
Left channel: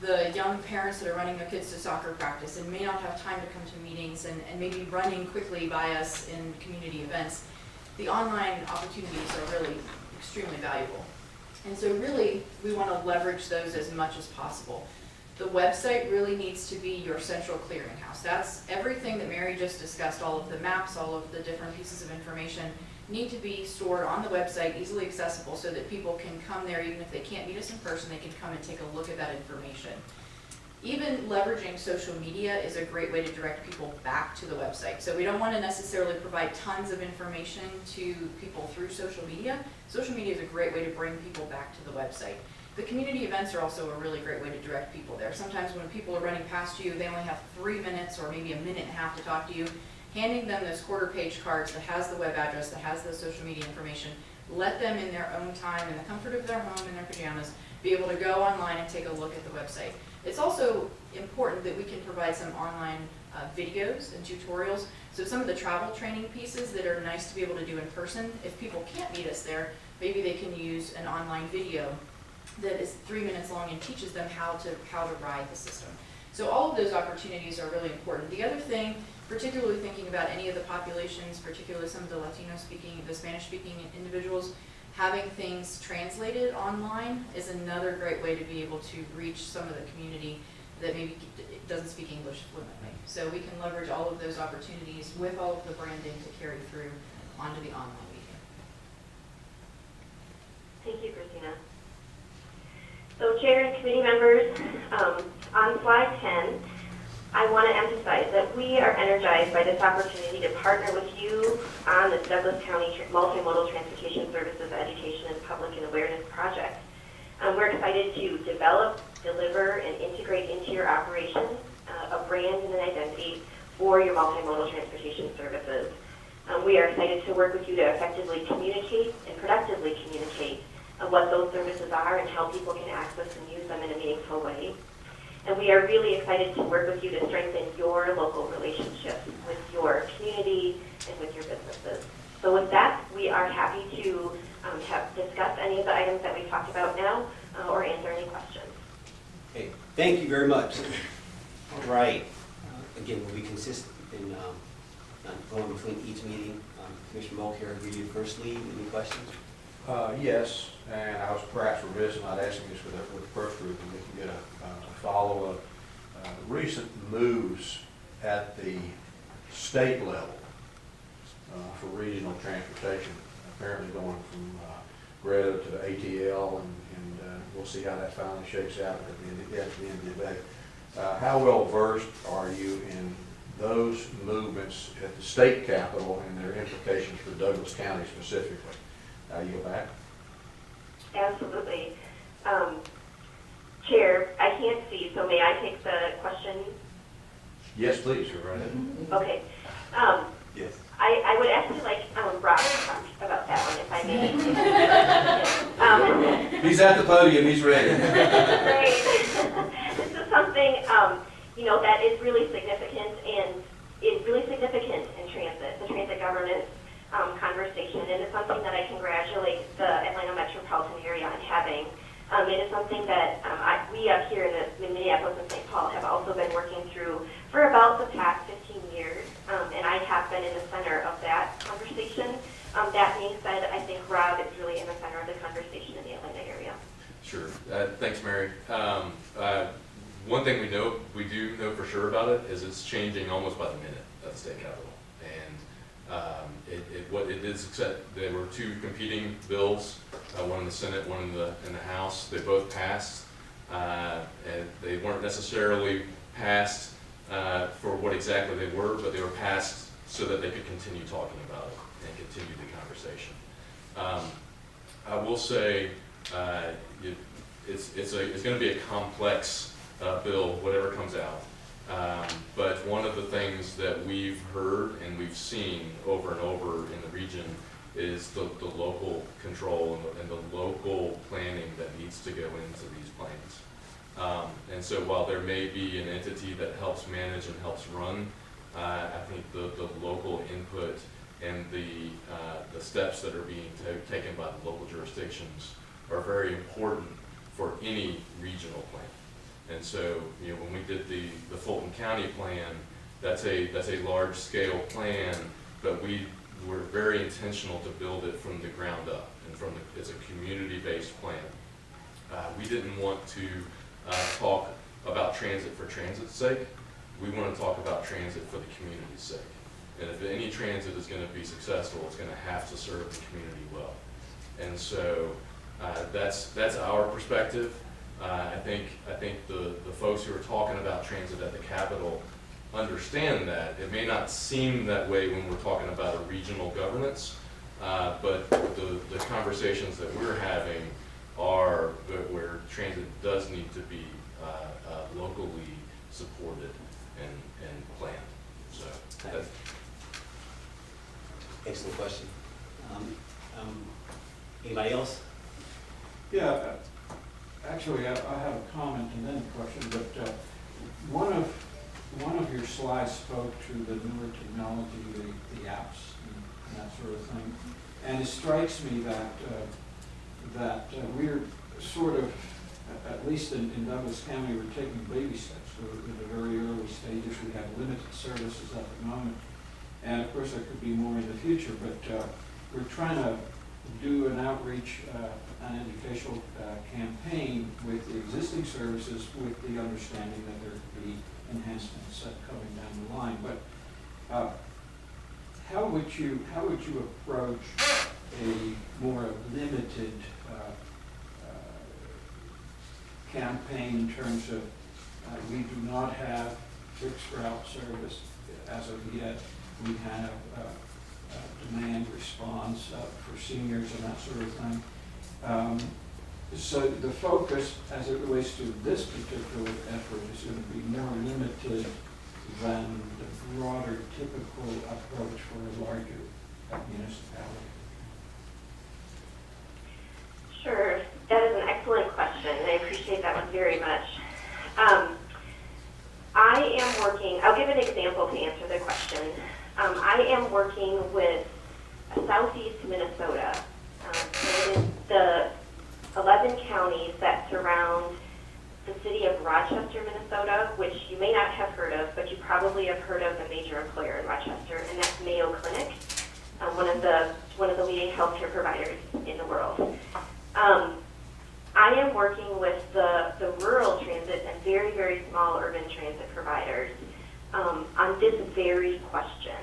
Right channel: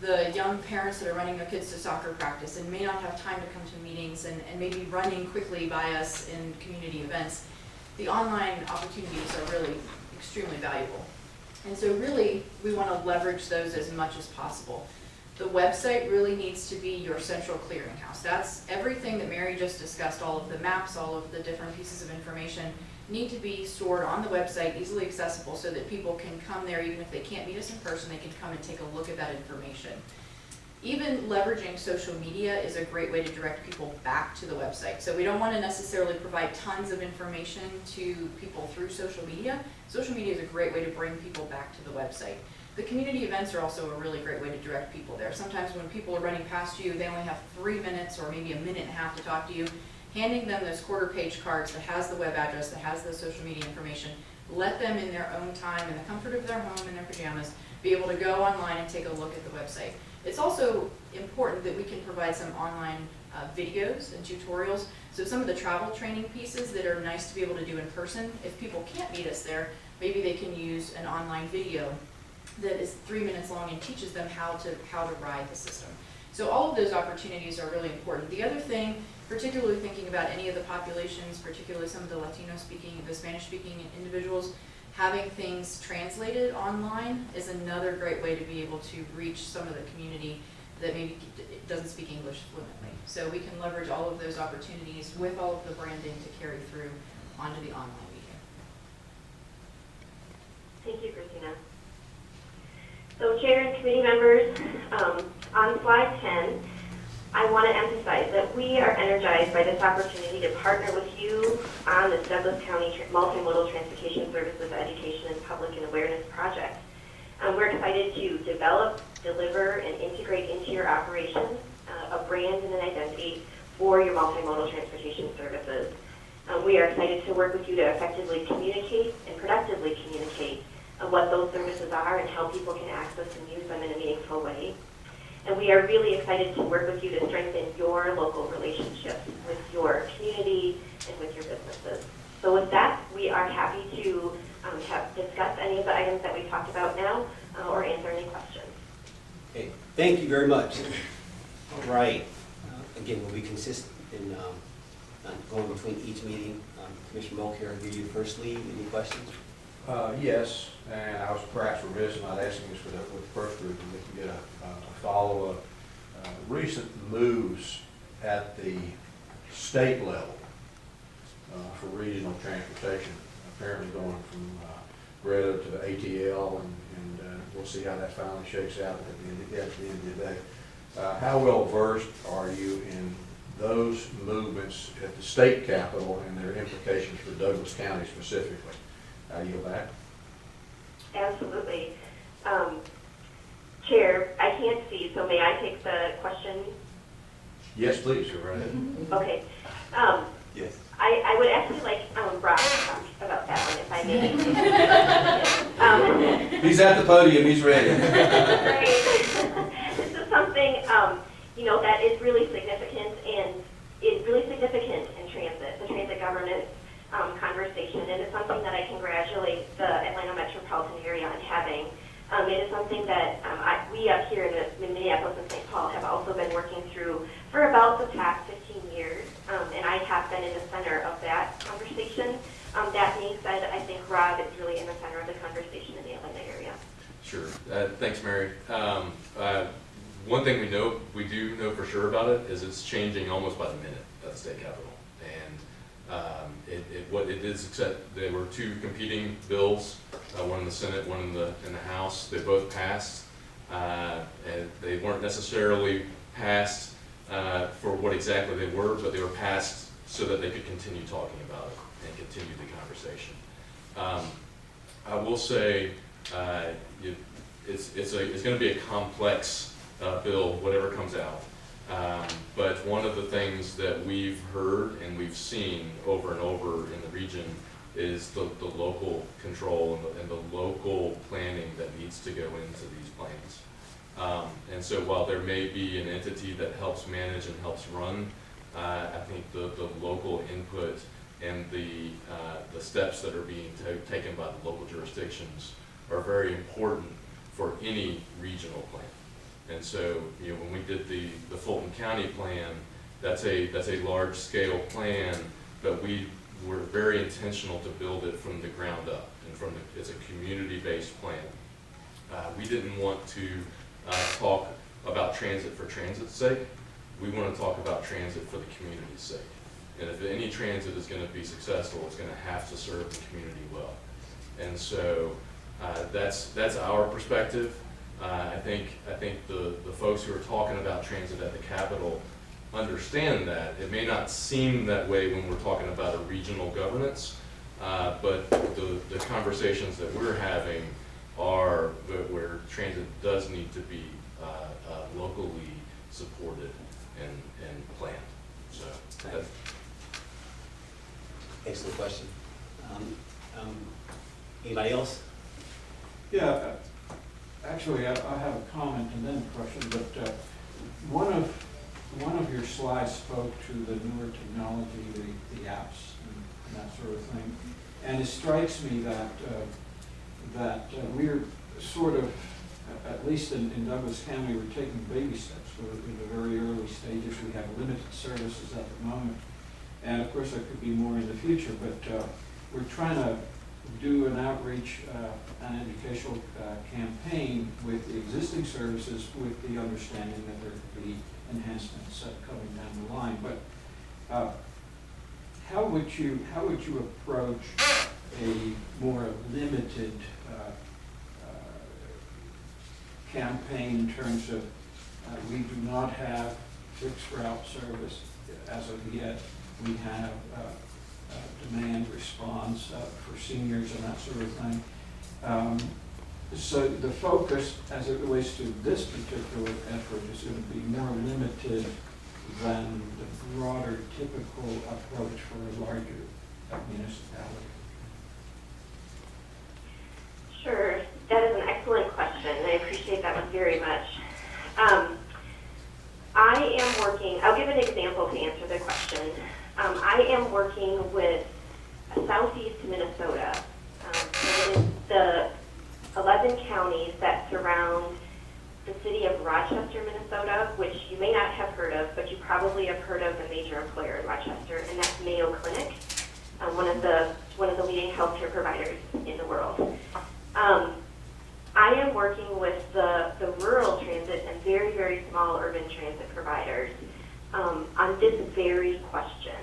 the young parents that are running their kids to soccer practice and may not have time to come to meetings and maybe running quickly by us in community events, the online opportunities are really extremely valuable. And so really, we want to leverage those as much as possible. The website really needs to be your central clearinghouse. That's everything that Mary just discussed, all of the maps, all of the different pieces of information need to be stored on the website, easily accessible, so that people can come there even if they can't meet us in person, they can come and take a look at that information. Even leveraging social media is a great way to direct people back to the website. So we don't want to necessarily provide tons of information to people through social media. Social media is a great way to bring people back to the website. The community events are also a really great way to direct people there. Sometimes when people are running past you, they only have 3 minutes or maybe a minute and a half to talk to you. Handing them those quarter-page cards that has the web address, that has the social media information, let them in their own time, in the comfort of their home, in their pajamas, be able to go online and take a look at the website. It's also important that we can provide some online videos and tutorials. So some of the travel training pieces that are nice to be able to do in person, if people can't meet us there, maybe they can use an online video that is 3 minutes long and teaches them how to ride the system. So all of those opportunities are really important. The other thing, particularly thinking about any of the populations, particularly some of the Latino speaking, the Spanish speaking individuals, having things translated online is another great way to be able to reach some of the community that maybe doesn't speak English fluently. So we can leverage all of those opportunities with all of the branding to carry through onto the online media. Thank you, Christina. So Chair and committee members, on slide 10, I want to emphasize that we are energized by this opportunity to partner with you on this Douglas County Multimodal Transportation Services Education and Public and Awareness Project. We're excited to develop, deliver, and integrate into your operations a brand and an identity for your multimodal transportation services. We are excited to work with you to effectively communicate and productively communicate what those services are and how people can access and use them in a meaningful way. And we are really excited to work with you to strengthen your local relationships with your community and with your businesses. So with that, we are happy to discuss any of the items that we've talked about now or answer any questions. Okay, thank you very much. All right. Again, we'll be consistent in going between each meeting. Commissioner Mulcair, I'll give you the first lead. Any questions? Yes, and I was perhaps remiss in not asking this with the first group, and we can get a follow-up. Recent moves at the state level for regional transportation, apparently going from Greta to the ATL, and we'll see how that finally shakes out at the end of the day. How well versed are you in those movements at the state capitol and their implications for Douglas County specifically? You go back. Absolutely. Chair, I can't see, so may I take the question? Yes, please, go right ahead. Okay. Yes. I would actually like Rob to talk about that one, if I may. He's at the podium, he's ready. Great. This is something, that is really significant and is really significant in transit, the transit governance conversation, and it's something that I congratulate the Atlanta metropolitan area on having. It is something that we up here in Minneapolis and St. Paul have also been working through for about the past 15 years, and I have been in the center of that conversation. That being said, I think Rob is really in the center of the conversation in the Atlanta area. Sure. Thanks, Mary. One thing we do know for sure about it is it's changing almost by the minute at the state capitol. And what it is, except there were two competing bills, one in the Senate, one in the House. They both passed, and they weren't necessarily passed for what exactly they were, but they were passed so that they could continue talking about it and continue the conversation. I will say it's going to be a complex bill, whatever comes out. But one of the things that we've heard and we've seen over and over in the region is the local control and the local planning that needs to go into these plans. And so while there may be an entity that helps manage and helps run, I think the local input and the steps that are being taken by the local jurisdictions are very important for any regional plan. And so, you know, when we did the Fulton County plan, that's a large scale plan, but we were very intentional to build it from the ground up and it's a community-based plan. We didn't want to talk about transit for transit's sake. We want to talk about transit for the community's sake. And if any transit is going to be successful, it's going to have to serve the community well. And so that's our perspective. I think the folks who are talking about transit at the Capitol understand that. It may not seem that way when we're talking about a regional governance, but the conversations that we're having are where transit does need to be locally supported and planned. So that's Excellent question. Anybody else? Yeah, actually, I have a comment and then a question, but one of your slides spoke to the newer technology, the apps and that sort of thing. And it strikes me that we're sort of, at least in Douglas County, we're taking baby steps. We're in the very early stages. We have limited services at the moment. And of course, there could be more in the future, but we're trying to do an outreach, an educational campaign with the existing services with the understanding that there could be enhancements coming down the line. But how would you approach a more limited campaign in terms of we do not have fixed route service as of yet. We have demand response for seniors and that sort of thing. So the focus as it relates to this particular effort is going to be more limited than the broader typical approach for a larger municipality. Sure, that is an excellent question, and I appreciate that one very much. I am working, I'll give an example to answer the question. I am working with Southeast Minnesota. It is the 11 counties that surround the city of Rochester, Minnesota, which you may not have heard of, but you probably have heard of the major employer in Rochester, and that's Mayo Clinic, one of the leading healthcare providers in the world. I am working with the rural transit and very, very small urban transit providers on this very question,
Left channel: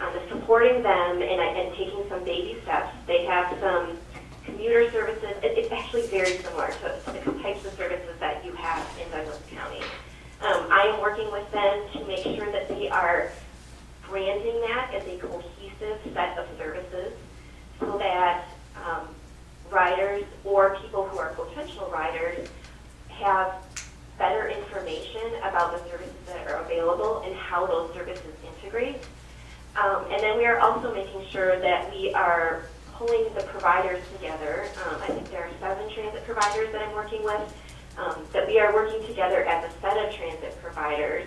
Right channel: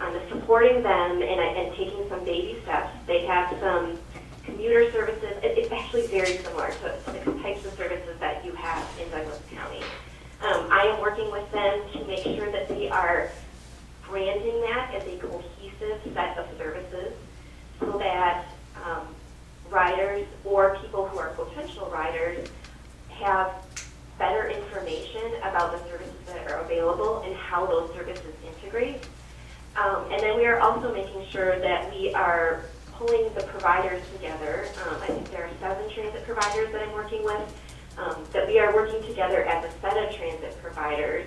on supporting them and taking some baby steps. They have some commuter services. It's actually very similar to the types of services that you have in Douglas County. I am working with them to make sure that they are branding that as a cohesive set of services so that riders or people who are potential riders have better information about the services that are available and how those services integrate. And then we are also making sure that we are pulling the providers together. I think there are 7 transit providers that I'm working with, that we are working together as a set of transit providers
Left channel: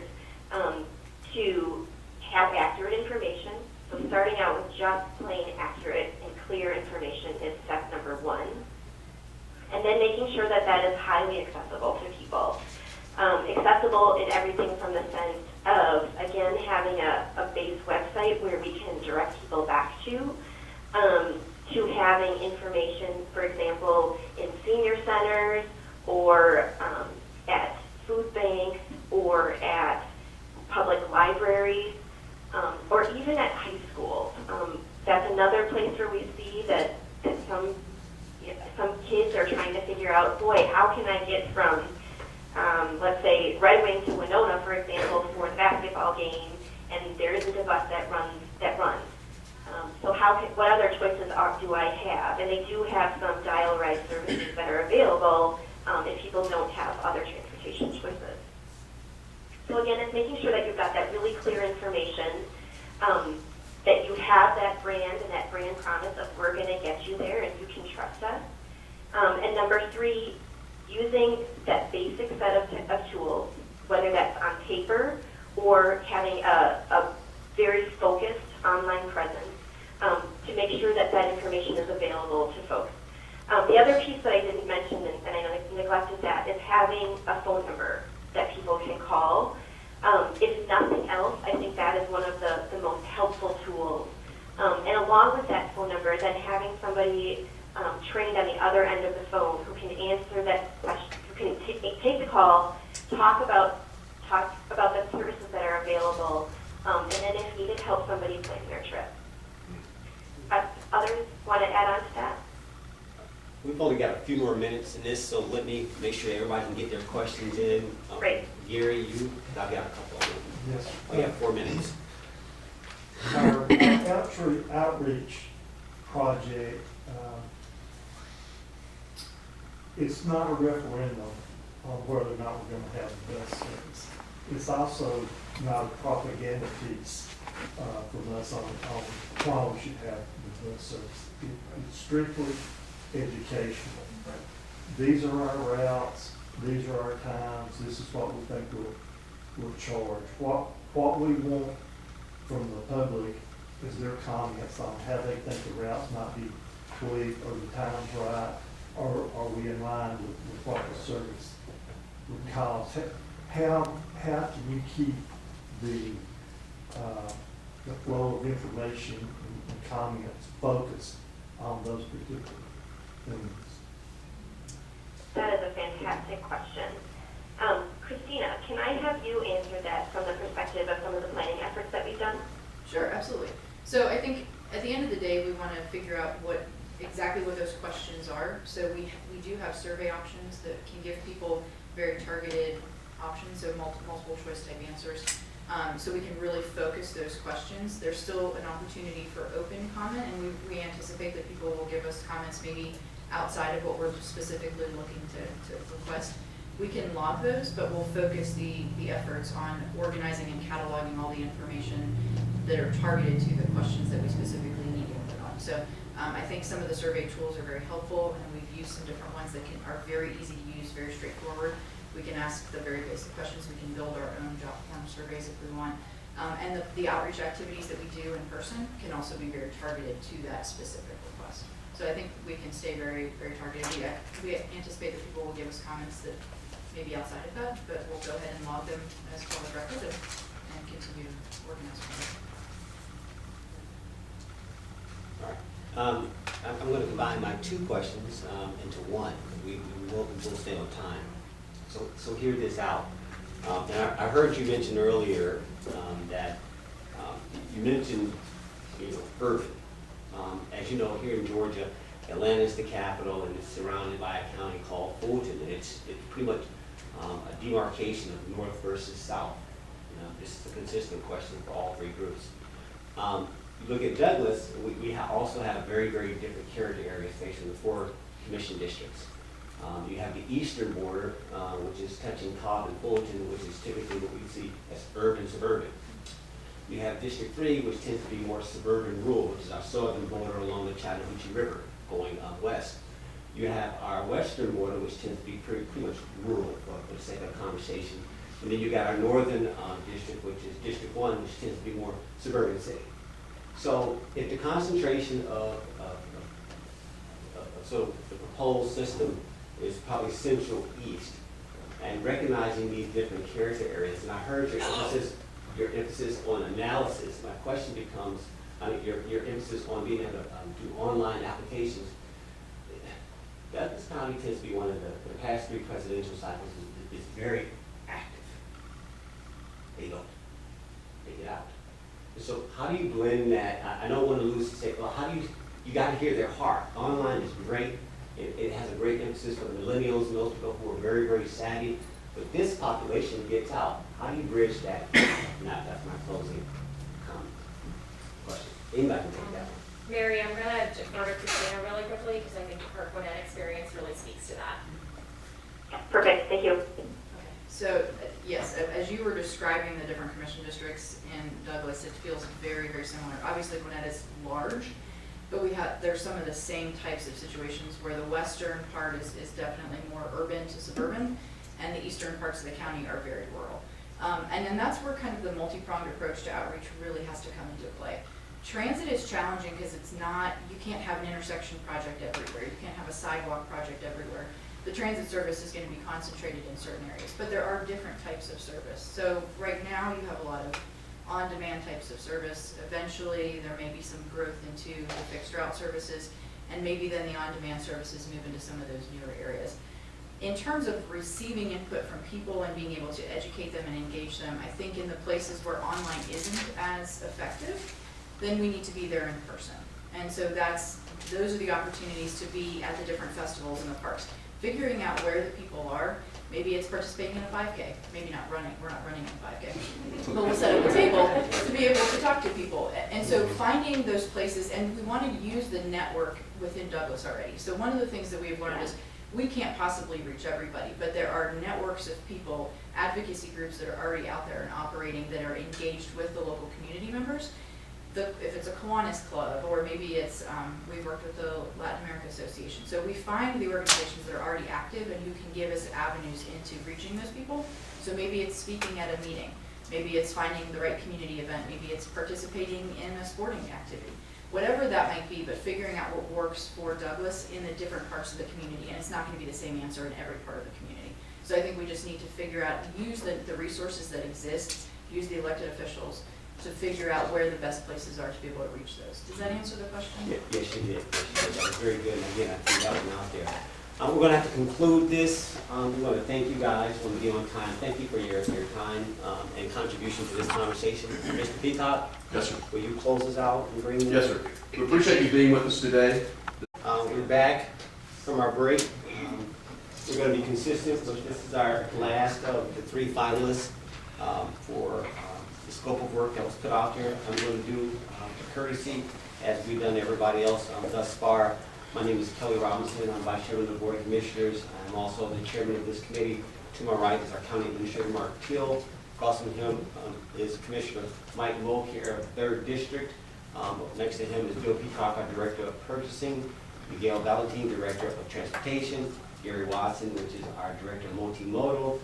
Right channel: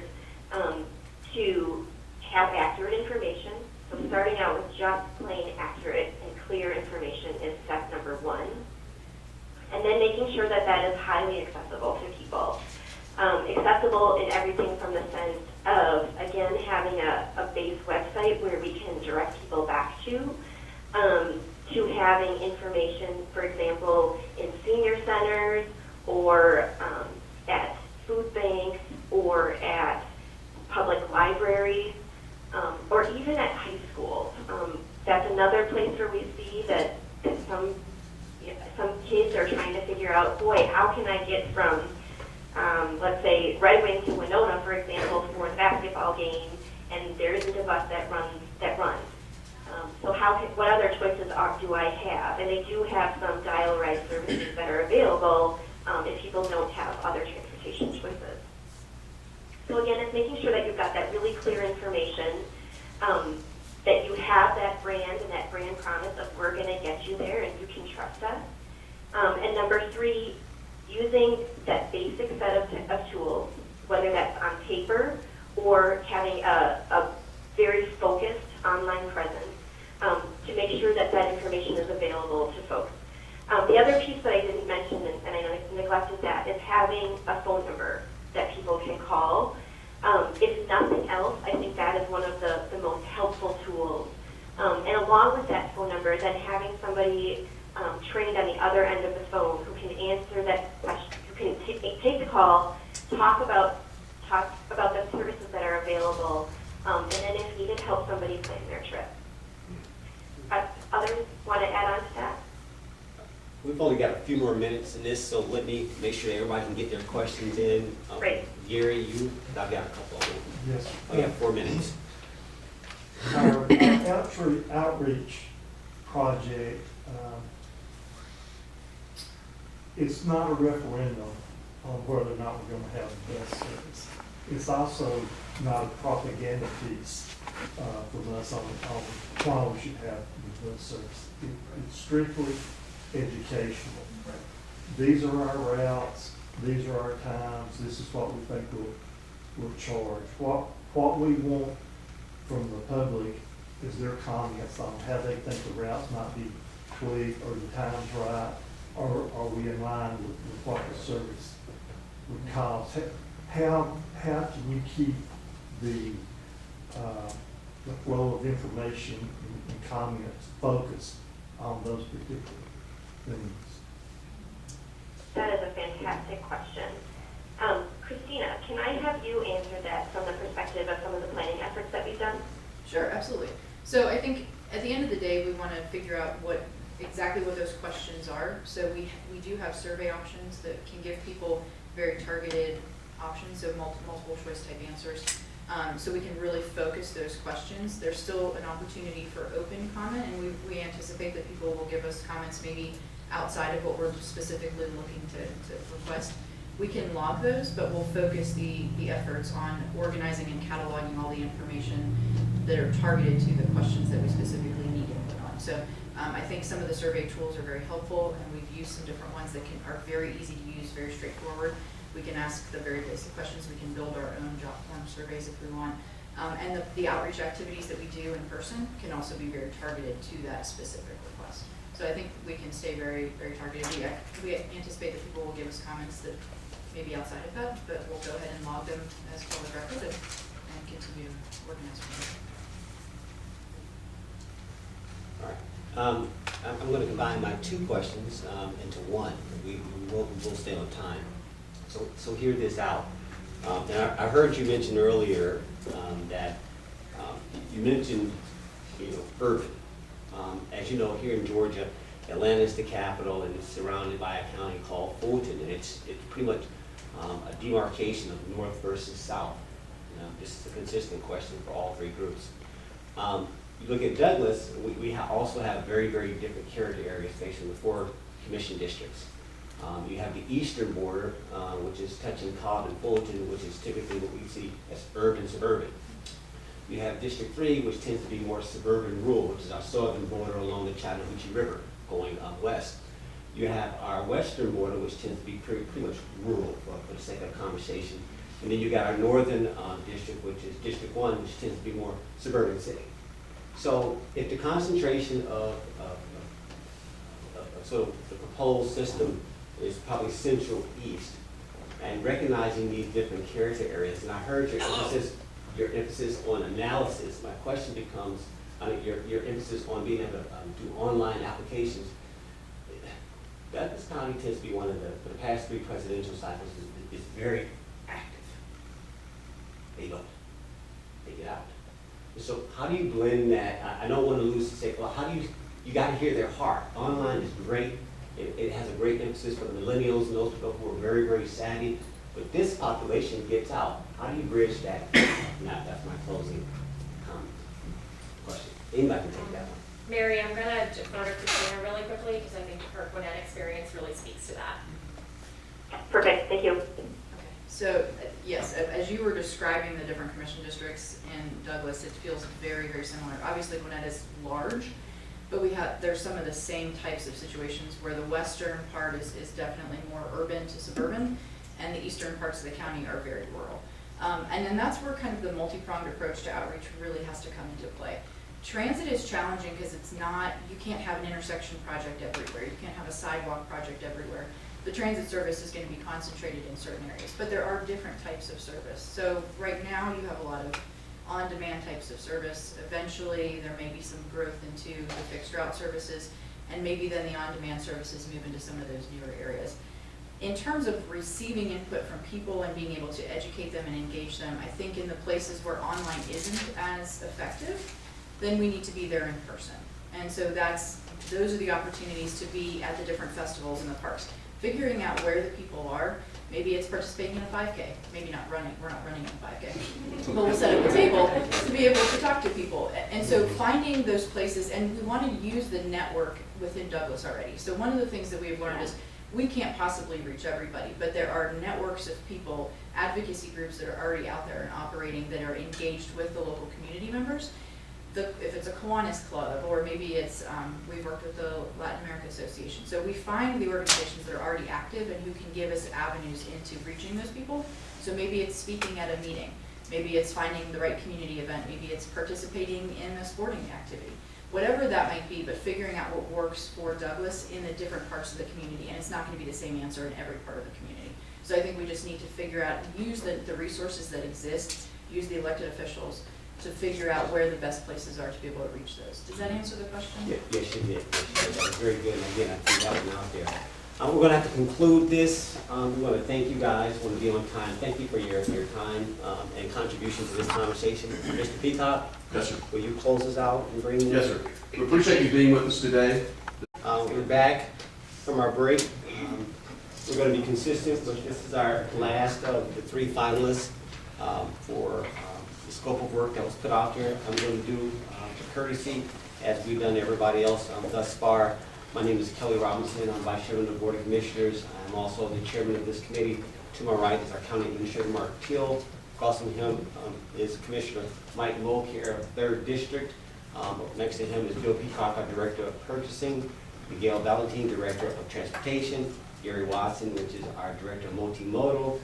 to have accurate information. So starting out with just plain accurate and clear information is step number 1. And then making sure that that is highly accessible to people. Accessible in everything from the sense of, again, having a base website where we can direct people back to having information, for example, in senior centers or at food banks or at public libraries, or even at high schools. That's another place where we see that some kids are trying to figure out, boy, how can I get from, let's say, Red Wing to Winona, for example, for the basketball game, and there isn't a bus that runs. So what other choices do I have? And they do have some dial ride services that are available if people don't have other transportation choices. So again, it's making sure that you've got that really clear information, that you have that brand and that brand promise of we're going to get you there and you can trust us. And number 3, using that basic set of tools, whether that's on paper or having a very focused online presence, to make sure that that information is available to folks. The other piece that I didn't mention, and I neglected that, is having a phone number that people can call. If nothing else, I think that is one of the most helpful tools. And along with that phone number, then having somebody trained on the other end of the phone who can answer that question, who can take the call, talk about the services that are available, and then if needed, help somebody plan their trip. Others want to add on to that? We've only got a few more minutes in this, so let me make sure everybody can get their questions in. Great. Gary, I've got a couple of them. Yes. We have 4 minutes. Our outreach project, it's not a referendum on whether or not we're going to have the best service. It's also not a propaganda piece from us on why we should have the best service. It's strictly educational. These are our routes, these are our times, this is what we think we'll charge. What we want from the public is their comments on how they think the routes might be tweaked, or the times right, or are we in line with what the service would cost. How can you keep the flow of information and comments focused on those particular things? That is a fantastic question. Christina, can I have you answer that from the perspective of some of the planning efforts that we've done? Sure, absolutely. So I think at the end of the day, we want to figure out exactly what those questions are. So we do have survey options that can give people very targeted options, so multiple choice type answers. So we can really focus those questions. There's still an opportunity for open comment, and we anticipate that people will give us comments maybe outside of what we're specifically looking to request. We can log those, but we'll focus the efforts on organizing and cataloging all the information that are targeted to the questions that we specifically need input on. So I think some of the survey tools are very helpful, and we've used some different ones that are very easy to use, very straightforward. We can ask the very basic questions. We can build our own job form surveys if we want. And the outreach activities that we do in person can also be very targeted to that specific request. So I think we can stay very, very targeted. We anticipate that people will give us comments that may be outside of that, but we'll go ahead and log them as public record and continue to organize them. All right. I'm going to combine my 2 questions into one. We'll stay on time. So hear this out. And I heard you mention earlier that you mentioned, urban. As you know, here in Georgia, Atlanta is the capital, and it's surrounded by a county called Fulton, and it's pretty much a demarcation of north versus south. This is a consistent question for all 3 groups. You look at Douglas, we also have very, very different character areas facing the 4 commission districts. You have the eastern border, which is touching Cobb and Fulton, which is typically what we see as urban-suburban. You have District 3, which tends to be more suburban-rural, which is our southern border along the Chattahoochee River going west. You have our western border, which tends to be pretty much rural, for the sake of conversation. And then you got our northern district, which is District 1, which tends to be more suburban city. So if the concentration of sort of the proposed system is probably central east, and recognizing these different character areas, and I heard your emphasis on analysis, my question becomes, your emphasis on being able to do online applications. Douglas County tends to be one of for the past 3 presidential cycles, is very active. They don't. They get out. And so how do you blend that? I don't want to lose to say, well, how do you got to hear their heart. Online is great. It has a great emphasis for the millennials and those people who are very, very savvy. But this population gets out. How do you bridge that? Now, that's my closing comment. Question. Anybody can take that one. Mary, I'm gonna defer to Christina really quickly because I think her Gwinnett experience really speaks to that. Perfect, thank you. Okay, so yes, as you were describing the different commission districts in Douglas, it feels very, very similar. Obviously, Gwinnett is large, but there's some of the same types of situations where the western part is definitely more urban to suburban, and the eastern parts of the county are very rural. And then that's where kind of the multi-pronged approach to outreach really has to come into play. Transit is challenging because you can't have an intersection project everywhere, you can't have a sidewalk project everywhere. The transit service is going to be concentrated in certain areas, but there are different types of service. So right now you have a lot of on-demand types of service. Eventually there may be some growth into the fixed route services, and maybe then the on-demand services move into some of those newer areas. In terms of receiving input from people and being able to educate them and engage them, I think in the places where online isn't as effective, then we need to be there in person. And so those are the opportunities to be at the different festivals in the parks. Figuring out where the people are, maybe it's participating in a 5K, maybe not running, we're not running in a 5K, but we'll set up a table to be able to talk to people. And so finding those places, and we want to use the network within Douglas already. So one of the things that we've learned is we can't possibly reach everybody, but there are networks of people, advocacy groups that are already out there and operating that are engaged with the local community members. If it's a Kiwanis Club, or maybe it's, we've worked with the Latin America Association. So we find the organizations that are already active and who can give us avenues into reaching those people. So maybe it's speaking at a meeting, maybe it's finding the right community event, maybe it's participating in a sporting activity. Whatever that might be, but figuring out what works for Douglas in the different parts of the community, and it's not going to be the same answer in every part of the community. So I think we just need to figure out, use the resources that exist, use the elected officials to figure out where the best places are to be able to reach those. Does that answer the question? Yes, you did. That was very good. And again, I think that one out there. We're going to have to conclude this. We want to thank you guys. We want to be on time. Thank you for your time and contribution to this conversation. Mr. Peacock? Yes, sir. Will you close us out and bring? Yes, sir. We appreciate you being with us today. We're back from our break. We're going to be consistent, but this is our last of the 3 finalists for the scope of work that was put out there. I'm going to do a courtesy, as we've done everybody else thus far. My name is Kelly Robinson. I'm Vice Chairman of the Board of Commissioners. I'm also the Chairman of this committee. To my right is our County Administrator, Mark Teal. Across from him is Commissioner Mike Mulcair of 3rd District. Next to him is Bill Peacock, our Director of Purchasing. Miguel Valentin, Director of Transportation. Gary Watson, which is our Director of Multimodal.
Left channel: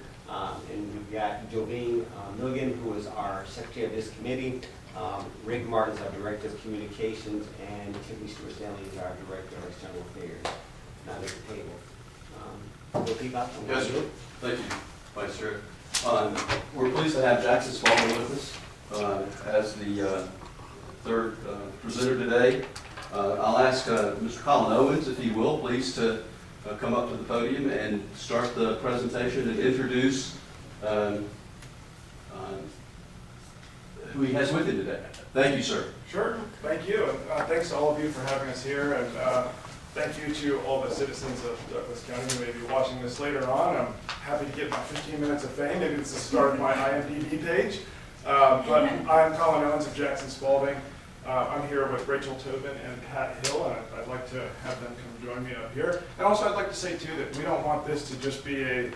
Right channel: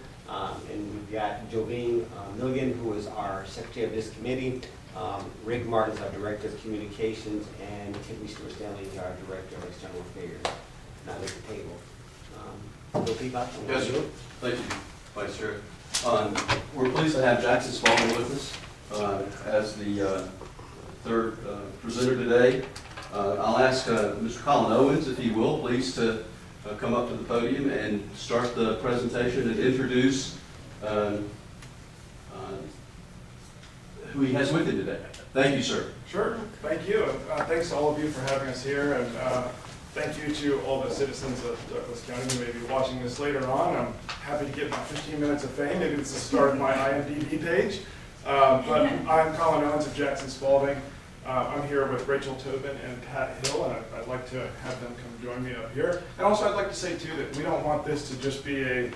And we've got Jovine Milligan, who is our Secretary of this committee. Rick Martin is our Director of Communications, and Tiffany Stewart-Stanley is our Director of External Affairs. Now at the table. Bill Peacock? Yes, sir. Thank you, Vice Chair. We're pleased to have Jackson Spalding with us as the 3rd presenter today. I'll ask Mr. Colin Owens, if he will, please, to come up to the podium and start the presentation and introduce who he has with him today. Thank you, sir. Sure, thank you. Thanks to all of you for having us here, and thank you to all the citizens of Douglas County who may be watching this later on. I'm happy to get my 15 minutes of fame. Maybe it's the start of my IMDb page. But I'm Colin Owens of Jackson Spalding. I'm here with Rachel Tobin and Pat Hill, and I'd like to have them come join me up here. And also I'd like to say too that we don't want this to just be a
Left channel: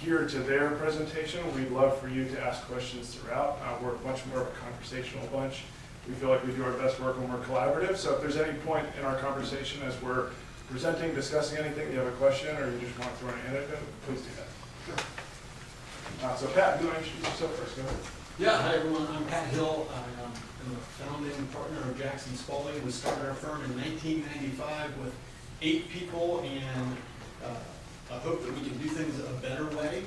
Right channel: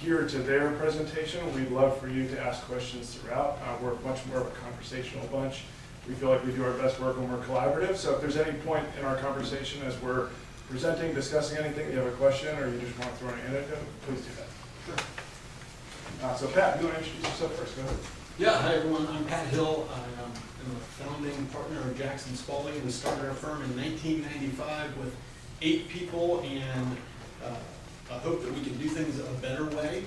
here to there presentation. We'd love for you to ask questions throughout. We're much more of a conversational bunch. We feel like we do our best work when we're collaborative. So if there's any point in our conversation as we're presenting, discussing anything, you have a question, or you just want to throw an anecdote, please do that. Sure. So Pat, you want to introduce yourself first? Go ahead. Yeah, hi everyone. I'm Pat Hill. I am a founding partner of Jackson Spalding. We started our firm in 1995 with 8 people, and I hope that we can do things a better way.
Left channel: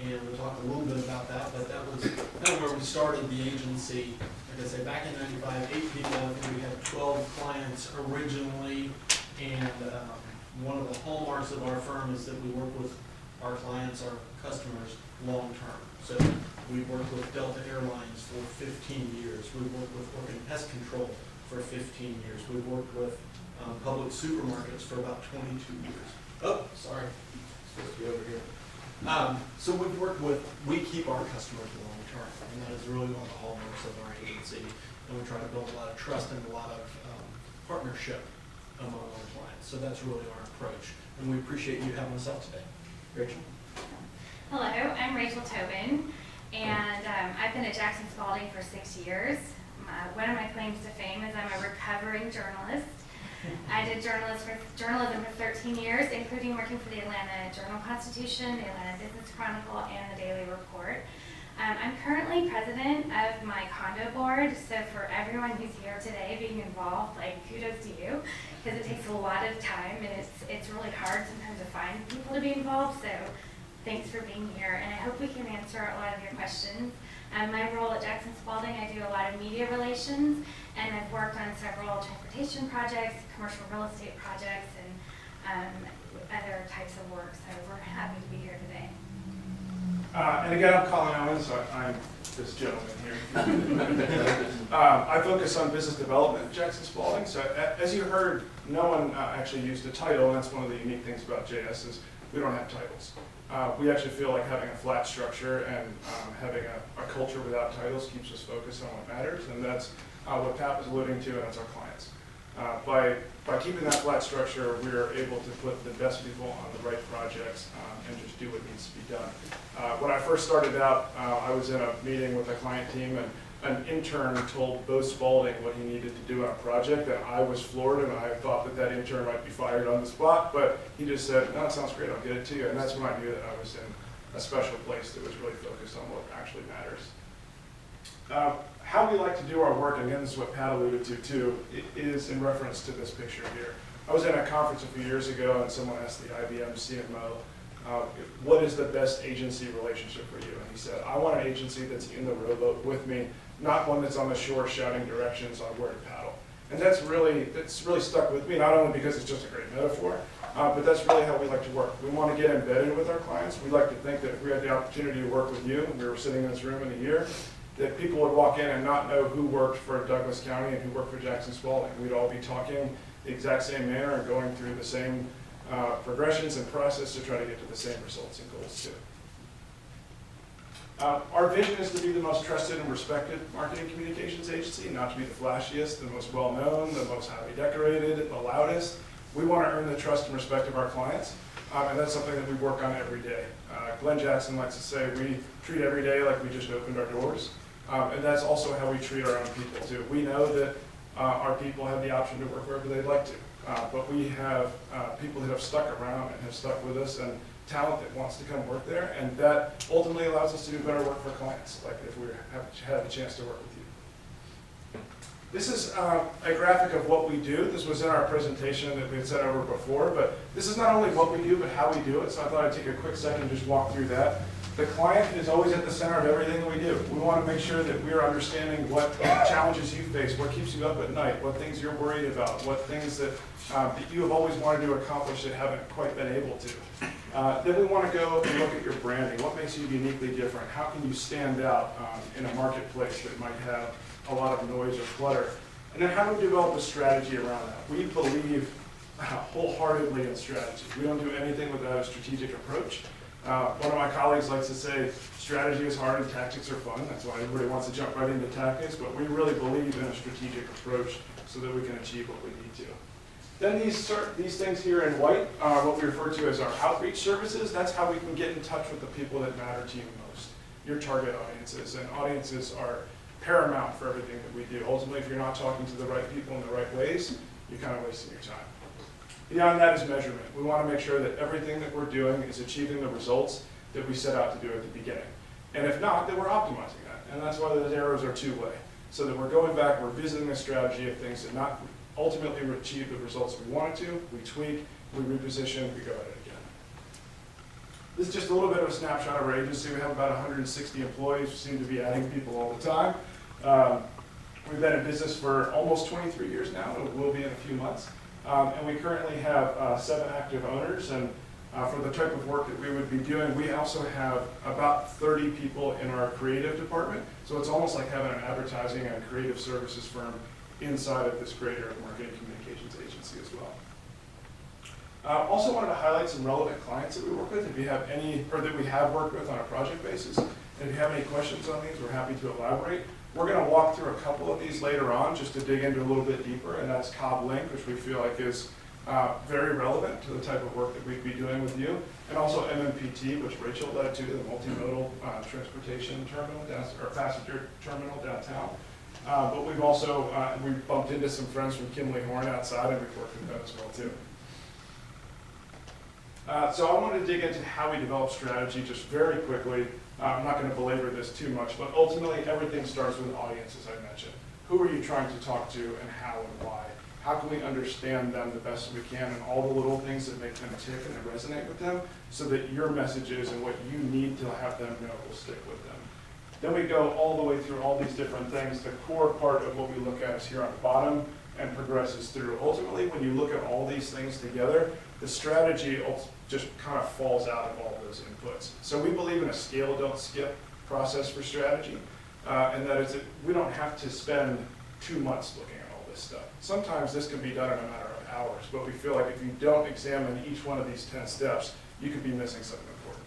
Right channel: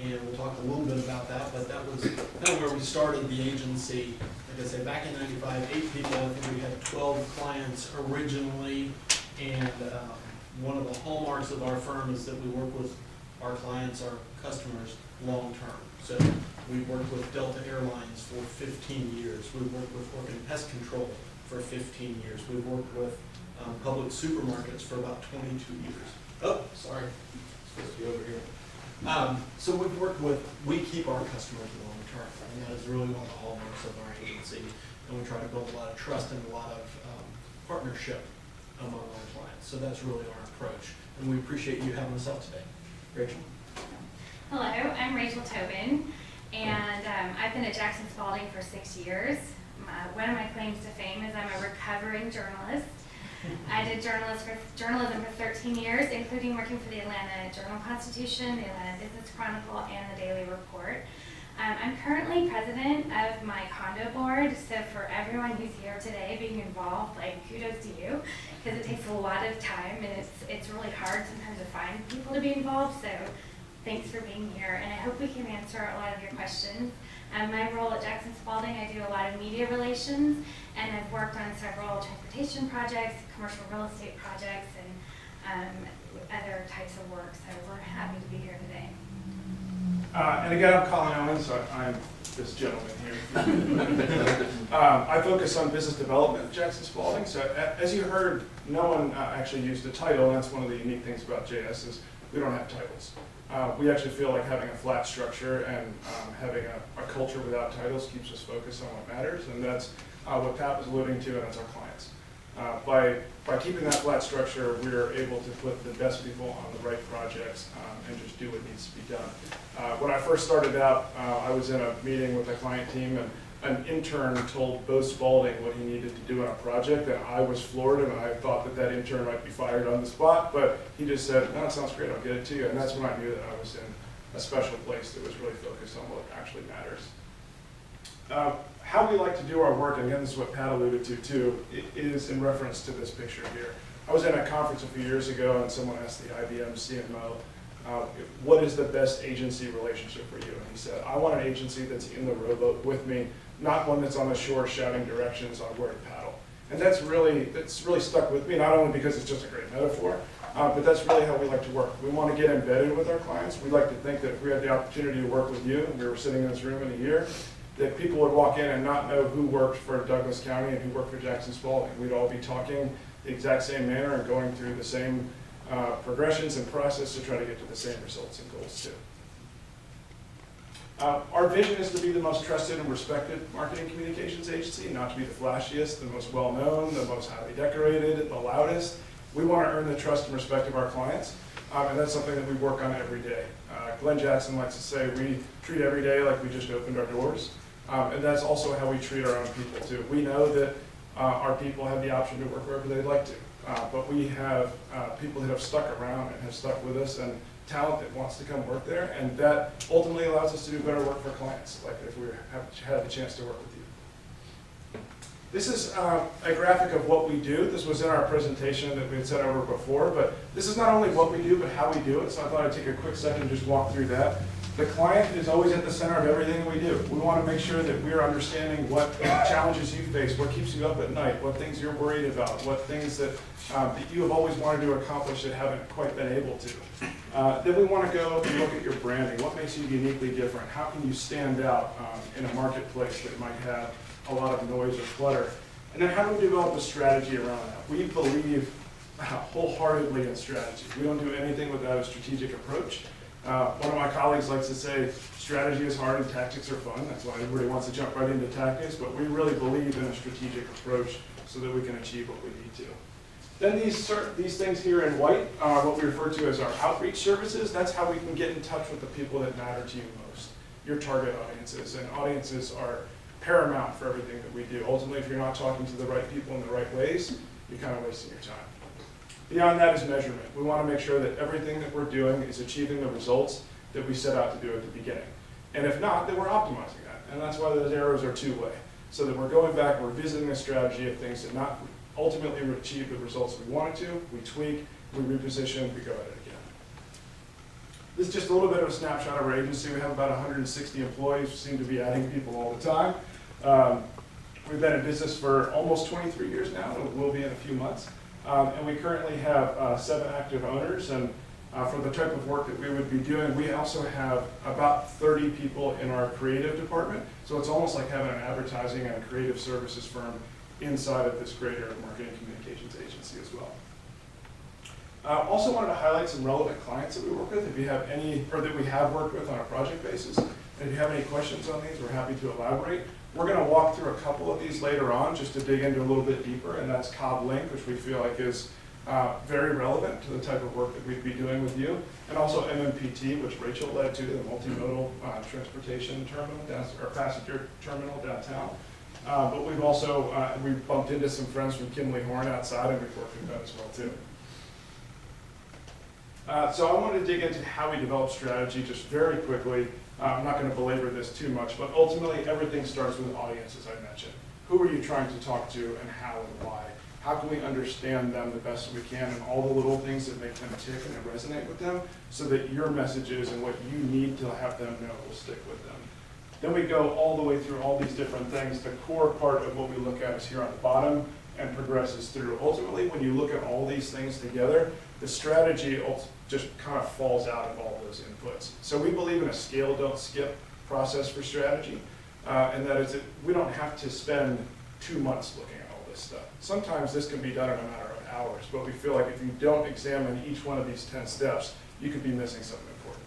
And we'll talk a little bit about that, but that was kind of where we started the agency. Like I say, back in 95, 8 people. I think we had 12 clients originally, and one of the hallmarks of our firm is that we work with our clients, our customers, long term. So we've worked with Delta Airlines for 15 years. We've worked with Orkin Pest Control for 15 years. We've worked with public supermarkets for about 22 years. Oh, sorry, it's supposed to be over here. So we've worked with, we keep our customers long term, and that is really one of the hallmarks of our agency. And we try to build a lot of trust and a lot of partnership among our clients. So that's really our approach. And we appreciate you having us out today. Rachel? Hello, I'm Rachel Tobin, and I've been at Jackson Spalding for 6 years. One of my claims to fame is I'm a recovering journalist. did journalism for 13 years, including working for the Atlanta Journal-Constitution, the Atlanta Business Chronicle, and the Daily Report. I'm currently president of my condo board, so for everyone who's here today being involved, like, kudos to you, because it takes a lot of time, and it's really hard sometimes to find people to be involved, so thanks for being here, and I hope we can answer a lot of your questions. My role at Jackson Spalding, I do a lot of media relations, and I've worked on several transportation projects, commercial real estate projects, and other types of work, so we're happy to be here today. And again, I'm Colin Owens, so I'm this gentleman here. I focus on business development at Jackson Spalding. So as you heard, no one actually used a title, and that's one of the unique things about JS is we don't have titles. We actually feel like having a flat structure and having a culture without titles keeps us focused on what matters, and that's what Pat was alluding to, and that's our clients. By keeping that flat structure, we are able to put the best people on the right projects and just do what needs to be done. When I first started out, I was in a meeting with a client team, and an intern told Bo Spalding what he needed to do on a project, and I was floored, and I thought that that intern might be fired on the spot, but he just said, no, it sounds great, I'll get it to you. And that's when I knew that I was in a special place that was really focused on what actually matters. How we like to do our work, and again, this is what Pat alluded to too, is in reference to this picture here. I was in a conference a few years ago, and someone asked the IBM CMO, what is the best agency relationship for you? And he said, I want an agency that's in the rowboat with me, not one that's on the shore shouting directions on where to paddle. And that's really stuck with me, not only because it's just a great metaphor, but that's really how we like to work. We want to get embedded with our clients. We like to think that if we had the opportunity to work with you, and we were sitting in this room in a year, that people would walk in and not know who worked for Douglas County and who worked for Jackson Spalding. We'd all be talking the exact same manner and going through the same progressions and process to try to get to the same results and goals too. Our vision is to be the most trusted and respected marketing communications agency, not to be the flashiest, the most well-known, the most highly decorated, the loudest. We want to earn the trust and respect of our clients, and that's something that we work on every day. Glenn Jackson likes to say we treat every day like we just opened our doors, and that's also how we treat our own people too. We know that our people have the option to work wherever they'd like to, but we have people that have stuck around and have stuck with us, and talent that wants to come work there, and that ultimately allows us to do better work for clients, like if we have had the chance to work with you. This is a graphic of what we do. This was in our presentation that we had sent over before, but this is not only what we do, but how we do it, so I thought I'd take a quick second and just walk through that. The client is always at the center of everything that we do. We want to make sure that we're understanding what challenges you face, what keeps you up at night, what things you're worried about, what things that you have always wanted to accomplish that haven't quite been able to. Then we want to go and look at your branding. What makes you uniquely different? How can you stand out in a marketplace that might have a lot of noise or clutter? And then how do we develop a strategy around that? We believe wholeheartedly in strategy. We don't do anything without a strategic approach. One of my colleagues likes to say, strategy is hard and tactics are fun. That's why everybody wants to jump right into tactics, but we really believe in a strategic approach so that we can achieve what we need to. Then these things here in white are what we refer to as our outreach services. That's how we can get in touch with the people that matter to you most, your target audiences. And audiences are paramount for everything that we do. Ultimately, if you're not talking to the right people in the right ways, you're kind of wasting your time. Beyond that is measurement. We want to make sure that everything that we're doing is achieving the results that we set out to do at the beginning. And if not, then we're optimizing that. And that's why those arrows are two-way. So that we're going back, we're visiting a strategy of things that not ultimately achieve the results we wanted to, we tweak, we reposition, we go at it again. This is just a little bit of a snapshot of our agency. We have about 160 employees. We seem to be adding people all the time. We've been in business for almost 23 years now, and we'll be in a few months. And we currently have 7 active owners, and for the type of work that we would be doing, we also have about 30 people in our creative department. So it's almost like having an advertising and a creative services firm inside of this greater marketing communications agency as well. Also wanted to highlight some relevant clients that we work with, if you have any, or that we have worked with on a project basis. And if you have any questions on these, we're happy to elaborate. We're going to walk through a couple of these later on just to dig into a little bit deeper, and that's Cobb Link, which we feel like is very relevant to the type of work that we'd be doing with you, and also MMPT, which Rachel led to, the multimodal transportation terminal, or passenger terminal downtown. But we've also, we bumped into some friends from Kimley Horn outside, and we've worked with them as well too. So I want to dig into how we develop strategy just very quickly. I'm not going to belabor this too much, but ultimately everything starts with an audience, as I mentioned. Who are you trying to talk to and how and why? How can we understand them the best we can and all the little things that make them tick and that resonate with them so that your messages and what you need to have them know will stick with them. Then we go all the way through all these different things. The core part of what we look at is here on the bottom and progresses through. Ultimately, when you look at all these things together, the strategy just kind of falls out of all those inputs. So we believe in a scale, don't skip process for strategy. And that is, we don't have to spend 2 months looking at all this stuff. Sometimes this can be done in a matter of hours, but we feel like if you don't examine each one of these 10 steps, you could be missing something important.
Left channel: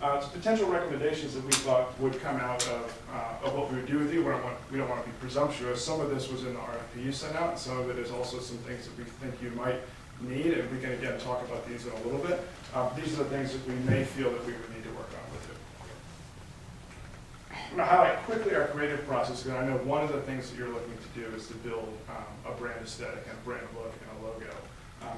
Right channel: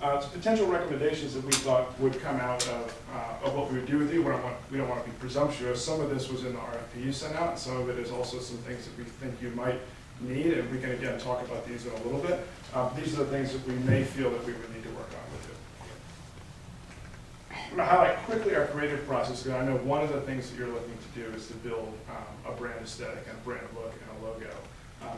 So potential recommendations that we thought would come out of what we would do with you. We don't want to be presumptuous. Some of this was in the RFP you sent out, and some of it is also some things that we think you might need, and we can again talk about these in a little bit. These are the things that we may feel that we would need to work on with you. I'm going to highlight quickly our creative process, because I know one of the things that you're looking to do is to build a brand aesthetic and a brand look and a logo.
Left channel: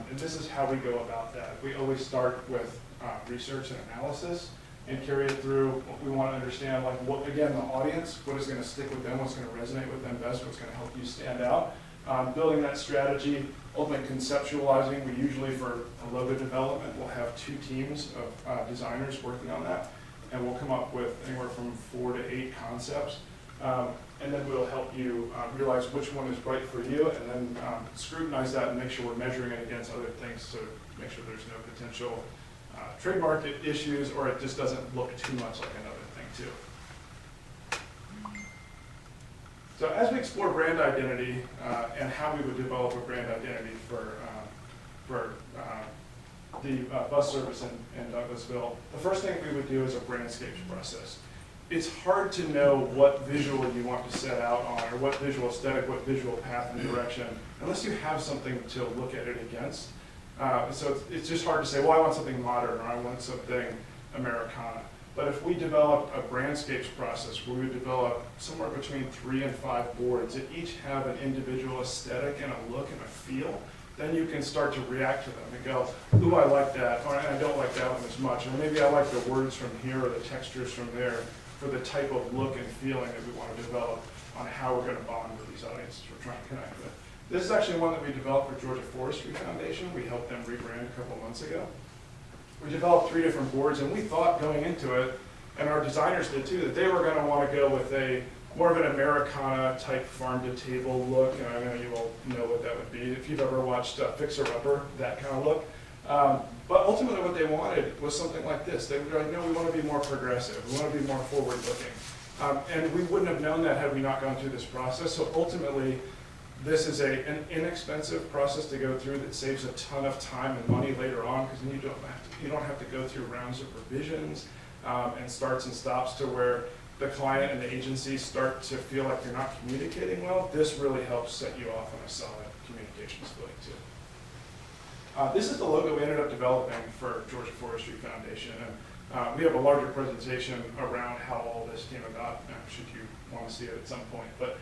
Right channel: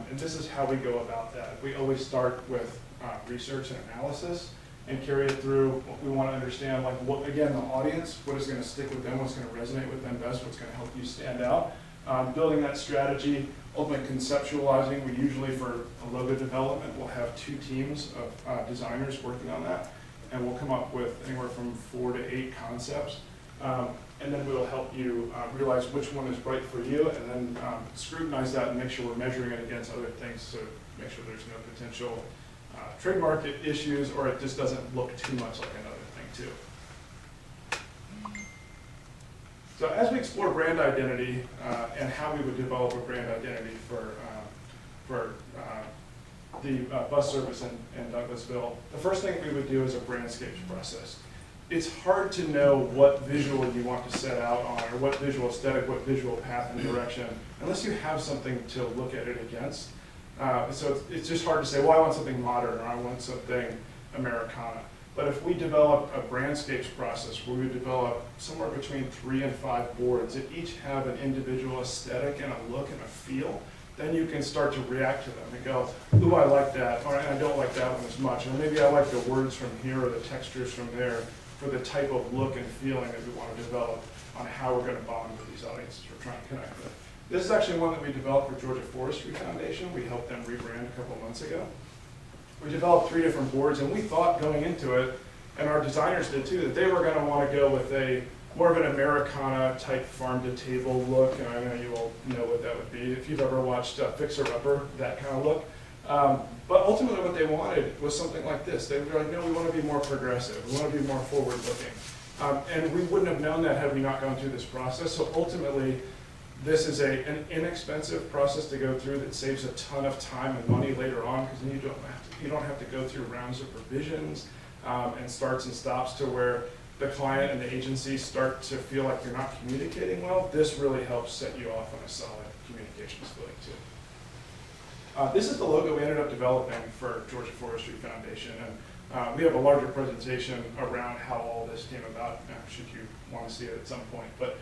And this is how we go about that. We always start with research and analysis and carry it through what we want to understand, like what, again, the audience, what is going to stick with them, what's going to resonate with them best, what's going to help you stand out. Building that strategy, ultimately conceptualizing. We usually, for a logo development, we'll have 2 teams of designers working on that, and we'll come up with anywhere from 4 to 8 concepts. And then we'll help you realize which one is right for you, and then scrutinize that and make sure we're measuring it against other things to make sure there's no potential trademark issues, or it just doesn't look too much like another thing too. So as we explore brand identity and how we would develop a brand identity for the bus service in Douglasville, the first thing we would do is a brandscapes process. It's hard to know what visual you want to set out on, or what visual aesthetic, what visual path and direction, unless you have something to look at it against. So it's just hard to say, well, I want something modern, or I want something Americana. But if we develop a brandscapes process where we develop somewhere between 3 and 5 boards that each have an individual aesthetic and a look and a feel, then you can start to react to them and go, ooh, I like that, or I don't like that one as much, or maybe I like the words from here or the textures from there for the type of look and feeling that we want to develop on how we're going to bond with these audiences we're trying to connect with. This is actually one that we developed for Georgia Forestry Foundation. We helped them rebrand a couple months ago. We developed 3 different boards, and we thought going into it, and our designers did too, that they were going to want to go with a more of an Americana type farm-to-table look, and I know you all know what that would be. If you've ever watched Fixer Upper, that kind of look. But ultimately what they wanted was something like this. They were like, no, we want to be more progressive. We want to be more forward-looking. And we wouldn't have known that had we not gone through this process. So ultimately, this is an inexpensive process to go through that saves a ton of time and money later on, because then you don't have to go through rounds of revisions and starts and stops to where the client and the agency start to feel like you're not communicating well. This really helps set you off on a solid communications footing too. This is the logo we ended up developing for Georgia Forestry Foundation, and we have a larger presentation around how all this came about, should you want to see it at some point. But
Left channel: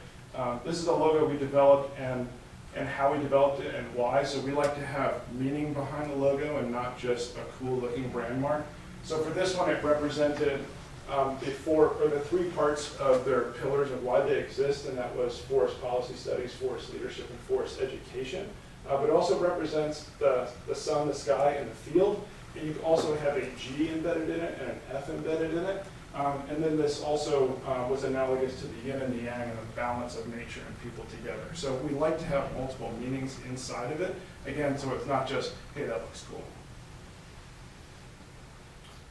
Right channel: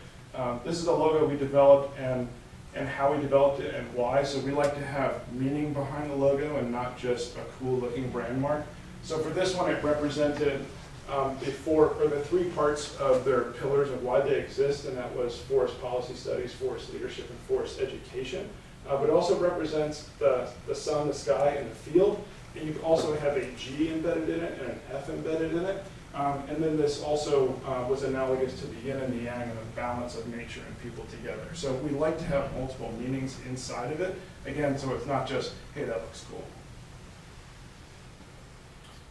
this is a logo we developed and how we developed it and why. So we like to have meaning behind the logo and not just a cool looking brand mark. So for this one, it represented the 3 parts of their pillars of why they exist, and that was forest policy studies, forest leadership, and forest education. But it also represents the sun, the sky, and the field. And you also have a G embedded in it and an F embedded in it. And then this also was analogous to the yin and the yang and the balance of nature and people together. So we like to have multiple meanings inside of it. Again, so it's not just, hey, that looks cool.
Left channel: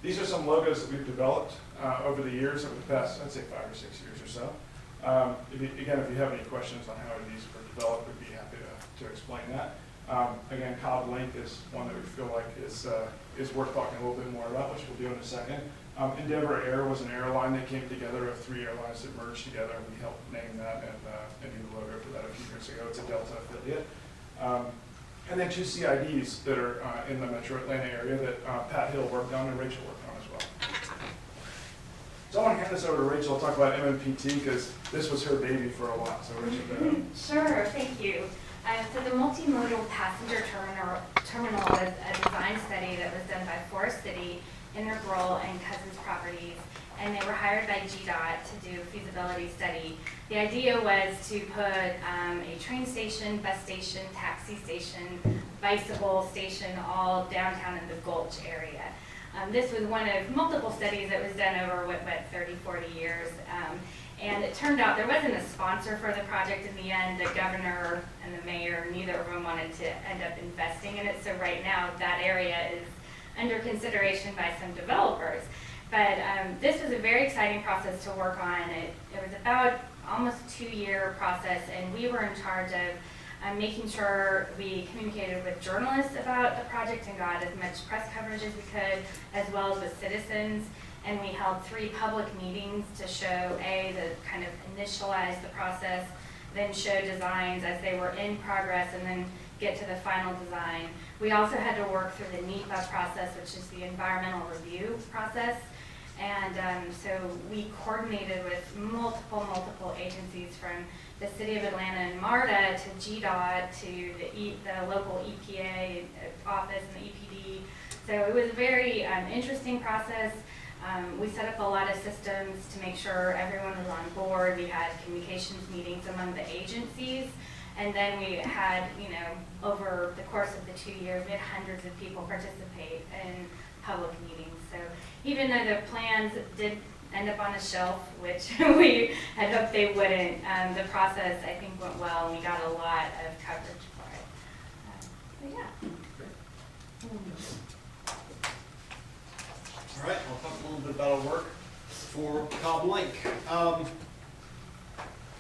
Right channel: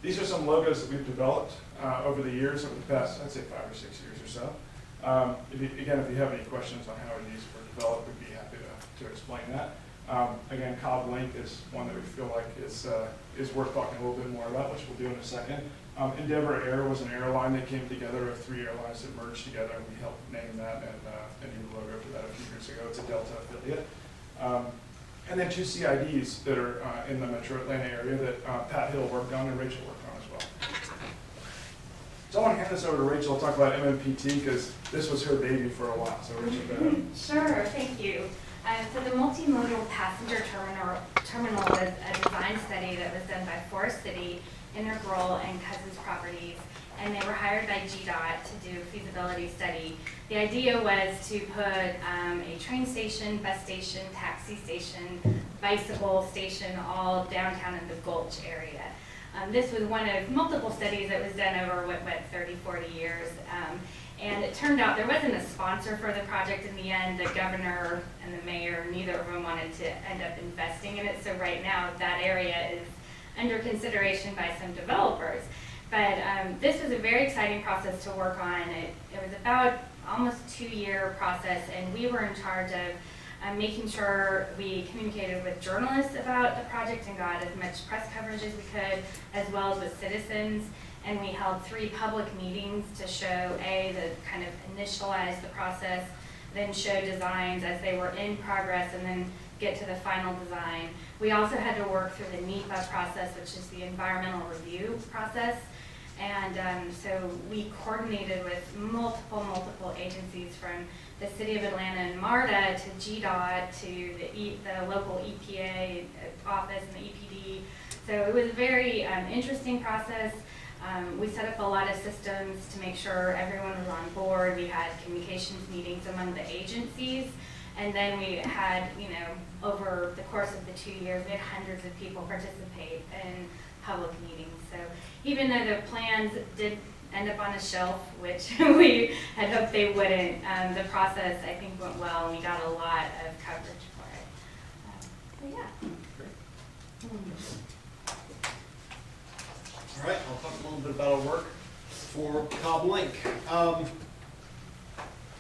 These are some logos that we've developed over the years, over the past, I'd say 5 or 6 years or so. If you have any questions on how these were developed, we'd be happy to explain that. Again, Cobb Link is one that we feel like is worth talking a little bit more about, which we'll do in a second. Endeavor Air was an airline that came together of 3 airlines that merged together, and we helped name that and do the logo for that a few years ago. It's a Delta affiliate. And then 2 CIDs that are in the Metro Atlanta area that Pat Hill worked on and Rachel worked on as well. So I want to hand this over to Rachel, to talk about MMPT, because this was her baby for a while, so Rachel, go ahead. Sure, thank you. So the multimodal passenger terminal was a design study that was done by Forest City, Integral, and Cousins Properties, and they were hired by GDOT to do a feasibility study. The idea was to put a train station, bus station, taxi station, bicycle station, all downtown in the Gulch area. This was one of multiple studies that was done over, 30, 40 years. And it turned out there wasn't a sponsor for the project in the end. The governor and the mayor, neither of them wanted to end up investing in it. So right now, that area is under consideration by some developers. But this was a very exciting process to work on. It was about almost 2-year process, and we were in charge of making sure we communicated with journalists about the project and got as much press coverage as we could, as well as with citizens. And we held 3 public meetings to show, the kind of initialize the process, then show designs as they were in progress, and then get to the final design. We also had to work through the NEPA process, which is the environmental review process. And so we coordinated with multiple agencies, from the City of Atlanta and MARTA to GDOT to the local EPA office and the EPD. So it was a very interesting process. We set up a lot of systems to make sure everyone was on board. We had communications meetings among the agencies. And then we had, over the course of the 2 years, we had hundreds of people participate in public meetings. So even though the plans did end up on a shelf, which we had hoped they wouldn't, the process, I think, went well, and we got a lot of coverage for it. So yeah. All right, I'll talk a little bit about our work for Cobb Link.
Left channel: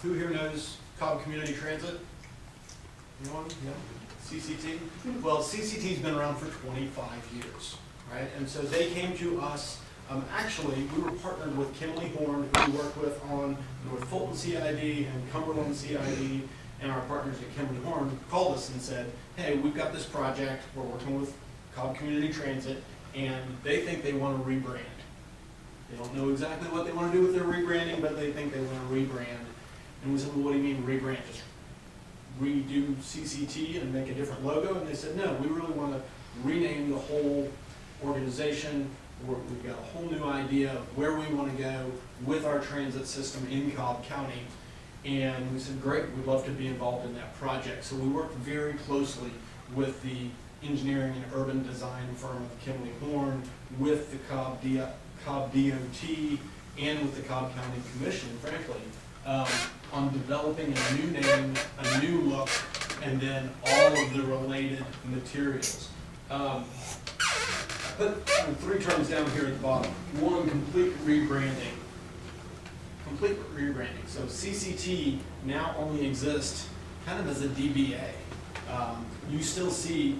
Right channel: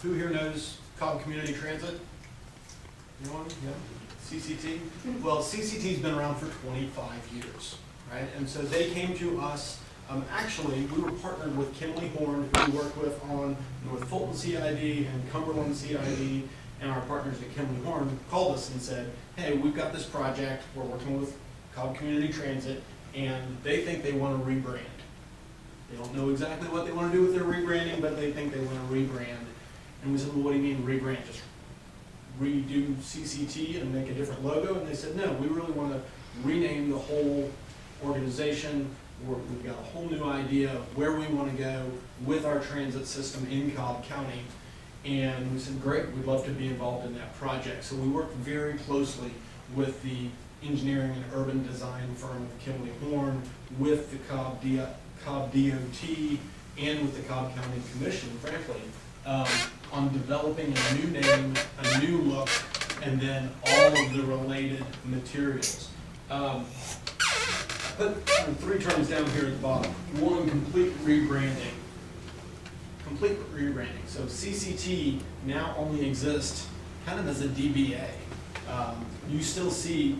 Who here knows Cobb Community Transit? Anyone? Yeah. CCT? Well, CCT's been around for 25 years, right? And so they came to us. Actually, we were partnered with Kimley Horn, who we worked with on North Fulton CID and Cumberland CID, and our partners at Kimley Horn called us and said, hey, we've got this project, we're working with Cobb Community Transit, and they think they want to rebrand. They don't know exactly what they want to do with their rebranding, but they think they want to rebrand. And we said, well, what do you mean rebrand? Just redo CCT and make a different logo? And they said, no, we really want to rename the whole organization. We've got a whole new idea of where we want to go with our transit system in Cobb County. And we said, great, we'd love to be involved in that project. So we worked very closely with the engineering and urban design firm of Kimley Horn, with the Cobb DOT, and with the Cobb County Commission, frankly, on developing a new name, a new look, and then all of the related materials. Put 3 terms down here at the bottom. 1, complete rebranding. Complete rebranding. So CCT now only exists kind of as a DBA. You still see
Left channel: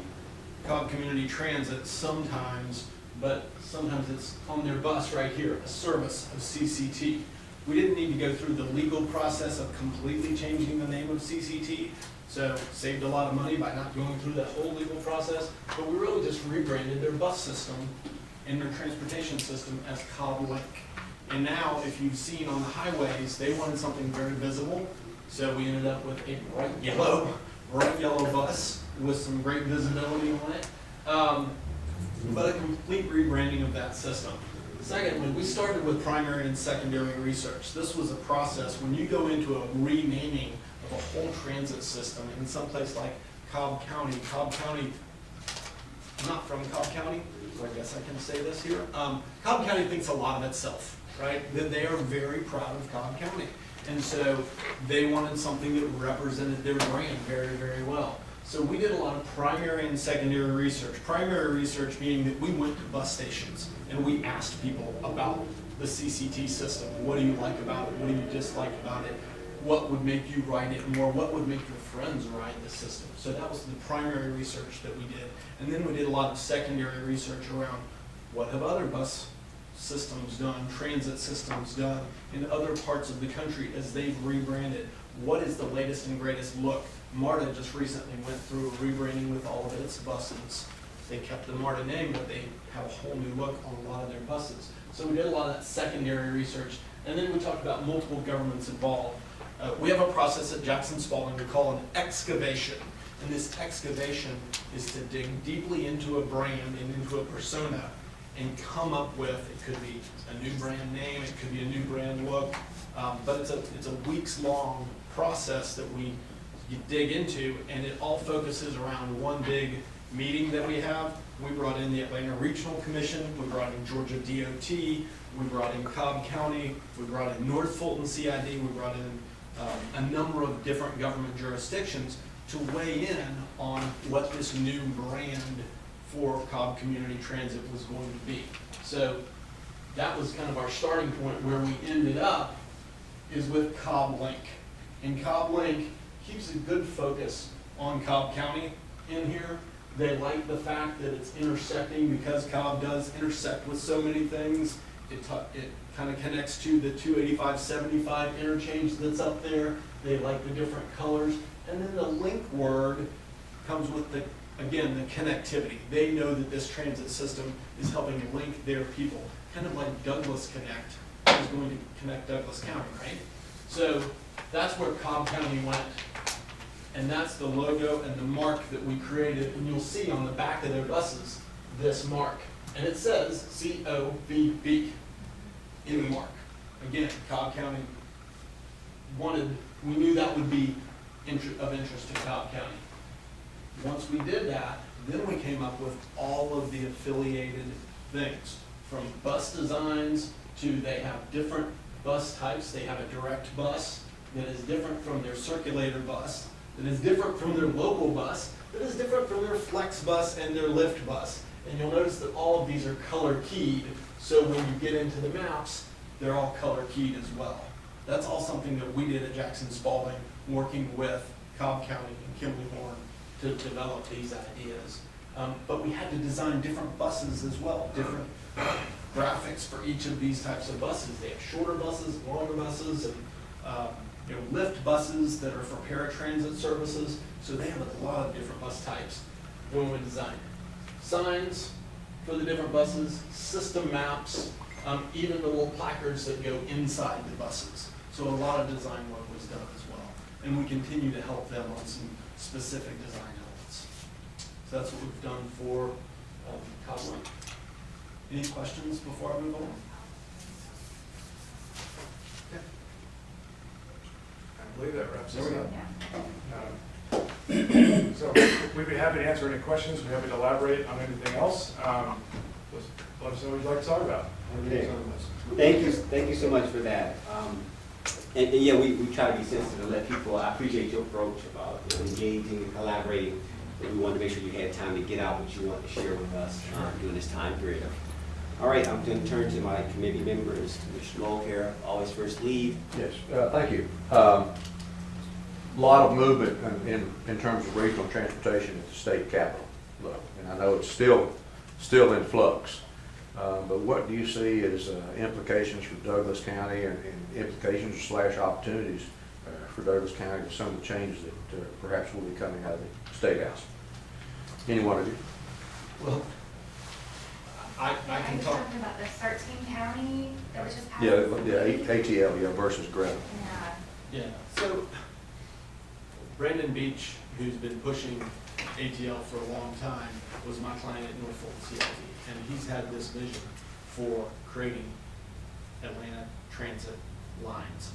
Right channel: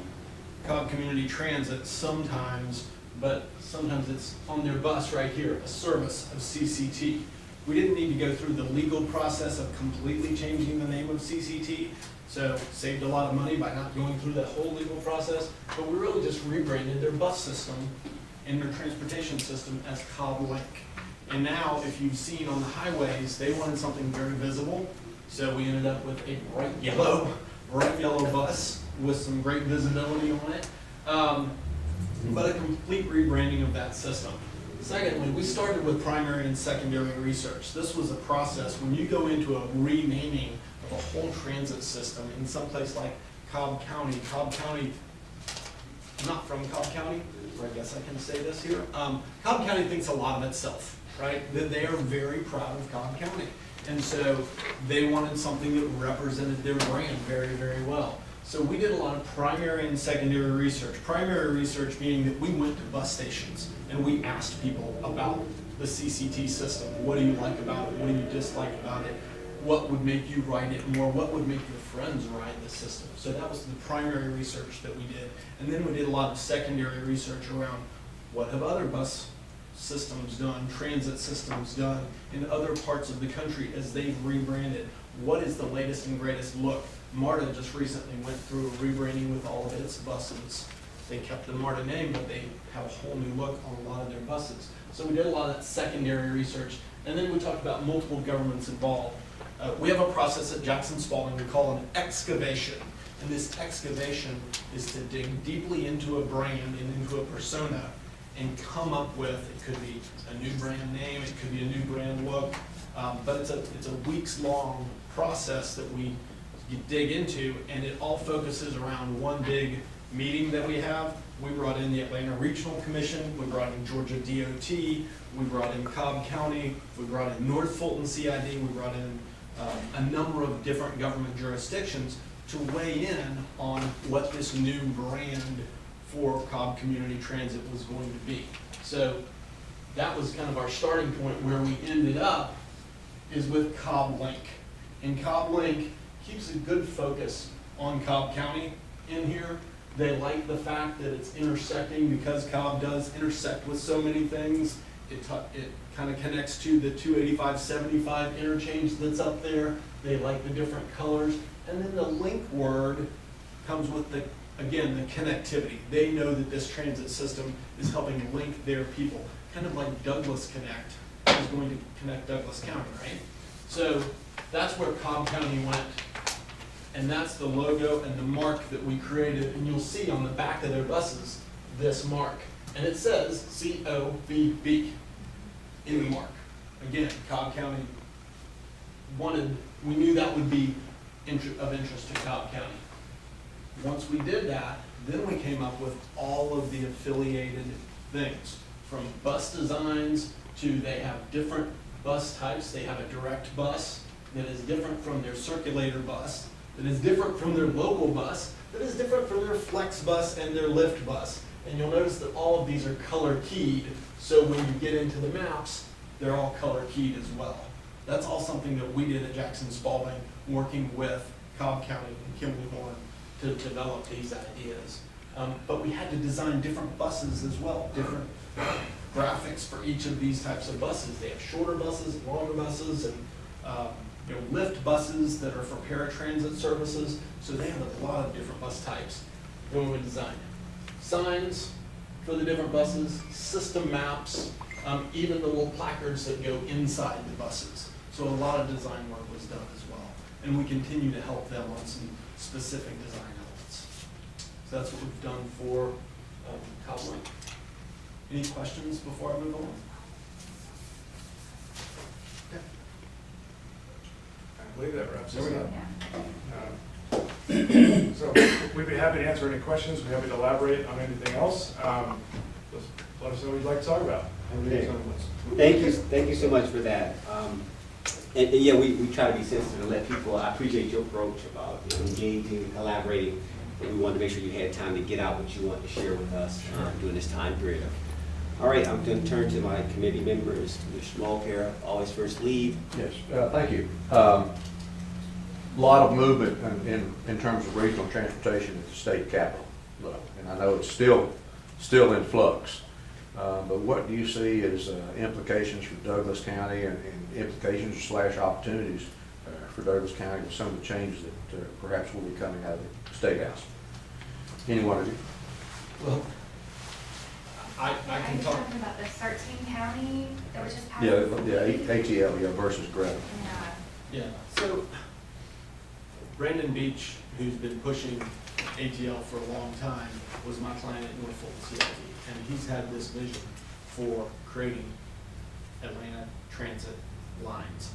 Cobb Community Transit sometimes, but sometimes it's on their bus right here, a service of CCT. We didn't need to go through the legal process of completely changing the name of CCT, so saved a lot of money by not going through that whole legal process, but we really just rebranded their bus system and their transportation system as Cobb Link. And now, if you've seen on the highways, they wanted something very visible, so we ended up with a bright yellow bus with some great visibility on it, but a complete rebranding of that system. Secondly, we started with primary and secondary research. This was a process when you go into a renaming of a whole transit system in some place like Cobb County. Cobb County, I'm not from Cobb County, so I guess I can say this here. Cobb County thinks a lot of itself, right? They are very proud of Cobb County. And so they wanted something that represented their brand very, very well. So we did a lot of primary and secondary research. Primary research meaning that we went to bus stations and we asked people about the CCT system. What do you like about it? What do you dislike about it? What would make you ride it more? What would make your friends ride the system? So that was the primary research that we did. And then we did a lot of secondary research around what have other bus systems done, transit systems done in other parts of the country as they've rebranded. What is the latest and greatest look? MARTA just recently went through a rebranding with all of its buses. They kept the MARTA name, but they have a whole new look on a lot of their buses. So we did a lot of that secondary research, and then we talked about multiple governments involved. We have a process at Jackson Spalding we call an excavation, and this excavation is to dig deeply into a brand and into a persona and come up with, it could be a new brand name, it could be a new brand look, but it's a weeks-long process that you dig into, and it all focuses around one big meeting that we have. We brought in the Atlanta Regional Commission, we brought in Georgia DOT, we brought in Cobb County, we brought in North Fulton CID, we brought in a number of different government jurisdictions to weigh in on what this new brand for Cobb Community Transit was going to be. So that was kind of our starting point. Where we ended up is with Cobb Link. And Cobb Link keeps a good focus on Cobb County in here. They like the fact that it's intersecting, because Cobb does intersect with so many things. It kind of connects to the 285-75 interchange that's up there. They like the different colors. And then the link word comes with the connectivity. They know that this transit system is helping link their people. Kind of like Douglas Connect is going to connect Douglas County, right? So that's where Cobb County went. And that's the logo and the mark that we created. And you'll see on the back of their buses, this mark. And it says COVB in the mark. Again, Cobb County we knew that would be of interest to Cobb County. Once we did that, then we came up with all of the affiliated things, from bus designs to they have different bus types. They have a direct bus that is different from their circulator bus, that is different from their local bus, that is different from their flex bus and their lift bus. And you'll notice that all of these are color keyed, so when you get into the maps, they're all color keyed as well. That's all something that we did at Jackson Spalding, working with Cobb County and Kimberly Horn to develop these ideas. But we had to design different buses as well, different graphics for each of these types of buses. They have shorter buses, longer buses, and lift buses that are for paratransit services. So they have a lot of different bus types. Then we designed signs for the different buses, system maps, even the little placards that go inside the buses. So a lot of design work was done as well. And we continue to help them on some specific design elements. So that's what we've done for Cobb Link. Any questions before I move on? I believe that wraps us up. So we'd be happy to answer any questions. We're happy to elaborate on anything else. Just let us know what you'd like to talk about. Okay. Thank you so much for that. And yeah, we try to be sensitive and let people, I appreciate your approach about engaging and collaborating, but we wanted to make sure you had time to get out what you want to share with us during this time period. All right, I'm going to turn to my committee members. Mr. Mulcair, always first lead. Yes, thank you. Lot of movement in terms of regional transportation at the state capitol level, and I know it's still in flux. But what do you see as implications for Douglas County and implications / opportunities for Douglas County with some of the changes that perhaps will be coming out of the State House? Any one of you? Well, I can talk. Talking about the 13 county that was just passed. Yeah, ATL versus Greta. Yeah. Yeah, so Brandon Beach, who's been pushing ATL for a long time, was my client at North Fulton CID, and he's had this vision for creating Atlanta transit lines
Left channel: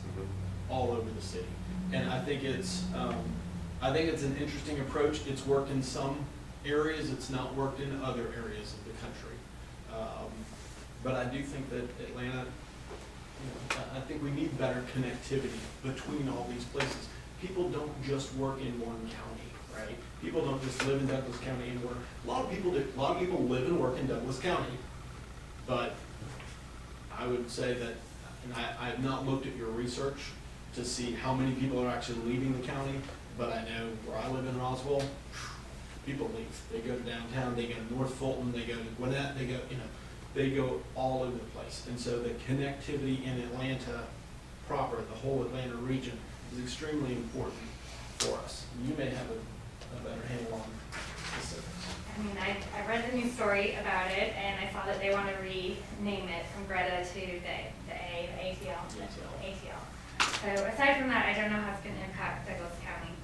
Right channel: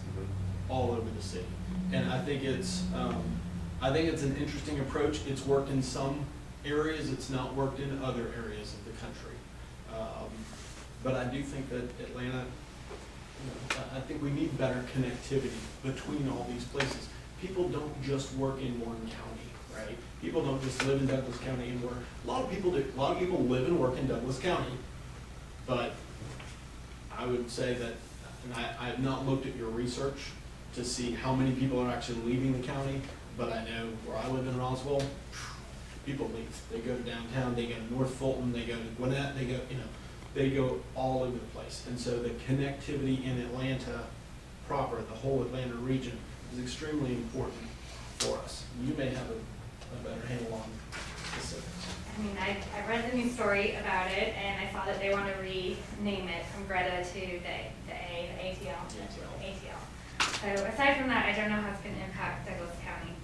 all over the city. And I think it's an interesting approach. It's worked in some areas, it's not worked in other areas of the country. But I do think that Atlanta, I think we need better connectivity between all these places. People don't just work in one county, right? People don't just live in Douglas County and work. A lot of people do. A lot of people live and work in Douglas County. But I would say that, and I have not looked at your research to see how many people are actually leaving the county, but I know where I live in Roswell, people leave. They go to downtown, they go to North Fulton, they go to Gwinnett, they go all over the place. And so the connectivity in Atlanta proper, the whole Atlanta region, is extremely important for us. You may have a better handle on specifics. I mean, I read story about it, and I saw that they want to rename it from Greta to the ATL. So aside from that, I don't know how it's going to impact Douglas County.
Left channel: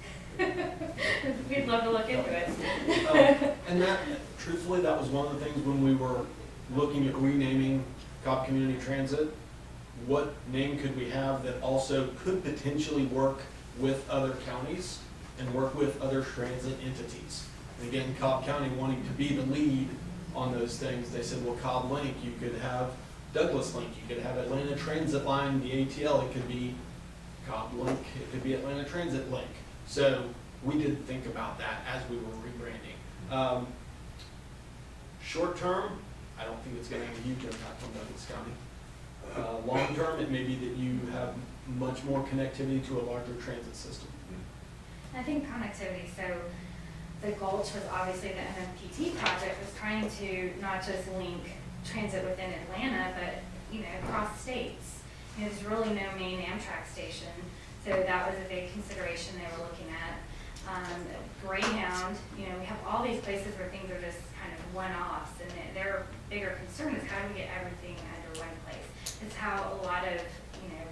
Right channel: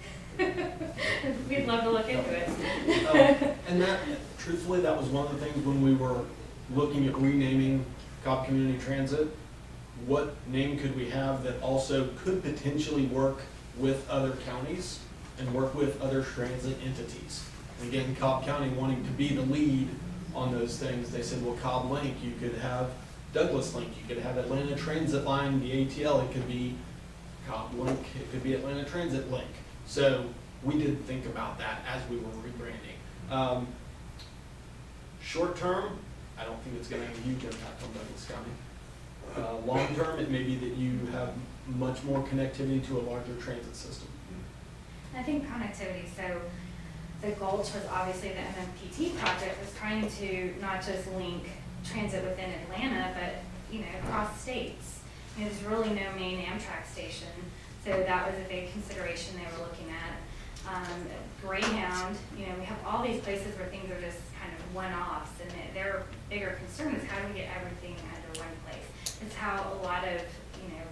We'd love to look into it. And that, truthfully, that was one of the things when we were looking at renaming Cobb Community Transit. What name could we have that also could potentially work with other counties and work with other transit entities? And again, Cobb County wanting to be the lead on those things, they said, well, Cobb Link, you could have Douglas Link, you could have Atlanta Transit Line, the ATL, it could be Cobb Link, it could be Atlanta Transit Link. So we did think about that as we were rebranding. Short term, I don't think it's gonna have a huge impact on Douglas County. Long term, it may be that you have much more connectivity to a larger transit system. I think connectivity, so the Gulch was obviously the MMPT project was trying to not just link transit within Atlanta, but, you know, across states. You know, there's really no main Amtrak station, so that was a big consideration they were looking at. Greyhound, you know, we have all these places where things are just kind of one-offs, and their bigger concern is how do we get everything under one place. It's how a lot of, you know,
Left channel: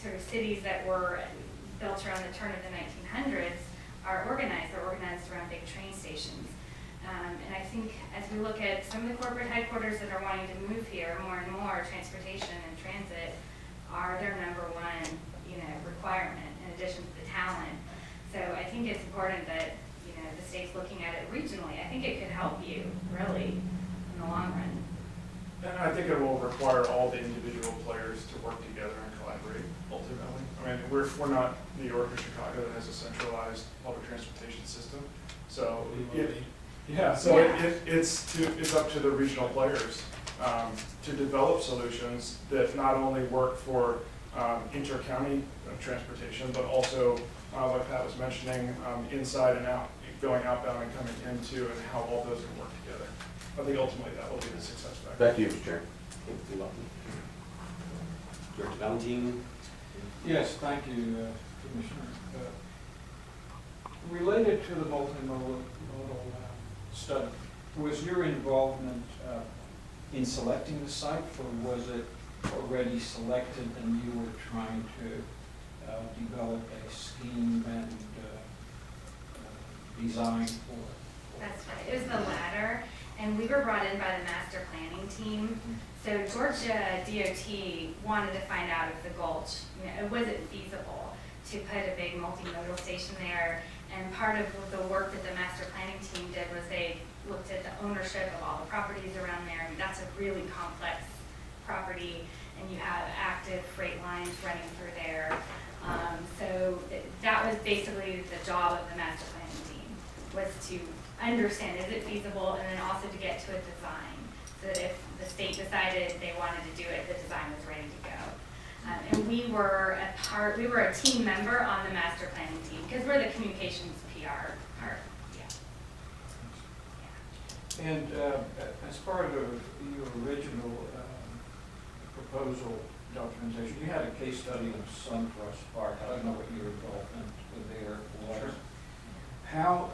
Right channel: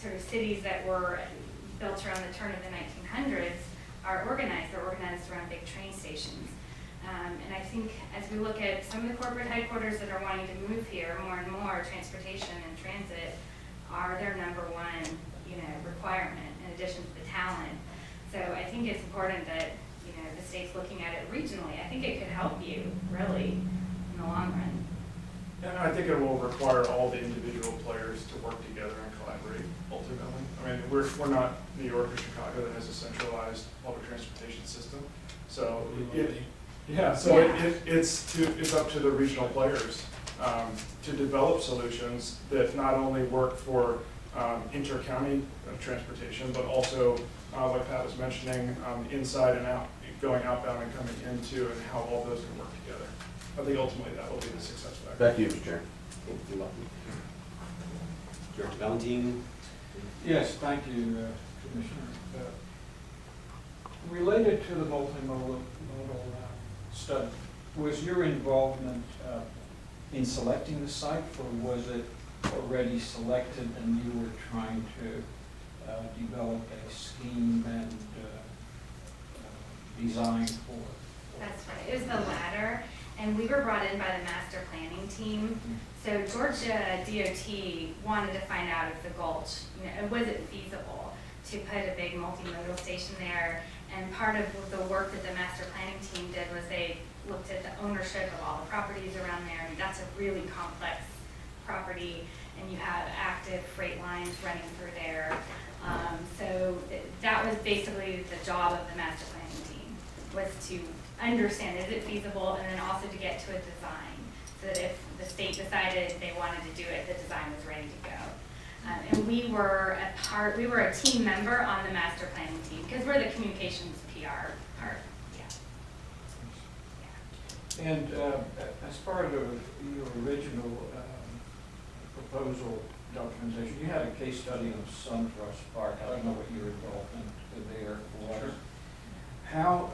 sort of cities that were built around the turn of the 1900s are organized. They're organized around big train stations. And I think as we look at some of the corporate headquarters that are wanting to move here, more and more, transportation and transit are their number one, you know, requirement in addition to the talent. So I think it's important that, you know, the state's looking at it regionally. I think it could help you, really, in the long run. And I think it will require all the individual players to work together and collaborate ultimately. I mean, we're not New York or Chicago that has a centralized public transportation system. So it's up to the regional players to develop solutions that not only work for inter-county transportation, but also, like Pat was mentioning, inside and out, going outbound and coming into, and how all those can work together. I think ultimately that will be the success factor. Back to you, Mr. Chair. You're welcome. Director Valentine? Yes, thank you, Commissioner. Related to the multimodal study, was your involvement in selecting the site, or was it already selected and you were trying to develop a scheme and design for it? That's right, it was the latter, and we were brought in by the master planning team. So Georgia DOT wanted to find out if the Gulch, you know, was it feasible to put a big multimodal station there. And part of the work that the master planning team did was they looked at the ownership of all the properties around there. I mean, that's a really complex property, and you have active freight lines running through there. So that was basically the job of the master planning team, was to understand, is it feasible, and then also to get to a design, so that if the state decided they wanted to do it, the design was ready to go. And we were a team member on the master planning team, because we're the communications PR part, yeah. And as part of your original proposal documentation, you had a case study of SunTrust Park. I don't know what your involvement there was. Sure. How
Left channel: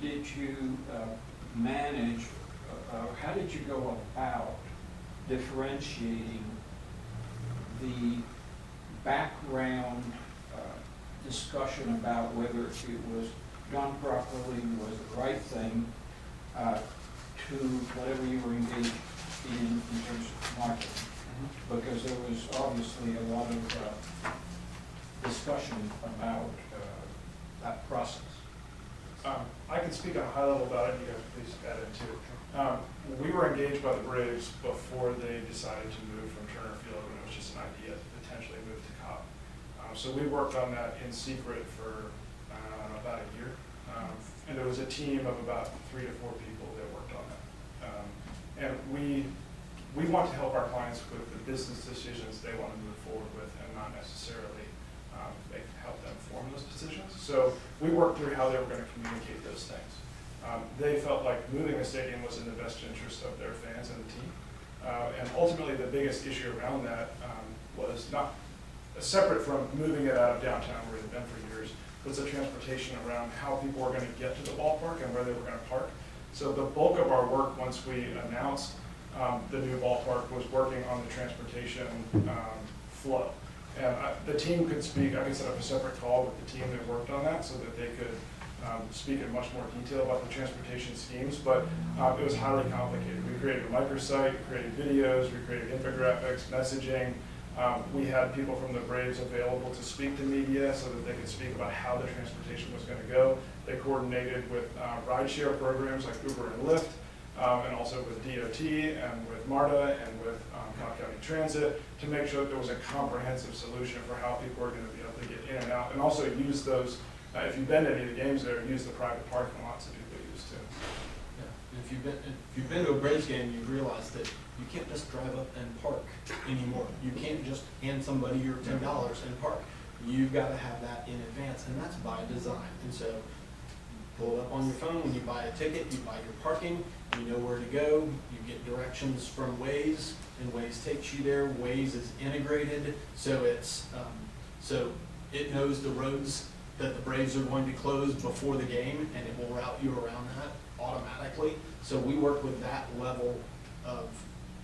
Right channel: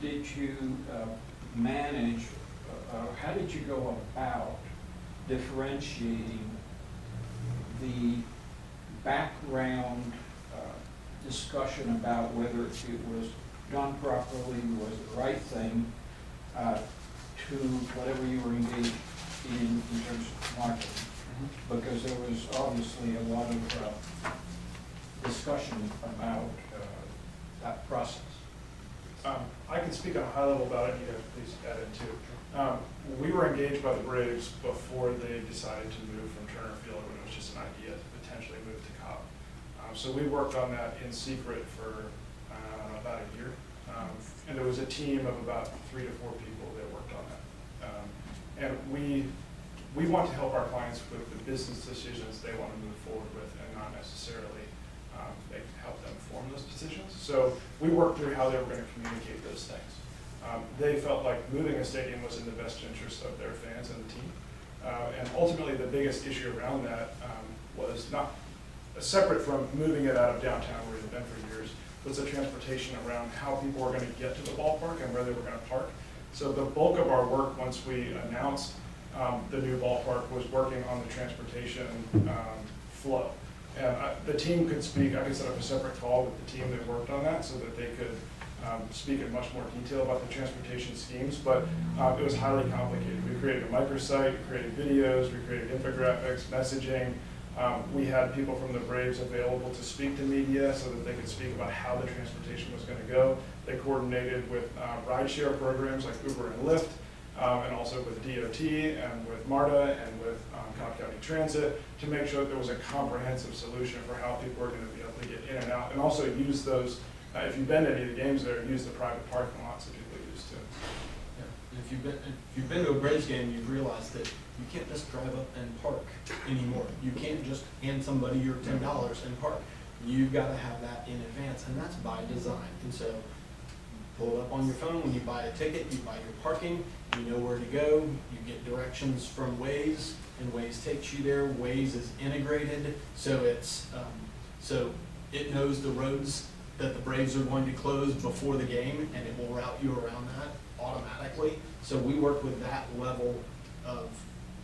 did you manage, how did you go about differentiating the background discussion about whether it was done properly, was the right thing, to whatever you were engaged in terms of marketing? Mm-hmm. Because there was obviously a lot of discussion about that process. I can speak on a high level about it, you guys please add in too. We were engaged by the Braves before they decided to move from Turner Field when it was just an idea to potentially move to Cobb. So we worked on that in secret for about a year. And there was a team of about 3 to 4 people that worked on that. And we want to help our clients with the business decisions they want to move forward with, and not necessarily help them form those decisions. So we worked through how they were going to communicate those things. They felt like moving a stadium was in the best interest of their fans and the team. And ultimately the biggest issue around that was not separate from moving it out of downtown where it had been for years, was the transportation around how people were gonna get to the ballpark and where they were gonna park. So the bulk of our work, once we announced the new ballpark, was working on the transportation flow. And the team could speak, I could set up a separate call with the team that worked on that so that they could speak in much more detail about the transportation schemes, but it was highly complicated. We created a microsite, we created videos, we created infographics, messaging. We had people from the Braves available to speak to media so that they could speak about how the transportation was going to go. They coordinated with rideshare programs like Uber and Lyft, and also with DOT and with MARTA and with Cobb County Transit to make sure that there was a comprehensive solution for how people are going to be able to get in and out, and also use those, if you've been to any of the games there, use the private parking lots that people use too. Yeah, and if you've been to a Braves game, you've realized that you can't just drive up and park anymore. You can't just hand somebody your $10 and park. You've got to have that in advance, and that's by design. And so pull it up on your phone when you buy a ticket, you buy your parking, you know where to go, you get directions from Waze, and Waze takes you there. Waze is integrated, so it's so it knows the roads that the Braves are going to close before the game, and it will route you around that automatically. So we work with that level of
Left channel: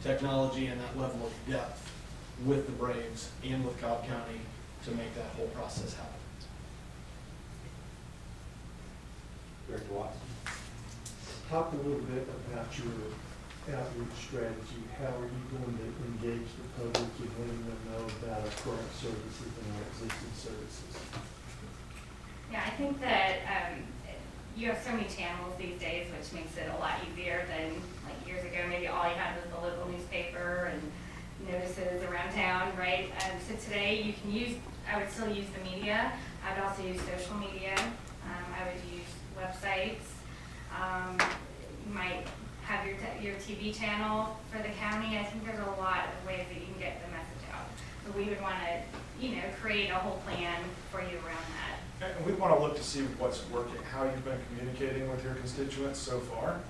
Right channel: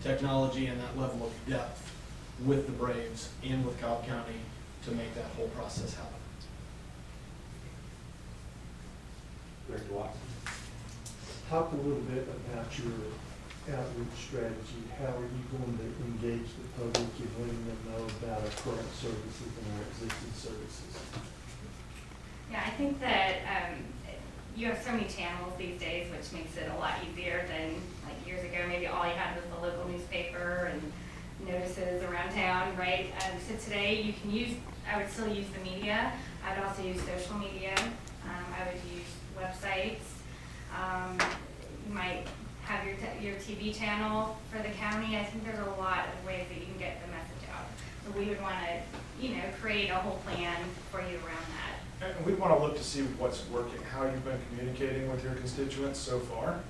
technology and that level of depth with the Braves and with Cobb County to make that whole process happen. Director Watson? Talk a little bit about your outreach strategy. How are you going to engage the public and letting them know about our current services and our existing services? Yeah, I think that you have so many channels these days, which makes it a lot easier than like years ago. Maybe all you had was the local newspaper and notices around town, right? So today you can use, I would still use the media. I would also use social media. I would use websites. You might have your TV channel for the county. I think there's a lot of ways that you can get the message out. So we would want to, create a whole plan for you around that. And we want to look to see what's working, how you've been communicating with your constituents so far,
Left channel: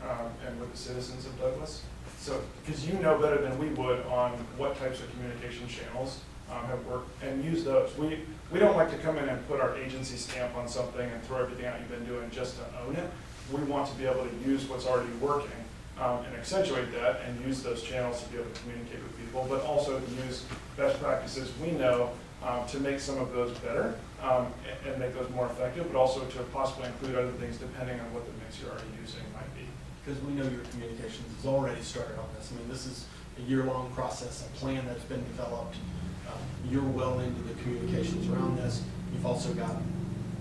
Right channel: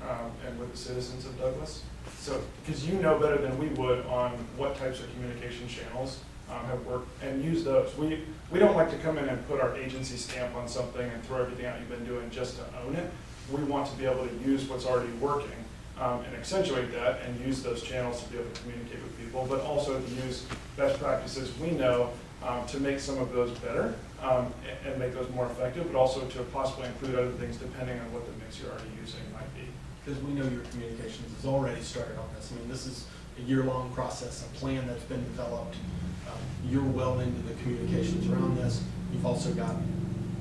and with the citizens of Douglas. So, because you know better than we would on what types of communication channels have worked, and use those. We don't like to come in and put our agency stamp on something and throw everything out you've been doing just to own it. We want to be able to use what's already working and accentuate that and use those channels to be able to communicate with people, but also to use best practices we know to make some of those better and make those more effective, but also to possibly include other things depending on what the mix you're already using might be. Because we know your communications has already started on this. I mean, this is a year-long process, a plan that's been developed. You're well into the communications around this. You've also got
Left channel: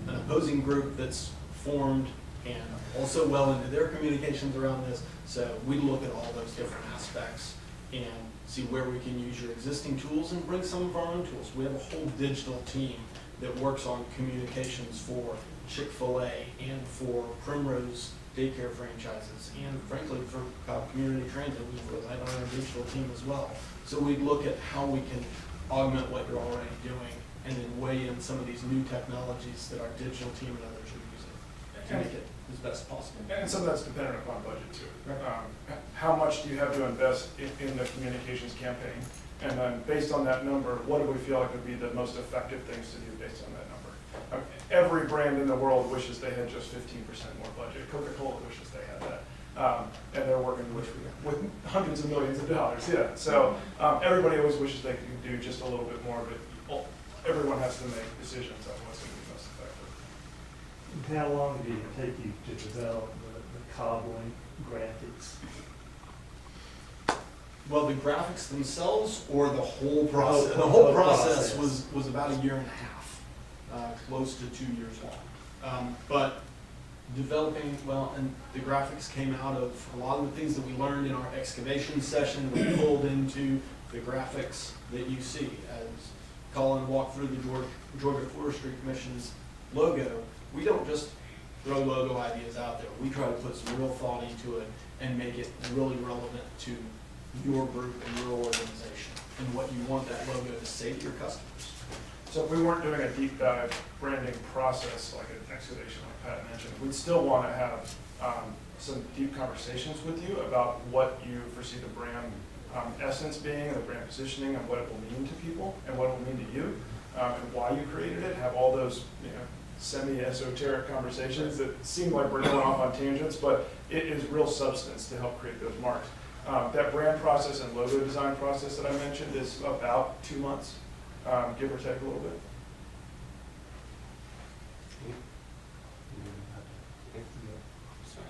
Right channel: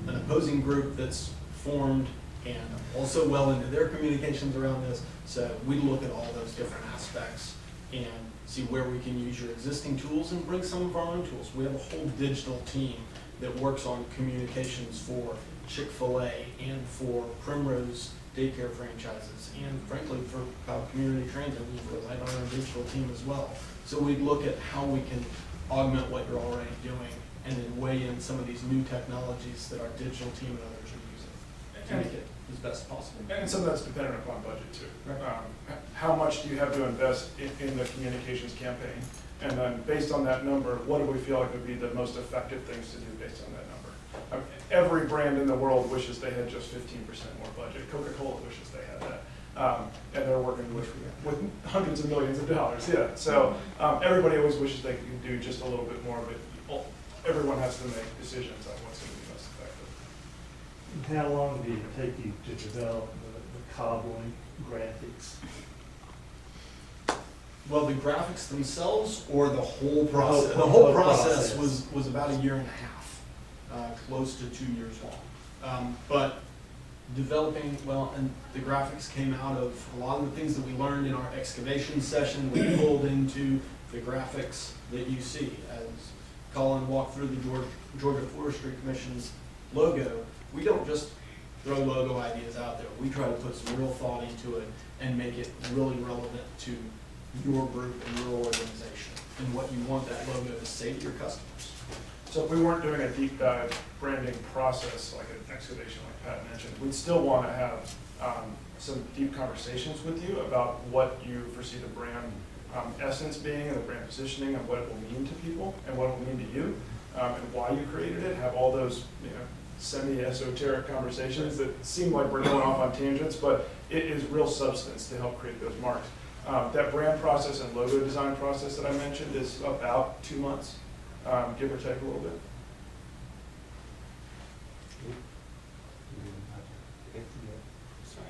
an opposing group that's formed and also well into their communications around this. So we look at all those different aspects and see where we can use your existing tools and bring some of our own tools. We have a whole digital team that works on communications for Chick-fil-A and for Primrose daycare franchises and frankly for Cobb Community Transit. We've relied on our digital team as well. So we look at how we can augment what you're already doing and then weigh in some of these new technologies that our digital team and others are using to make it as best possible. And some of that's dependent upon budget too. Right. How much do you have to invest in the communications campaign? And then based on that number, what do we feel like would be the most effective things to do based on that number? Every brand in the world wishes they had just 15% more budget. Coca-Cola wishes they had that. And they're working with hundreds of millions of dollars, yeah. So everybody always wishes they could do just a little bit more, but everyone has to make decisions on what's going to be most effective. And how long did it take you to develop the Cobb-Link graphics? Well, the graphics themselves or the whole process? The The whole whole process process. was about a year and a half, close to 2 years long. But developing, well, and the graphics came out of a lot of the things that we learned in our excavation session. We pulled into the graphics that you see as Colin walked through the Georgia Forestry Commission's logo. We don't just throw logo ideas out there. We try to put some real thought into it and make it really relevant to your group and your organization and what you want that logo to say to your customers. So if we weren't doing a deep dive branding process like an excavation like Pat mentioned, we'd still want to have some deep conversations with you about what you foresee the brand essence being and the brand positioning and what it will mean to people and what it will mean to you and why you created it. Have all those semi-esoteric conversations that seem like we're going off on tangents, but it is real substance to help create those marks. That brand process and logo design process that I mentioned is about 2 months, give or take a little bit. Sorry,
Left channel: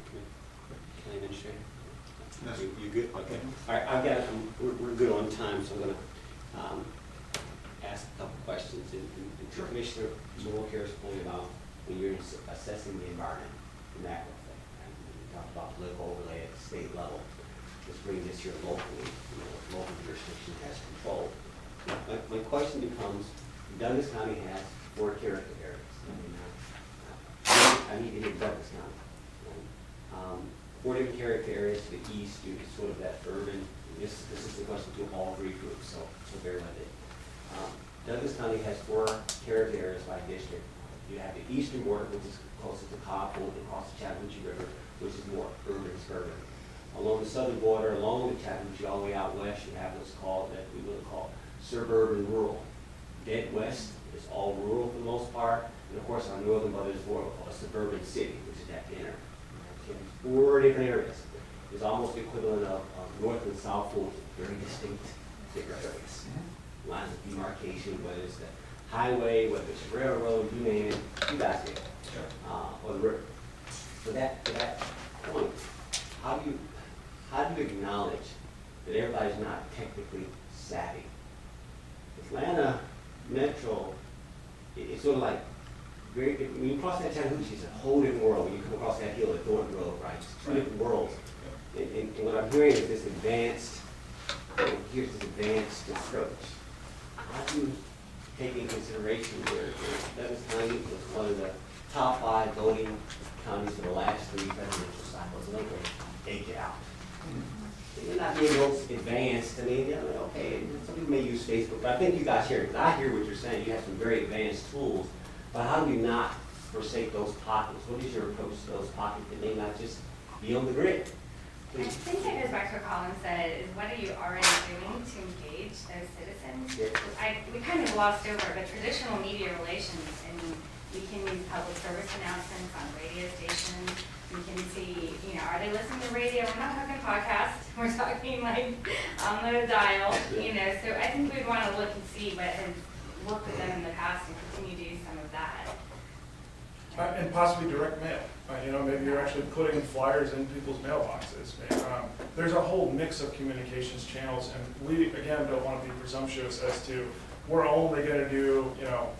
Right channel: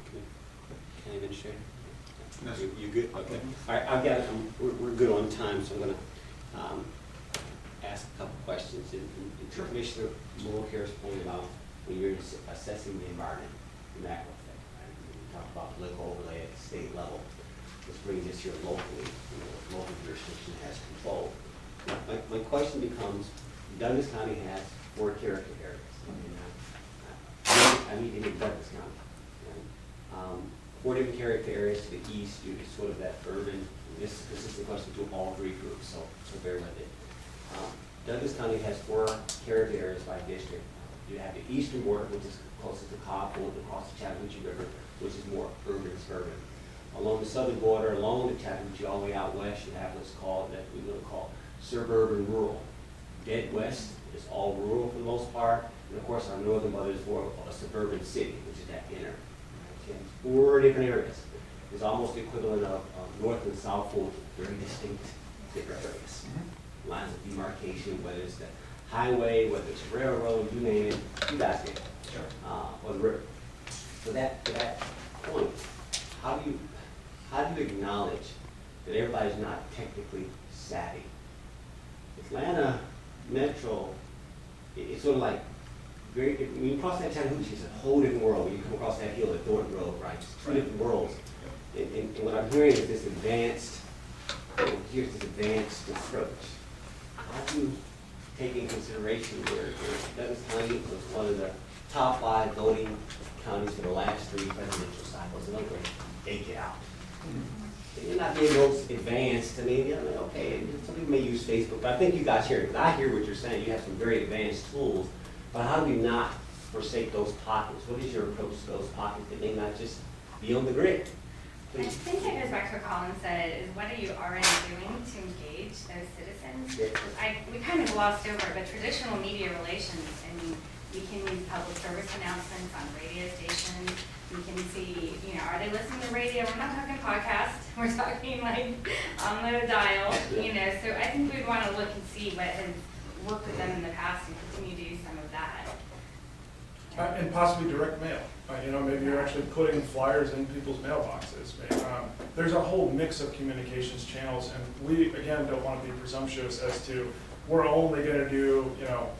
can I administrator? You good? Okay. All right, I've got, we're good on time, so I'm gonna ask a couple questions. And Commissioner Mulcair's pointed out when you're assessing the environment, the macro effect, right? We talked about political overlay at the state level. Let's bring this here locally, local jurisdiction has control. My question becomes, Douglas County has 4 character areas. I need to hit Douglas County. Right? 4 different character areas to the east, it's sort of that urban, this is the question to all 3 groups, so bear with it. Douglas County has 4 character areas by district. You have the eastern border, which is closest to Cobb, across the Chattahoochee River, which is more urban, suburban. Along the southern border, along the Chattahoochee, all the way out west, you have what's called, that we will call suburban rural. Dead west is all rural for the most part, and of course our northern border is more of a suburban city, which is that inner. Right? 4 different areas. It's almost the equivalent of north and south Fulton, very distinct different areas. Lines of demarcation, whether it's the highway, whether it's a railroad, you name it, you guys get it. Or the river. For that point, how do you acknowledge that everybody's not technically savvy? Atlanta Metro, it's sort of like, when you cross that Chattahoochee, it's a whole different world. When you come across that hill at Thornton Road, right? It's 2 different worlds. And what I'm hearing is this advanced approach. How do you take in consideration where Douglas County was one of the top 5 voting counties for the last 3 presidential cycles, and they get out. You're not being most advanced. I mean, okay, some people may use Facebook, but I think you guys hear it, because I hear what you're saying. You have some very advanced tools, but how do you not forsake those pockets? What is your approach to those pockets that may not just be on the grid? I think that goes back to what Colin said, is what are you already doing to engage those citizens? Yeah. We kind of glossed over, but traditional media relations, I mean, we can use public service announcements on radio stations. We can see, are they listening to radio? We're not talking podcast. We're talking like on the dial, So I think we'd want to look and see what has worked with them in the past and continue to do some of that. And possibly direct mail. Maybe you're actually putting flyers in people's mailboxes. There's a whole mix of communications channels, and we, again, don't want to be presumptuous as to we're only going to do,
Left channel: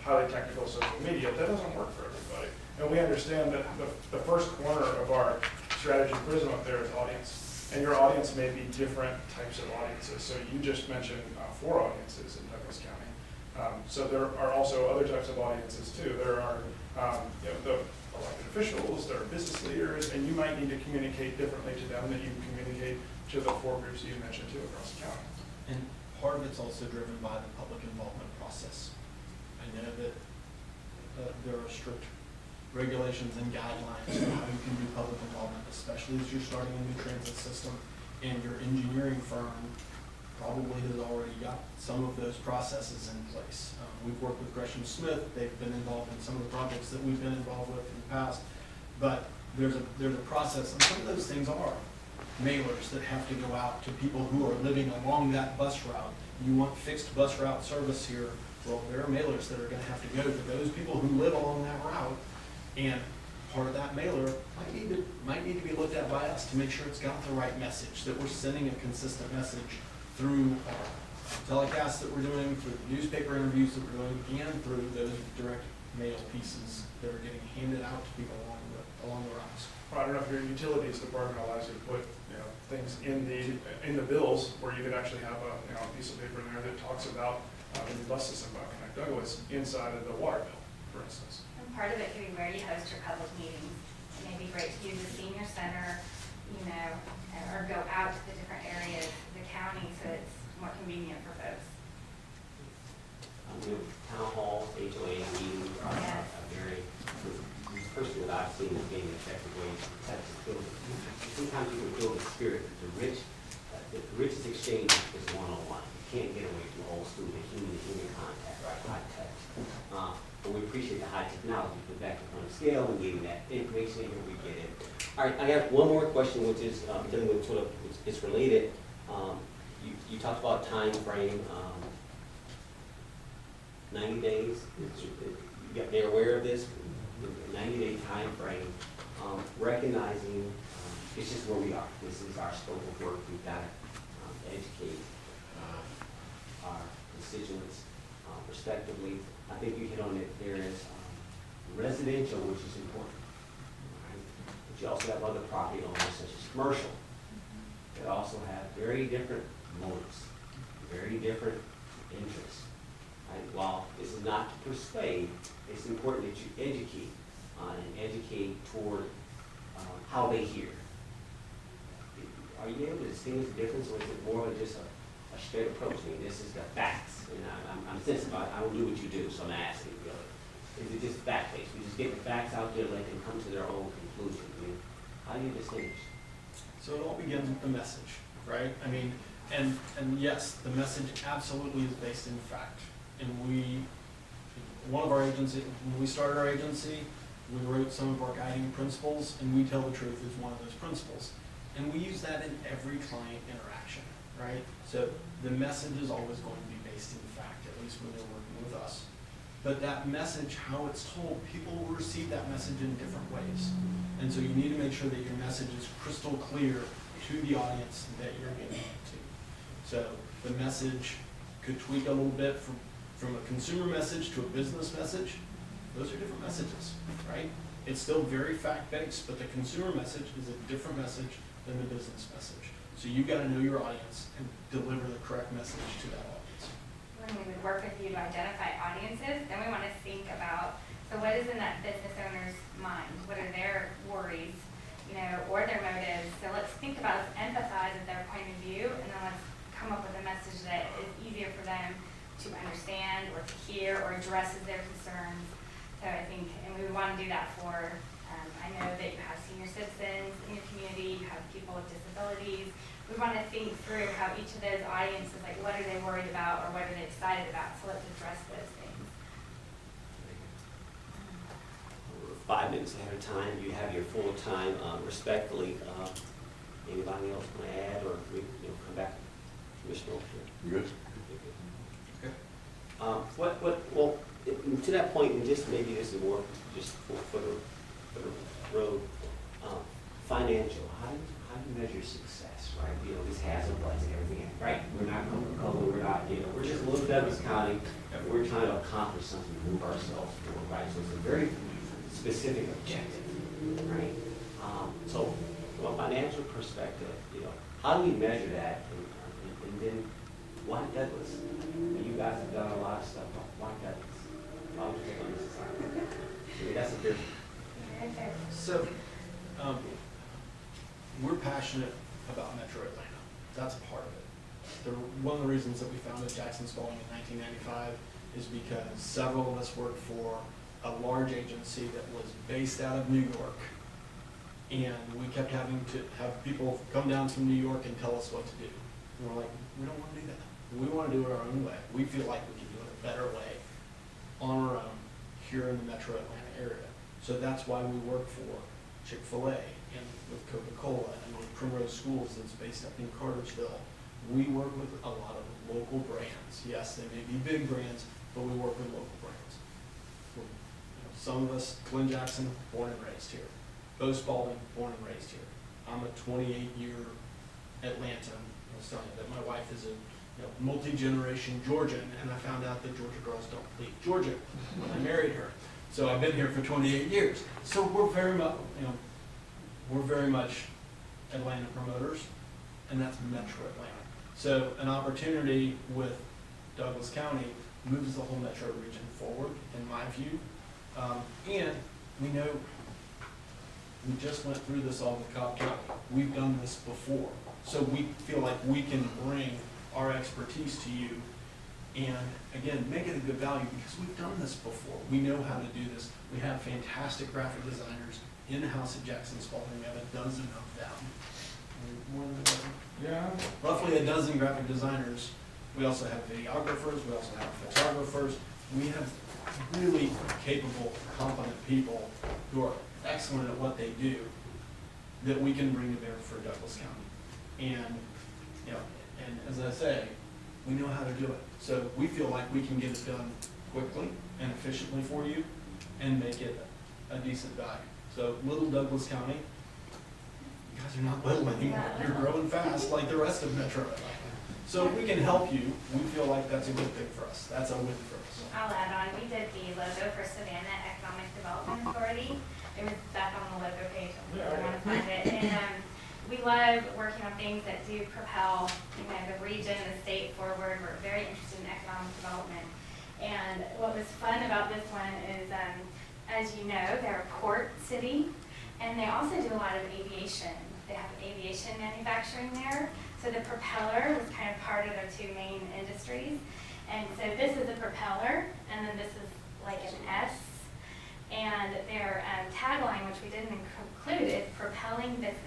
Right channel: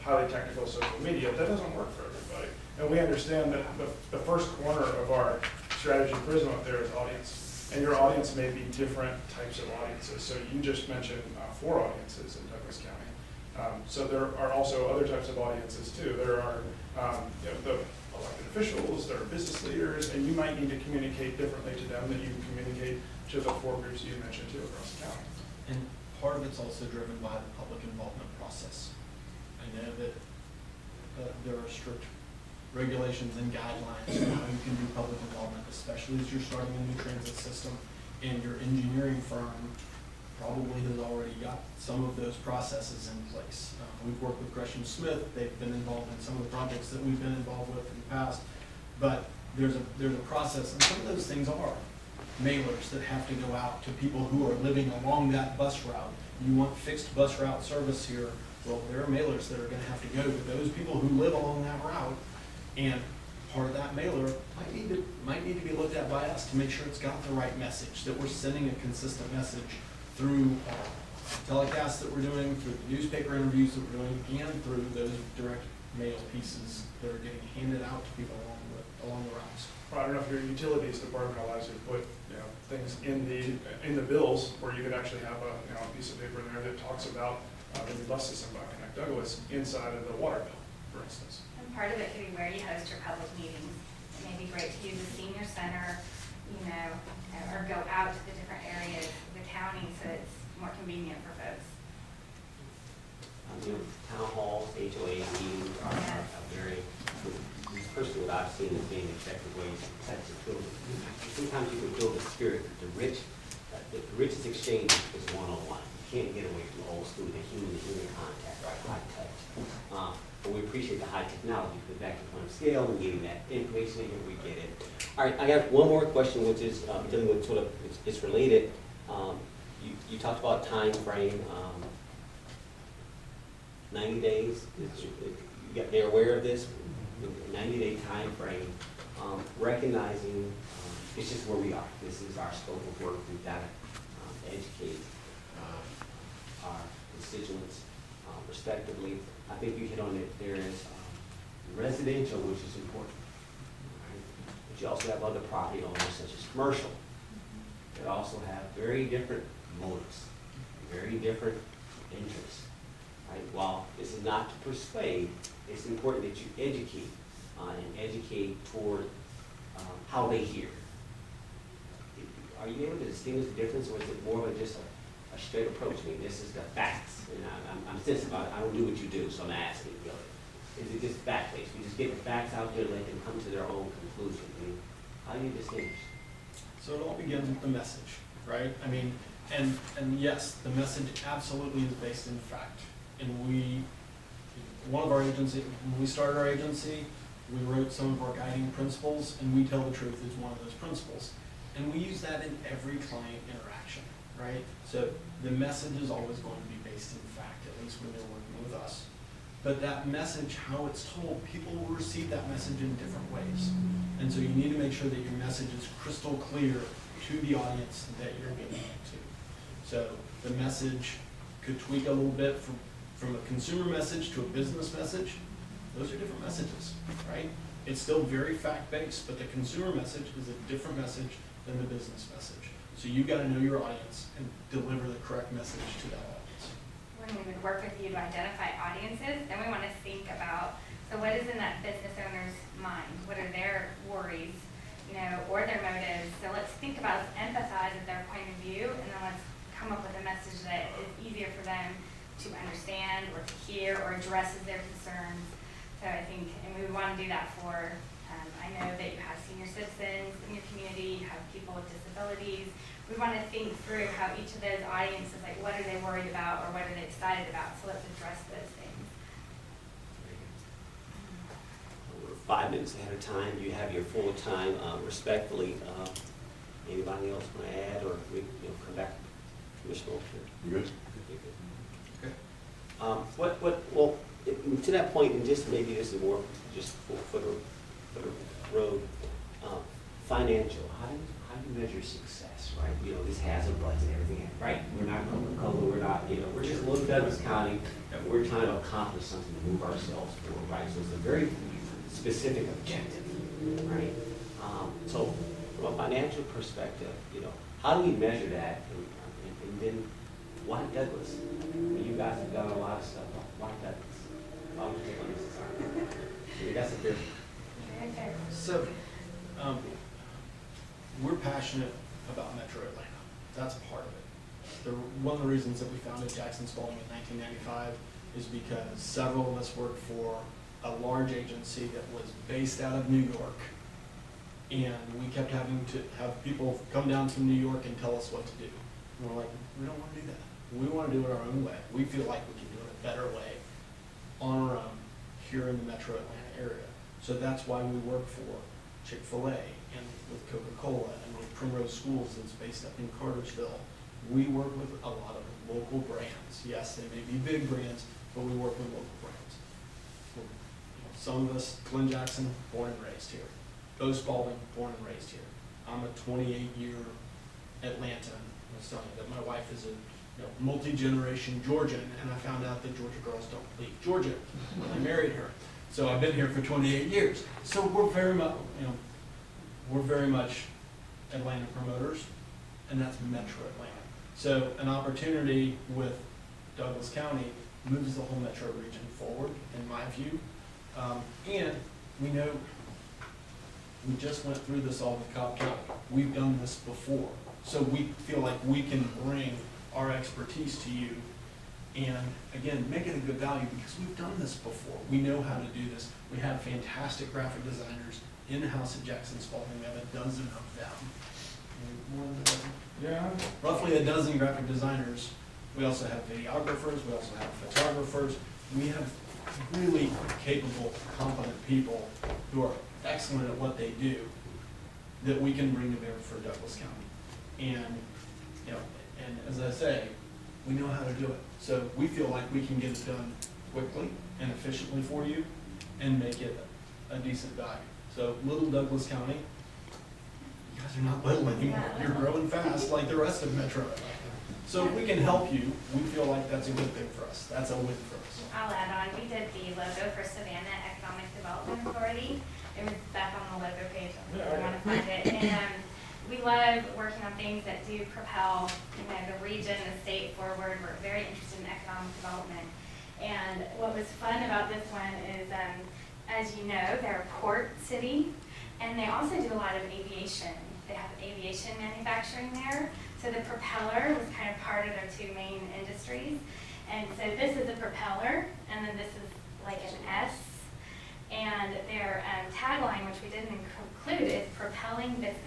highly technical social media. That doesn't work for everybody. And we understand that the first corner of our strategy prism up there is audience. And your audience may be different types of audiences. So you just mentioned 4 audiences in Douglas County. So there are also other types of audiences too. There are the elected officials, there are business leaders, and you might need to communicate differently to them than you communicate to the 4 groups you mentioned too across the county. And part of it's also driven by the public involvement process. I know that there are strict regulations and guidelines for how you can do public involvement, especially as you're starting a new transit system, and your engineering firm probably has already got some of those processes in place. We've worked with Gresham Smith. They've been involved in some of the projects that we've been involved with in the past. But there's a process, and some of those things are mailers that have to go out to people who are living along that bus route. You want fixed bus route service here. Well, there are mailers that are going to have to go to those people who live along that route, and part of that mailer might need to be looked at by us to make sure it's got the right message, that we're sending a consistent message through telecasts that we're doing, through the newspaper interviews that we're doing, and through those direct mail pieces that are getting handed out to people along the routes. Well, I don't know if your utilities department allows you to put things in the bills where you could actually have a piece of paper in there that talks about the new bus system by Connect Douglas inside of the water bill, for instance. And part of it could be where you host your public meetings. It may be great to use a senior center, or go out to the different areas of the county so it's more convenient for folks. Town halls, HOA meetings are very, personally what I've seen as being effective ways to build. Sometimes you can build a spirit. The richest exchange is one-on-one. You can't get away from old school, the human contact, right? High touch. but we appreciate the high technology, put back to point of scale and getting that information in here, we get it. All right, I got one more question, which is dealing with sort of, it's related. You talked about time frame, 90 days. They're aware of this, 90-day time frame. Recognizing it's just where we are. This is our scope of work. We've got to educate our constituents respectively. I think you hit on it. There is residential, which is important, right? But you also have other property owners, such as commercial, that also have very different motives, very different interests. Right? While this is not to persuade, it's important that you educate and educate toward how they hear. Are you able to distinguish the difference, or is it more like just a straight approach? I mean, this is the facts, and I'm sensitive. I don't do what you do, so I'm asking, really. Is it just fact-based? We just get the facts out there, let them come to their own conclusion. I mean, how do you distinguish? So it all begins with the message, right? I mean, and yes, the message absolutely is based in fact. And one of our agency, when we started our agency, we wrote some of our guiding principles, and we tell the truth is one of those principles. And we use that in every client interaction, right? So the message is always going to be based in fact, at least when they're working with us. But that message, how it's told, people will receive that message in different ways. And so you need to make sure that your message is crystal clear to the audience that you're getting it to. So the message could tweak a little bit from a consumer message to a business message. Those are different messages, right? It's still very fact-based, but the consumer message is a different message than the business message. So you've got to know your audience and deliver the correct message to that audience. When we would work with you to identify audiences, then we want to think about, so what is in that business owner's mind? What are their worries, or their motives? So let's think about, let's empathize with their point of view, and then let's come up with a message that is easier for them to understand or to hear or addresses their concerns. So I think, and we would want to do that for, I know that you have senior citizens in your community, you have people with disabilities. We want to think through how each of those audiences, like what are they worried about or what are they excited about? So let's address those things. We're 5 minutes ahead of time. You have your full time. Respectfully, anybody else want to add, or we come back, Commissioner Oakshire? You good? Okay. Well, to that point, and just maybe this is more just for the road, financial. How do you measure success, right? This has a budget, everything, right? We're not Coca-Cola, we're not, we're just Little Douglas County, and we're trying to accomplish something to move ourselves forward, right? So it's a very specific objective, right? So from a financial perspective, how do we measure that, and then why Douglas? You guys have done a lot of stuff. Why Douglas? Why would you take on this assignment? That's a fair. So, we're passionate about Metro Atlanta. That's part of it. One of the reasons that we founded Jackson Spaulding in 1995 is because several of us worked for a large agency that was based out of New York. And we kept having to have people come down from New York and tell us what to do. And we're like, we don't want to do that. We want to do it our own way. We feel like we can do it a better way on our own here in the Metro Atlanta area. So that's why we work for Chick-fil-A and with Coca-Cola and with Primrose Schools that's based up in Cartersville. We work with a lot of local brands. Yes, they may be big brands, but we work with local brands. Some of us, Glenn Jackson, born and raised here. Bo Spaulding, born and raised here. I'm a 28-year Atlantan. I was telling you that my wife is a multi-generation Georgian, and I found out that Georgia girls don't leave Georgia when I married her. So I've been here for 28 years. So we're very much Atlanta promoters, and that's Metro Atlanta. So an opportunity with Douglas County moves the whole metro region forward, in my view. And we know we just went through this all with Cobb County. We've done this before. So we feel like we can bring our expertise to you and, again, make it a good value because we've done this before. We know how to do this. We have fantastic graphic designers in-house at Jackson Spaulding. We have a dozen of them. More than a dozen? Yeah. Roughly a dozen graphic designers. We also have videographers. We also have photographers. We have really capable, competent people who are excellent at what they do that we can bring to bear for Douglas County. And, you know, and as I say, we know how to do it. So we feel like we can get it done quickly and efficiently for you and make it a decent value. So little Douglas County, you guys are not little anymore. You're growing fast like the rest of Metro. So if we can help you, we feel like that's a good thing for us. That's a win for us. I'll add on, we did the logo for Savannah Economic Development Authority. It was back on the logo page, if you want to find it. And we love working on things that do propel, you know, the region, the state forward. We're very interested in economic development. And what was fun about this one is, as you know, they're a port city, and they also do a lot of aviation. They have aviation manufacturing there. So the propeller was kind of part of their two main industries. And so this is a propeller, and then this is like an S. And their tagline, which we didn't include, is propelling business.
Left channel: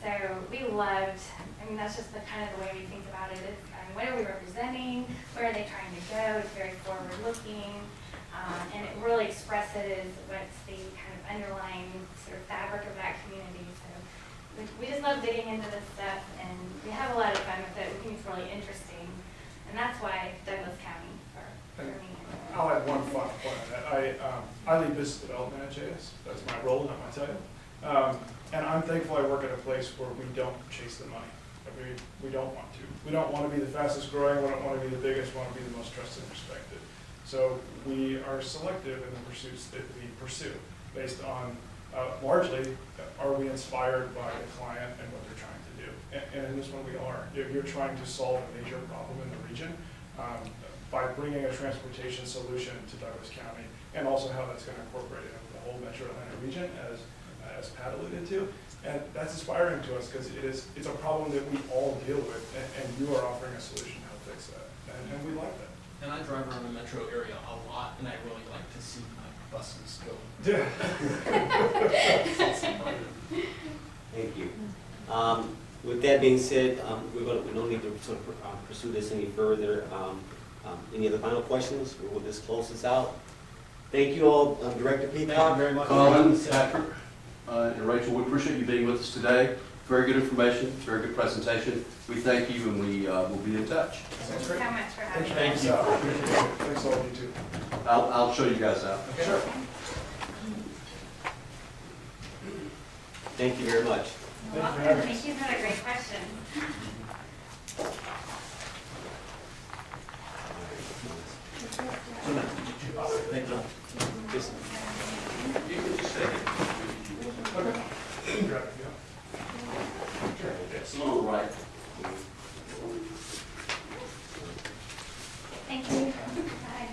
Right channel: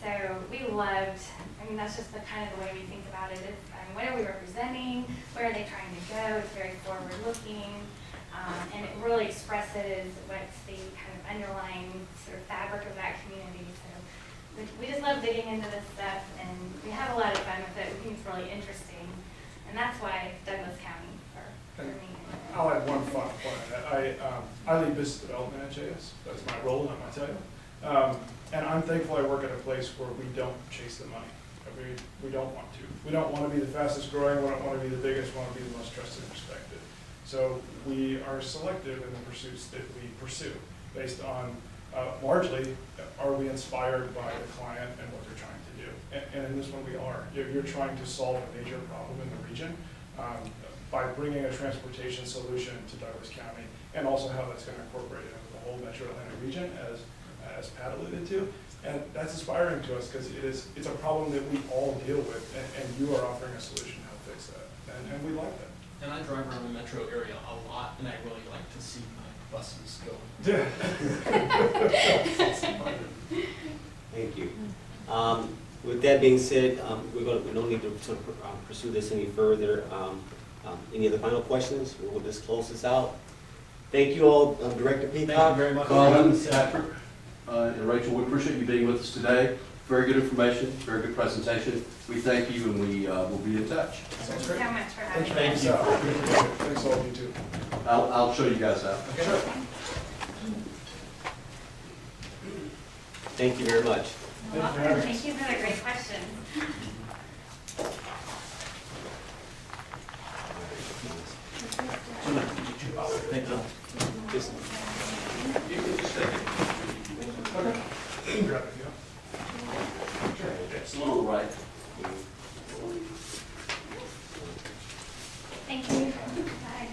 So we loved, I mean, that's just the kind of the way we think about it. Is, what are we representing? Where are they trying to go? It's very forward-looking. And it really expresses what's the kind of underlying sort of fabric of that community. So we just love digging into this stuff, and we have a lot of fun with it. We think it's really interesting. And that's why Douglas County for me. I'll add one final point on that. I lead business development at JS. That's my role, not my title. And I'm thankful I work at a place where we don't chase the money. We don't want to. We don't want to be the fastest growing. We don't want to be the biggest. We want to be the most trusted and respected. So we are selective in the pursuits that we pursue based on largely, are we inspired by the client and what they're trying to do? And in this one we are. You're trying to solve a major problem in the region by bringing a transportation solution to Douglas County, and also how that's going to incorporate it into the whole Metro Atlanta region, as Pat alluded to. And that's inspiring to us because it's a problem that we all deal with, and you are offering a solution to help fix that. And we like that. And I drive around the metro area a lot, and I really like to see my buses go. Yeah. Thank you. With that being said, we don't need to sort of pursue this any further. Any other final questions? We'll just close this out. Thank you all, Director Peacock. Thank you very much. Colin, Patrick, and Rachel, we appreciate you being with us today. Very good information, very good presentation. We thank you, and we will be in touch. Sounds Thank great. you so much for having me. Thanks, thanks all of you too. I'll show you guys out. Sure. Thank you very much. You're welcome. Thank you for the great questions. Thank you. Just- You can just take it. Okay. You can grab it, yeah. It's a little right. Thank you. Bye.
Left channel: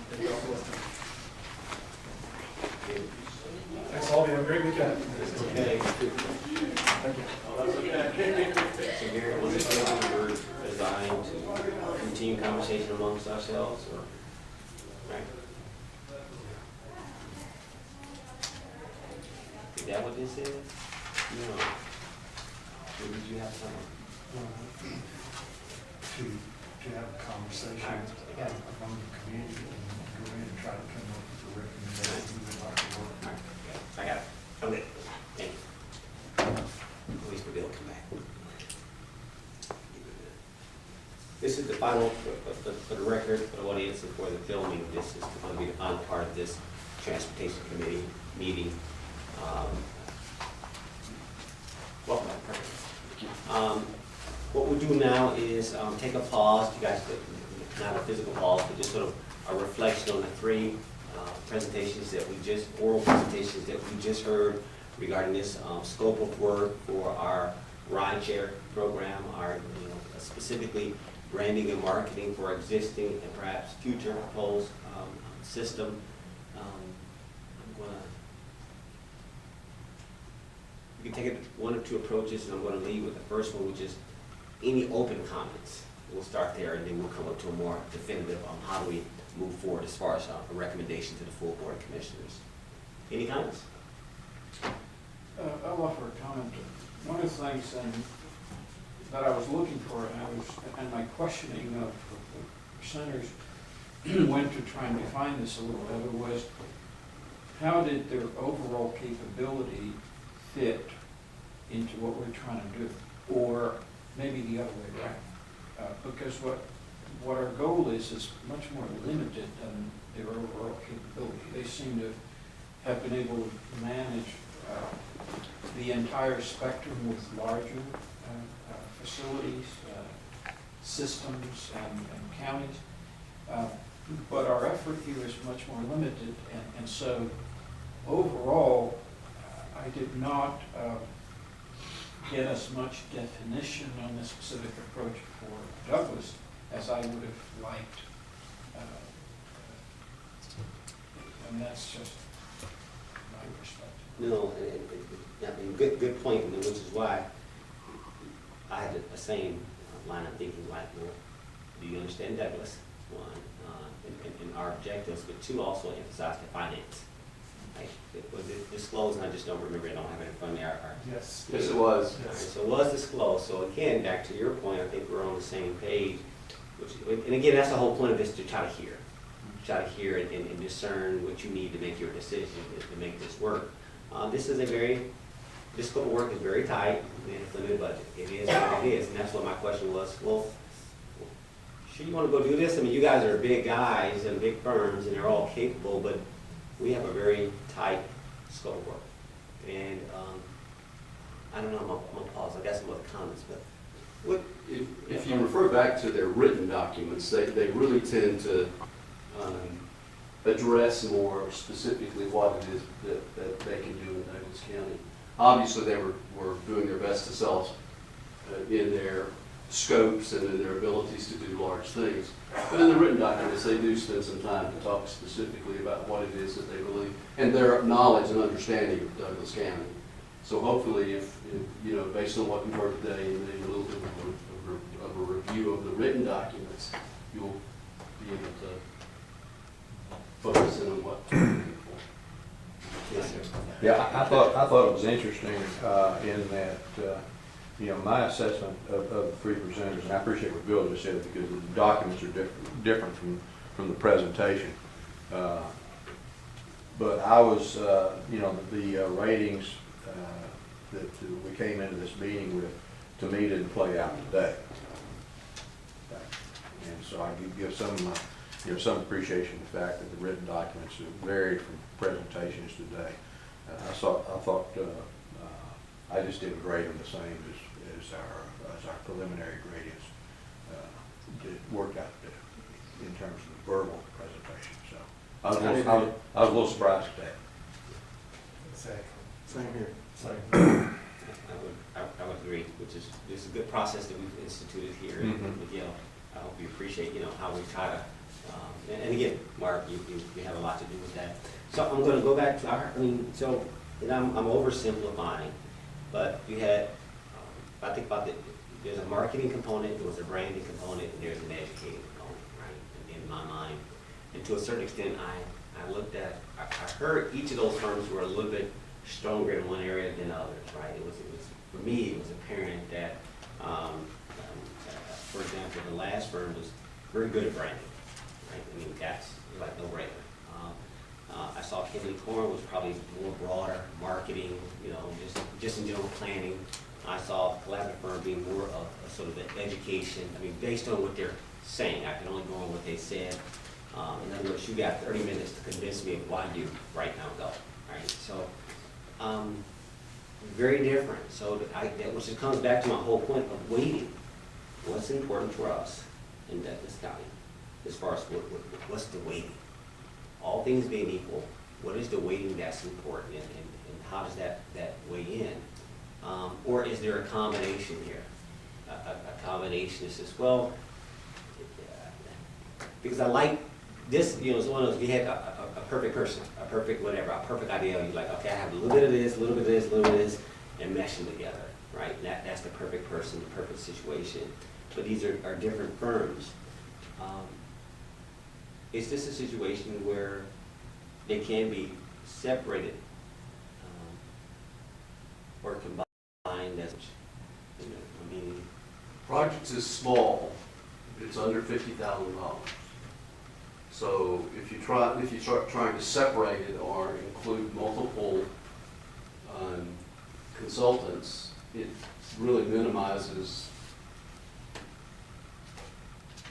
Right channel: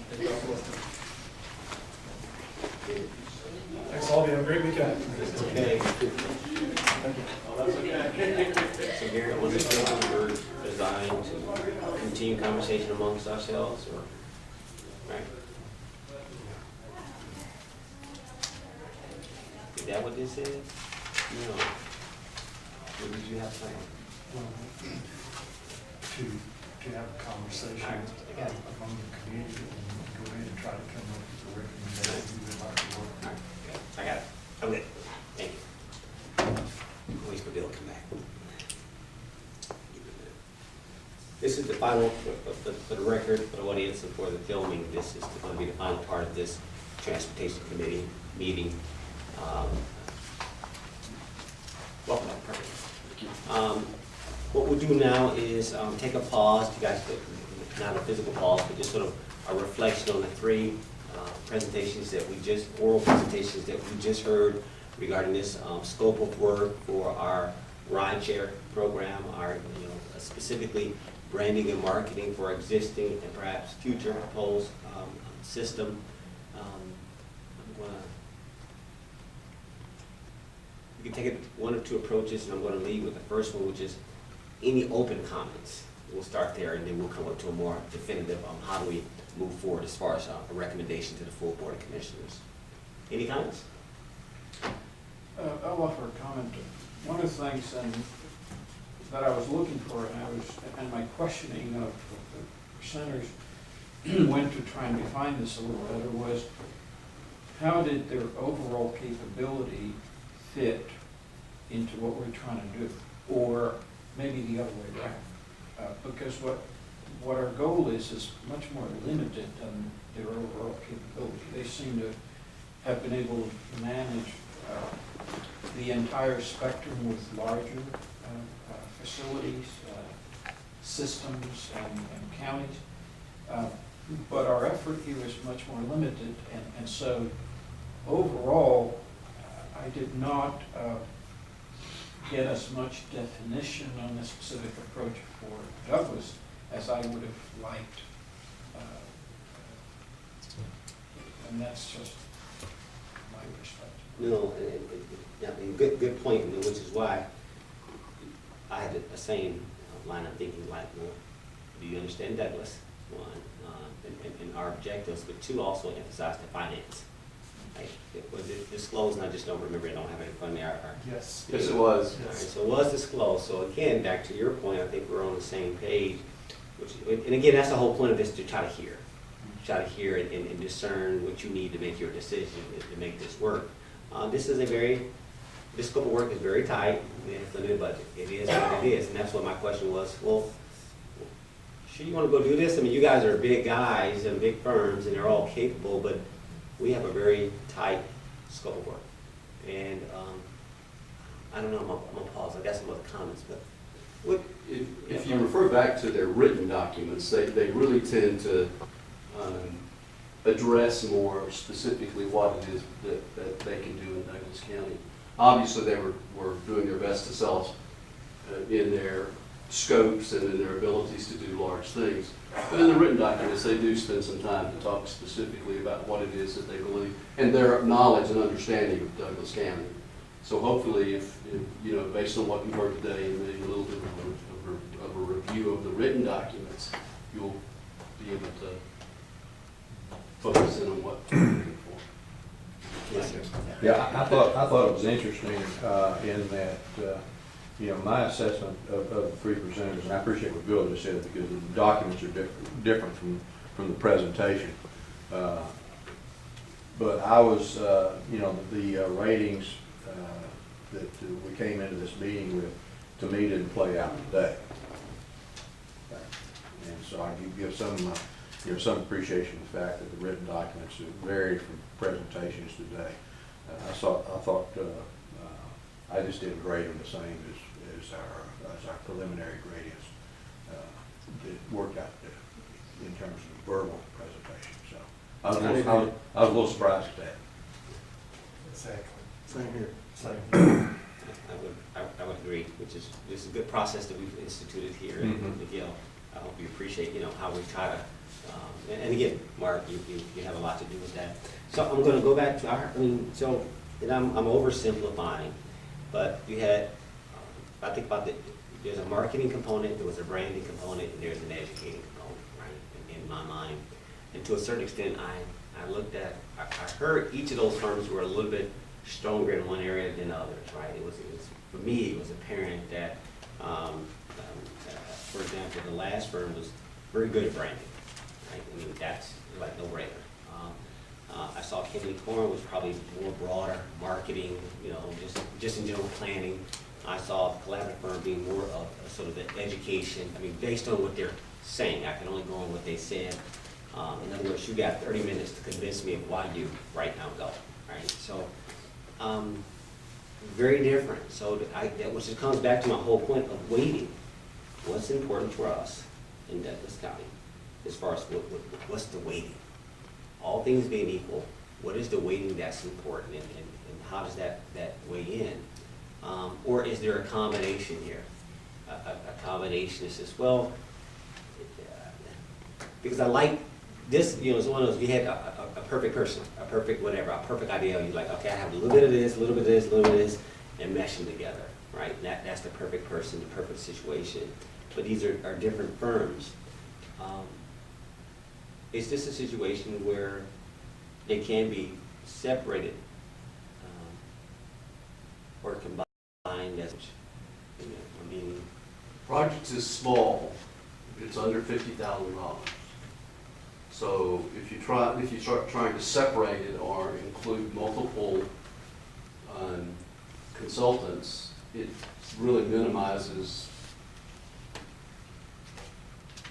Thanks all of you. Have a great weekend. Okay. Thank you. So Gary, was this really designed to continue conversation amongst ourselves, or? Right. Is that what this is? No. What did you have planned? To have a conversation I got it. among the community and go in and try to come up with a recommendation we would like to work on. I got it. Okay. Thank you. At least we'll be able to come back. This is the final, for the record, for the audience, and for the filming, this is going to be the final part of this Transportation Committee meeting. Welcome back, perfect. What we'll do now is take a pause. You guys, not a physical pause, but just sort of a reflection on the three oral presentations that we just heard regarding this scope of work for our rideshare program, our, specifically branding and marketing for existing and perhaps future proposed system. We can take it one or two approaches, and I'm going to lead with the first one, which is any open comments. We'll start there, and then we'll come up to a more definitive on how do we move forward as far as a recommendation to the full Board of Commissioners. Any comments? I'll offer a comment. One of the things that I was looking for, and my questioning of the presenters, went to try and define this a little better was, how did their overall capability fit into what we're trying to do? Or maybe the other way around. Because what our goal is much more limited than their overall capability. They seem to have been able to manage the entire spectrum with larger facilities, systems, and counties. But our effort here is much more limited, and so overall, I did not get as much definition on this specific approach for Douglas as I would have liked. And that's just my perspective. No, I mean, good point, which is why I had the same line of thinking, like, well, do you understand Douglas? One, and our objectives, but two, also emphasize the finance. Like, was it disclosed, and I just don't remember, I don't have it in front of me, Yes. Yes, it was. All right, so it was disclosed, so again, back to your point, I think we're on the same page, and again, that's the whole point of this, to try to hear. Try to hear and discern what you need to make your decision, to make this work. This scope of work is very tight, and it's limited budget. It is what it is, and that's what my question was, well, sure you wanna go do this? I mean, you guys are big guys and big firms, and they're all capable, but we have a very tight scope of work. And, I don't know, I'm gonna pause, I got some other comments, but what? If you refer back to their written documents, they really tend to address more specifically what it is that they can do in Douglas County. Obviously, they were doing their best to sell us in their scopes and in their abilities to do large things. But in the written documents, they do spend some time to talk specifically about what it is that they believe and their knowledge and understanding of Douglas County. So hopefully, if you know, based on what you've heard today and maybe a little bit of a review of the written documents, you'll be able to focus in on what you're looking for. Yes, sir. Yeah, I thought it was interesting in that, you know, my assessment of the three presenters, and I appreciate what Bill just said, because the documents are different from the presentation. But I was, you know, the ratings that we came into this meeting with, to me, didn't play out today. And so I give some, you know, some appreciation to the fact that the written documents varied from presentations today. I thought I just didn't grade them the same as our preliminary gradients that worked out in terms of the verbal presentation. So I was a little surprised at that. Exactly. Same here. Same. I would agree, which is, this is a good process that we've instituted here at Miguel. I hope you appreciate, you know, how we try to, and again, Mark, you have a lot to do with that. So I'm gonna go back to and I'm oversimplifying, but you had, I think about there's a marketing component, there was a branding component, and there's an educating component, right, in my mind. And to a certain extent, I looked at, I heard each of those firms were a little bit stronger in one area than others, right? It was for me, it was apparent that, for example, the last firm was very good at branding, right? I mean, that's like no brainer. I saw Kimley Corn was probably more broader marketing, you know, just in general planning. I saw the collaborative firm being more of a sort of the education. I mean, based on what they're saying, I can only go on what they said. In other words, you got 30 minutes to convince me of why you right now go, right? So, very different. So which just comes back to my whole point of weighting. What's important for us in Douglas County as far as what's the weighting? All things being equal, what is the weighting that's important, and how does that weigh in? Or is there a combination here? A combination that says, well, because I like this, you know, it's one of those, you had a perfect person, a perfect whatever, a perfect idea. You're like, okay, I have a little bit of this, a little bit of this, a little bit of this, and mesh them together, right? And that's the perfect person, the perfect situation. But these are different firms. Is this a situation where they can be separated or combined as, you know, I mean, Project is small, it's under $50,000. So if you start trying to separate it or include multiple consultants, it really minimizes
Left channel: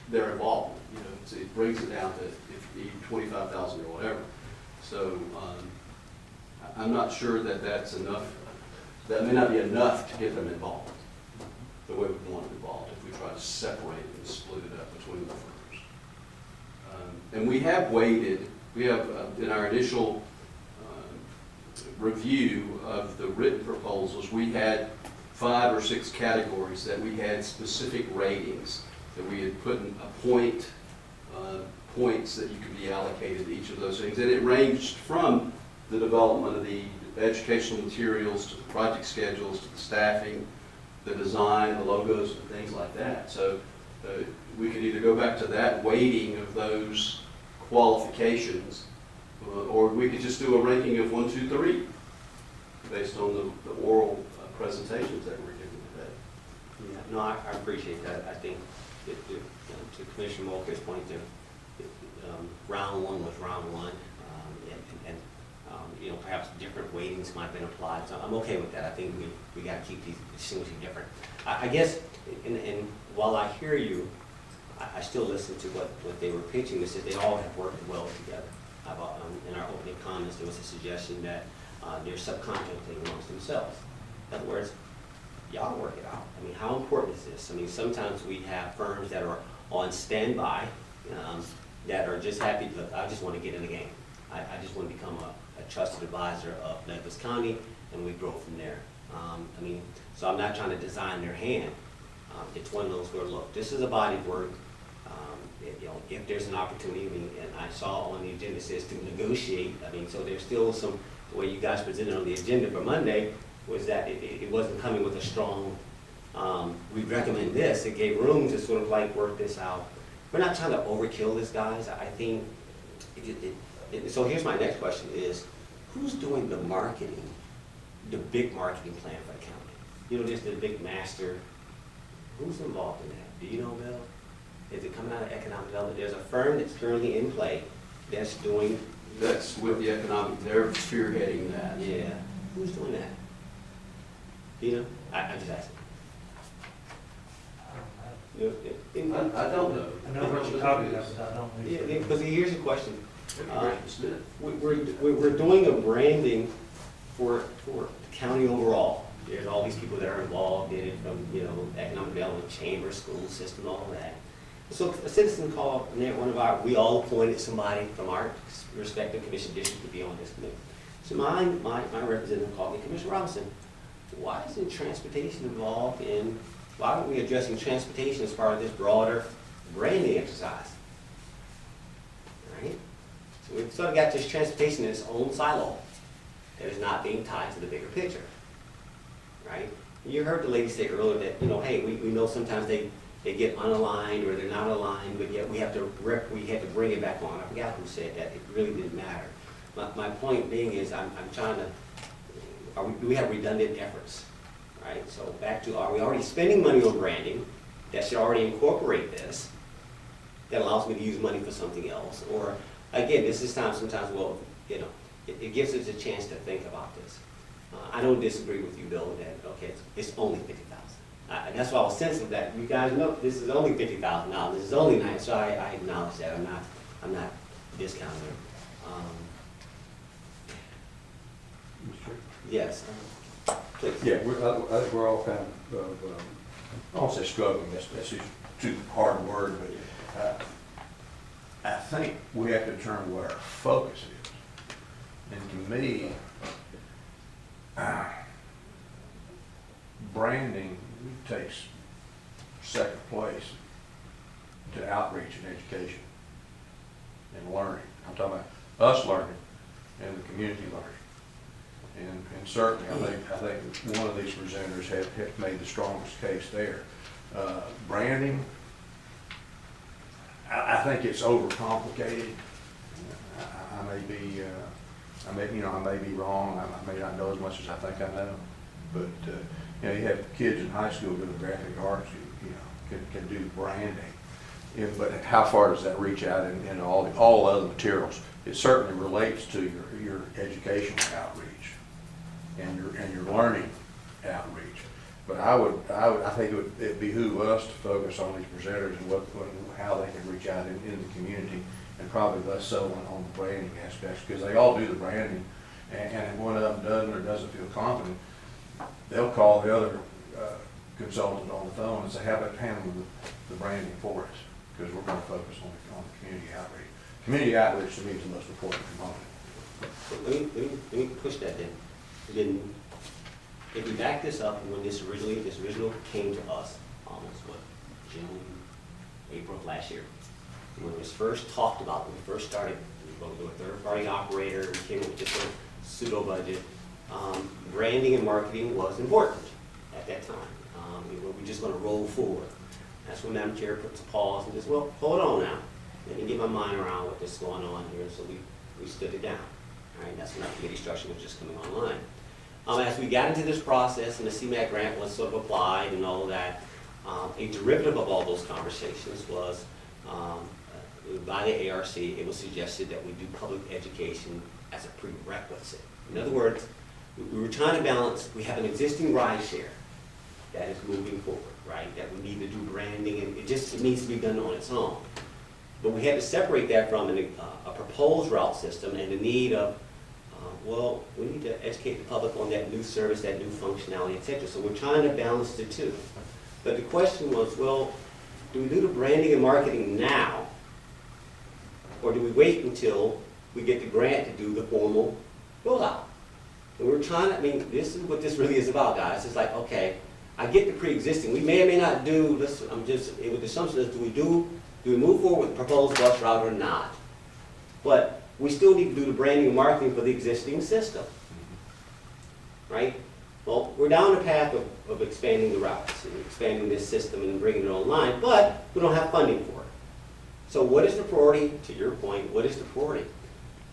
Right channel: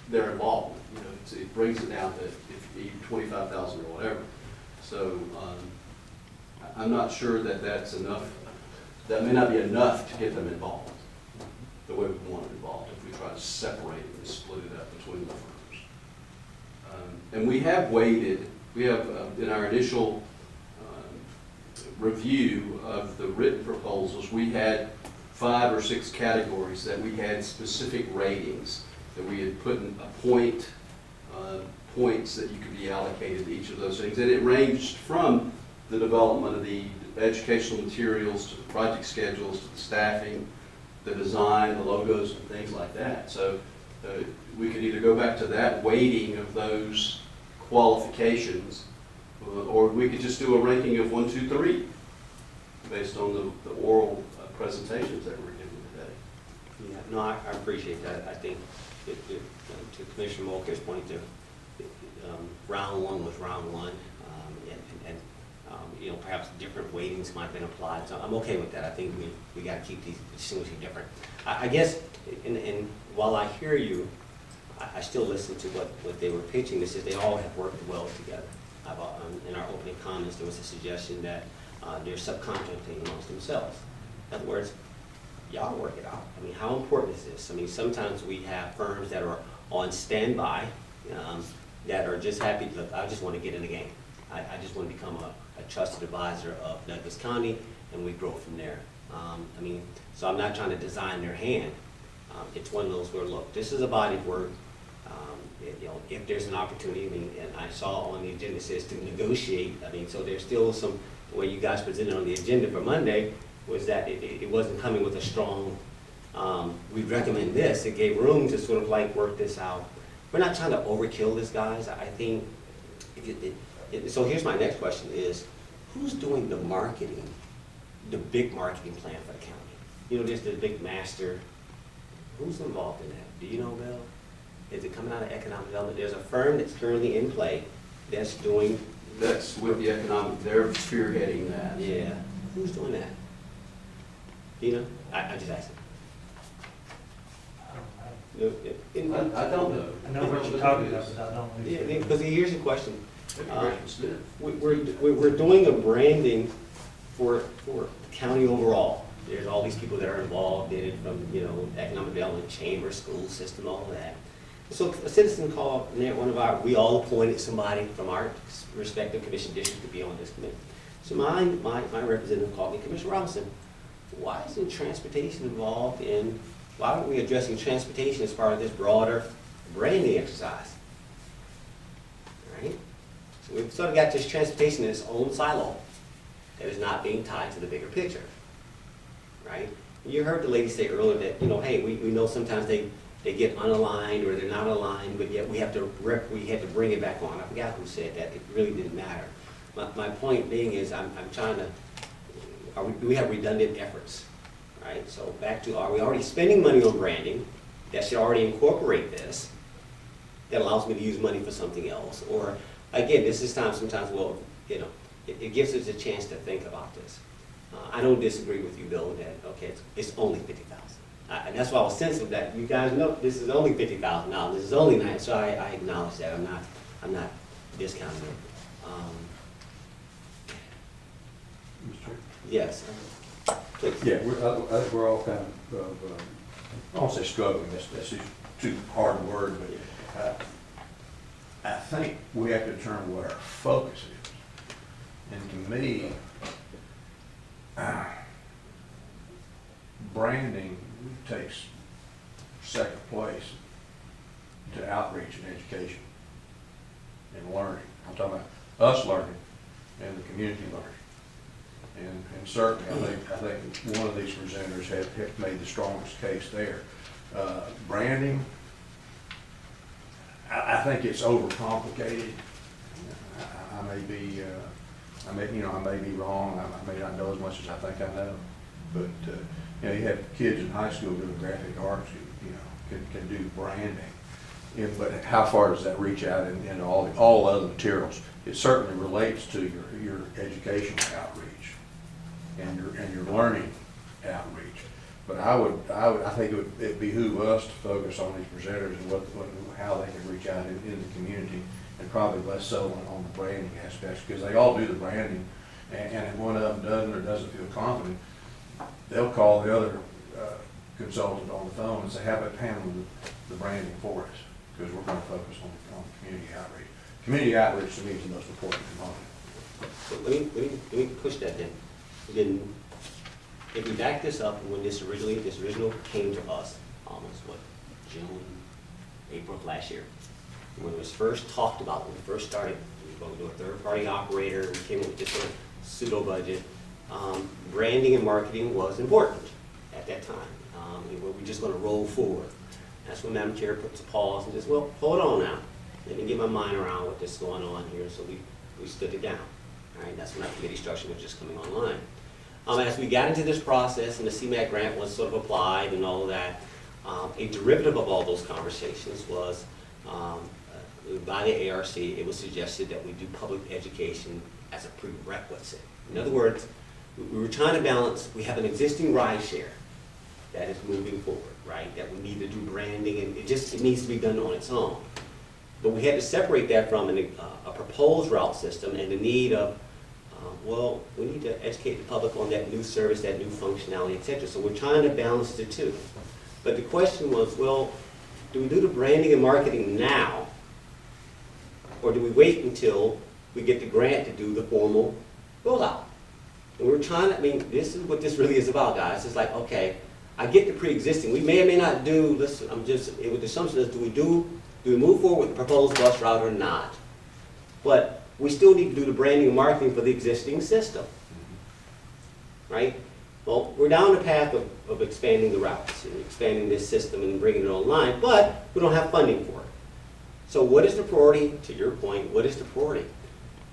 their involvement. You know, it brings it down to if you need 25,000 or whatever. So I'm not sure that that's enough. That may not be enough to get them involved the way we want them involved if we try to separate it and split it up between the firms. And we have weighted, in our initial review of the written proposals, we had 5 or 6 categories that we had specific ratings that we had put in points that you could be allocated to each of those things. And it ranged from the development of the educational materials to the project schedules to the staffing, the design, the logos, and things like that. So we could either go back to that weighting of those qualifications, or we could just do a ranking of 1, 2, 3 based on the oral presentations that we're giving today. Yeah, no, I appreciate that. I think to Commissioner Mulcair's point, round 1 was round 1, and you know, perhaps different weightings might have been applied. So I'm okay with that. I think we got to keep these distinguishing different. I guess, and while I hear you, I still listen to what they were pitching. This is they all have worked well together. In our opening comments, there was a suggestion that they're subcontracting amongst themselves. In other words, y'all work it out. I mean, how important is this? I mean, sometimes we have firms that are on standby that are just happy, look, I just want to get in the game. I just want to become a trusted advisor of Douglas County, and we grow from there. I mean, so I'm not trying to design their hand. It's one of those where, look, this is a body of work. You know, if there's an opportunity, I mean, and I saw on the agenda it says to negotiate. I mean, so there's still some, the way you guys presented on the agenda for Monday was that it wasn't coming with a strong, we recommend this. It gave room to sort of like work this out. We're not trying to overkill this, guys. I think, so here's my next question is, who's doing the marketing, the big marketing plan for the county? You know, there's the big master. Who's involved in that? Do you know, Bill? Is it coming out of economic development? There's a firm that's currently in play that's doing. That's with the economic, they're spearheading that. Yeah. Who's doing that? Do you know? I just asked it. I don't know. I know what you're talking about, but I don't know. Yeah, because here's the question. Smith. We're doing a branding for the county overall. There's all these people that are involved in it, from, you know, economic development, chamber, school system, all of that. So a citizen called, and we all appointed somebody from our respective commission district to be on this committee. So my representative called me, Commissioner Robinson, why isn't transportation involved in, why aren't we addressing transportation as part of this broader branding exercise? Right? So we've sort of got this transportation in its own silo that is not being tied to the bigger picture. Right? You heard the lady say earlier that, you know, hey, we know sometimes they get unaligned or they're not aligned, but yet we have to bring it back on. I forgot who said that. It really didn't matter. My point being is I'm trying to, do we have redundant efforts? Right? So back to, are we already spending money on branding that should already incorporate this, that allows me to use money for something else? Or again, this is time sometimes, well, you know, it gives us a chance to think about this. I don't disagree with you, Bill, that, okay, it's only $50,000. And that's why I was sensitive that you guys know this is only $50,000. This is only nice, so I acknowledge that. I'm not discounting it. Mr. Chair? Yes, please. Yeah, I think we're all kind of, I won't say struggling, that's too hard a word, but I think we have to determine what our focus is. And to me, branding takes second place to outreach and education and learning. I'm talking about us learning and the community learning. And certainly, I think one of these presenters have made the strongest case there. Branding, I think it's overcomplicated. I may be wrong. I may not know as much as I think I know. But you know, you have kids in high school doing graphic arts who, you know, can do branding. But how far does that reach out in all other materials? It certainly relates to your educational outreach and your learning outreach. But I think it'd behoove us to focus on these presenters and how they can reach out in the community, and probably less so on the branding aspects, because they all do the branding, and if one of them doesn't or doesn't feel confident, they'll call the other consultant on the phone and say, how about handling the branding for us? Because we're going to focus on the community outreach. Community outreach to me is the most important component. So let me push that then. If we back this up, when this original came to us, almost June, April of last year, when it was first talked about, when we first started, we were going to do a third-party operator, we came up with just a pseudo budget. Branding and marketing was important at that time. We're just going to roll forward. That's when Madam Chair puts a pause and says, well, hold on now. Let me get my mind around what is going on here. So we stood it down. All right, that's when our committee structure was just coming online. As we got into this process and the CMAQ grant was sort of applied and all of that, a derivative of all those conversations was by the ARC, it was suggested that we do public education as a prerequisite. In other words, we were trying to balance, we have an existing ride share that is moving forward, right? That we need to do branding, and it needs to be done on its own. But we had to separate that from a proposed route system and the need of, well, we need to educate the public on that new service, that new functionality, et cetera. So we're trying to balance the two. But the question was, well, do we do the branding and marketing now? Or do we wait until we get the grant to do the formal rollout? And we're trying to, this is what this really is about, guys. It's like, okay, I get the pre-existing. We may or may not do, listen, with the assumption is, do we move forward with the proposed bus route or not? But we still need to do the branding and marketing for the existing system, right? Well, we're down the path of expanding the routes and expanding this system and bringing it online, but we don't have funding for it. So what is the priority? To your point, what is the priority?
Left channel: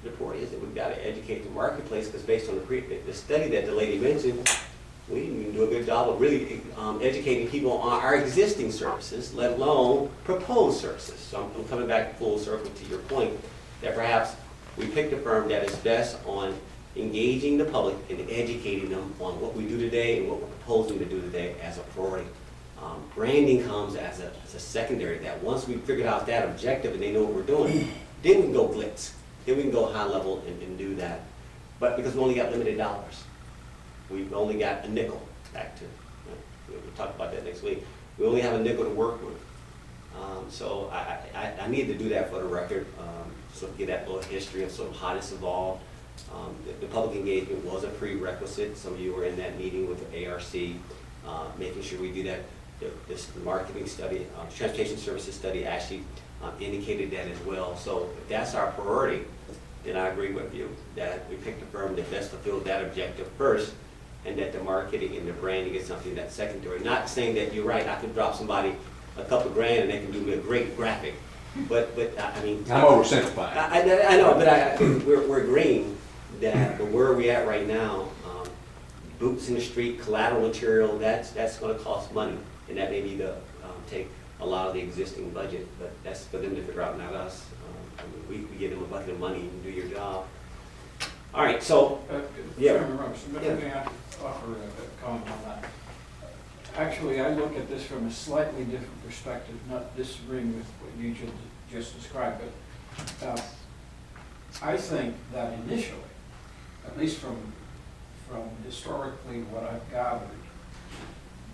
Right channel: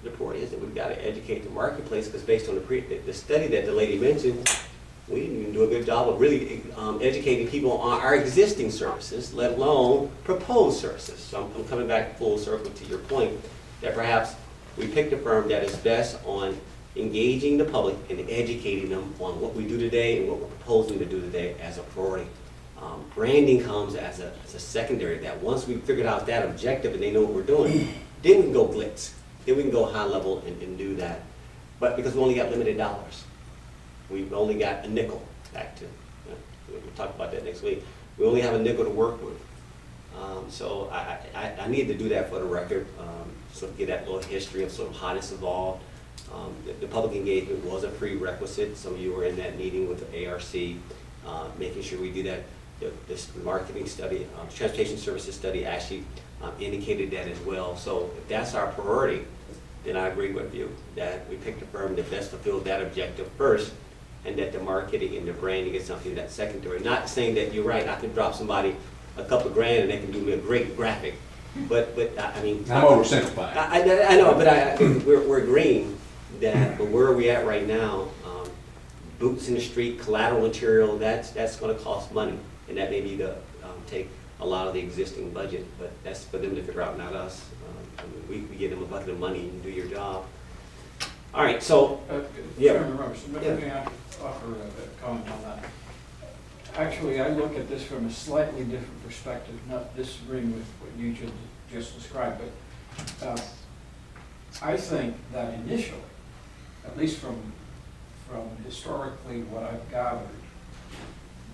The priority is that we've got to educate the marketplace, because based on the study that the lady mentioned, we didn't even do a good job of really educating people on our existing services, let alone proposed services. So I'm coming back full circle to your point that perhaps we picked a firm that is best on engaging the public and educating them on what we do today and what we're proposing to do today as a priority. Branding comes as a secondary. That once we figured out that objective and they know what we're doing, then we can go glitz. Then we can go high level and do that. But because we only got limited dollars, we've only got a nickel back to. We'll talk about that next week. We only have a nickel to work with. So I need to do that for the record, sort of get that little history of sort of how this evolved. The public engagement was a prerequisite. Some of you were in that meeting with the ARC, making sure we do that. This marketing study, transportation services study actually indicated that as well. So if that's our priority, then I agree with you that we picked a firm that best fulfills that objective first, and that the marketing and the branding is something that's secondary. Not saying that you're right, I could drop somebody a couple grand and they can do me a great graphic, but I mean. I'm oversimplifying. I know, but we're agreeing that where are we at right now? Boots in the street, collateral material, that's going to cost money, and that may be take a lot of the existing budget, but that's for them to figure out, not us. We give them a bucket of money and do your job. All right, so yeah. Chairman Robertson, let me offer a comment on that. Actually, I look at this from a slightly different perspective, not disagreeing with what you just described, but I think that initially, at least from historically what I've gathered,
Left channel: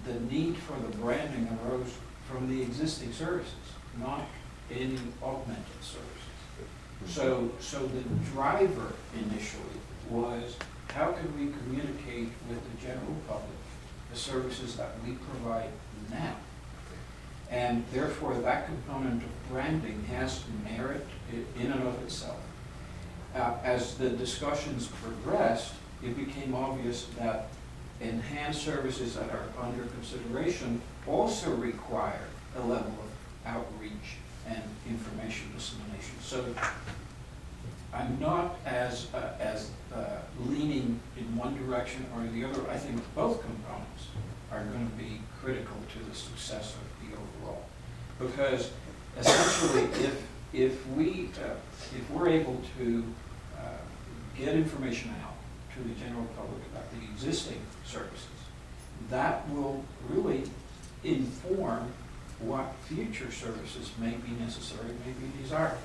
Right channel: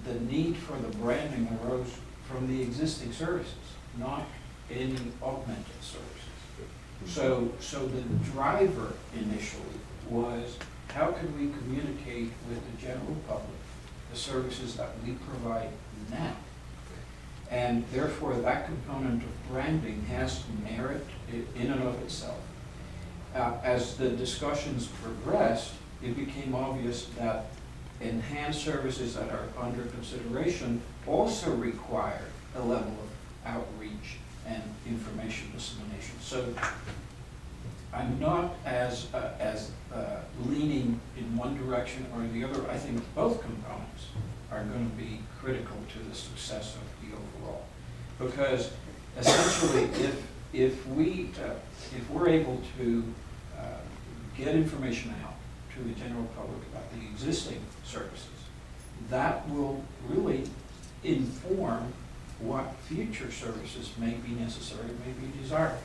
the need for the branding arose from the existing services, not any augmented services. So the driver initially was, how can we communicate with the general public the services that we provide now? And therefore, that component of branding has merit in and of itself. As the discussions progressed, it became obvious that enhanced services that are under consideration also require a level of outreach and information dissemination. So I'm not as leaning in one direction or the other. I think both components are going to be critical to the success of the overall. Because essentially, if we're able to get information out to the general public about the existing services, that will really inform what future services may be necessary, may be desirable.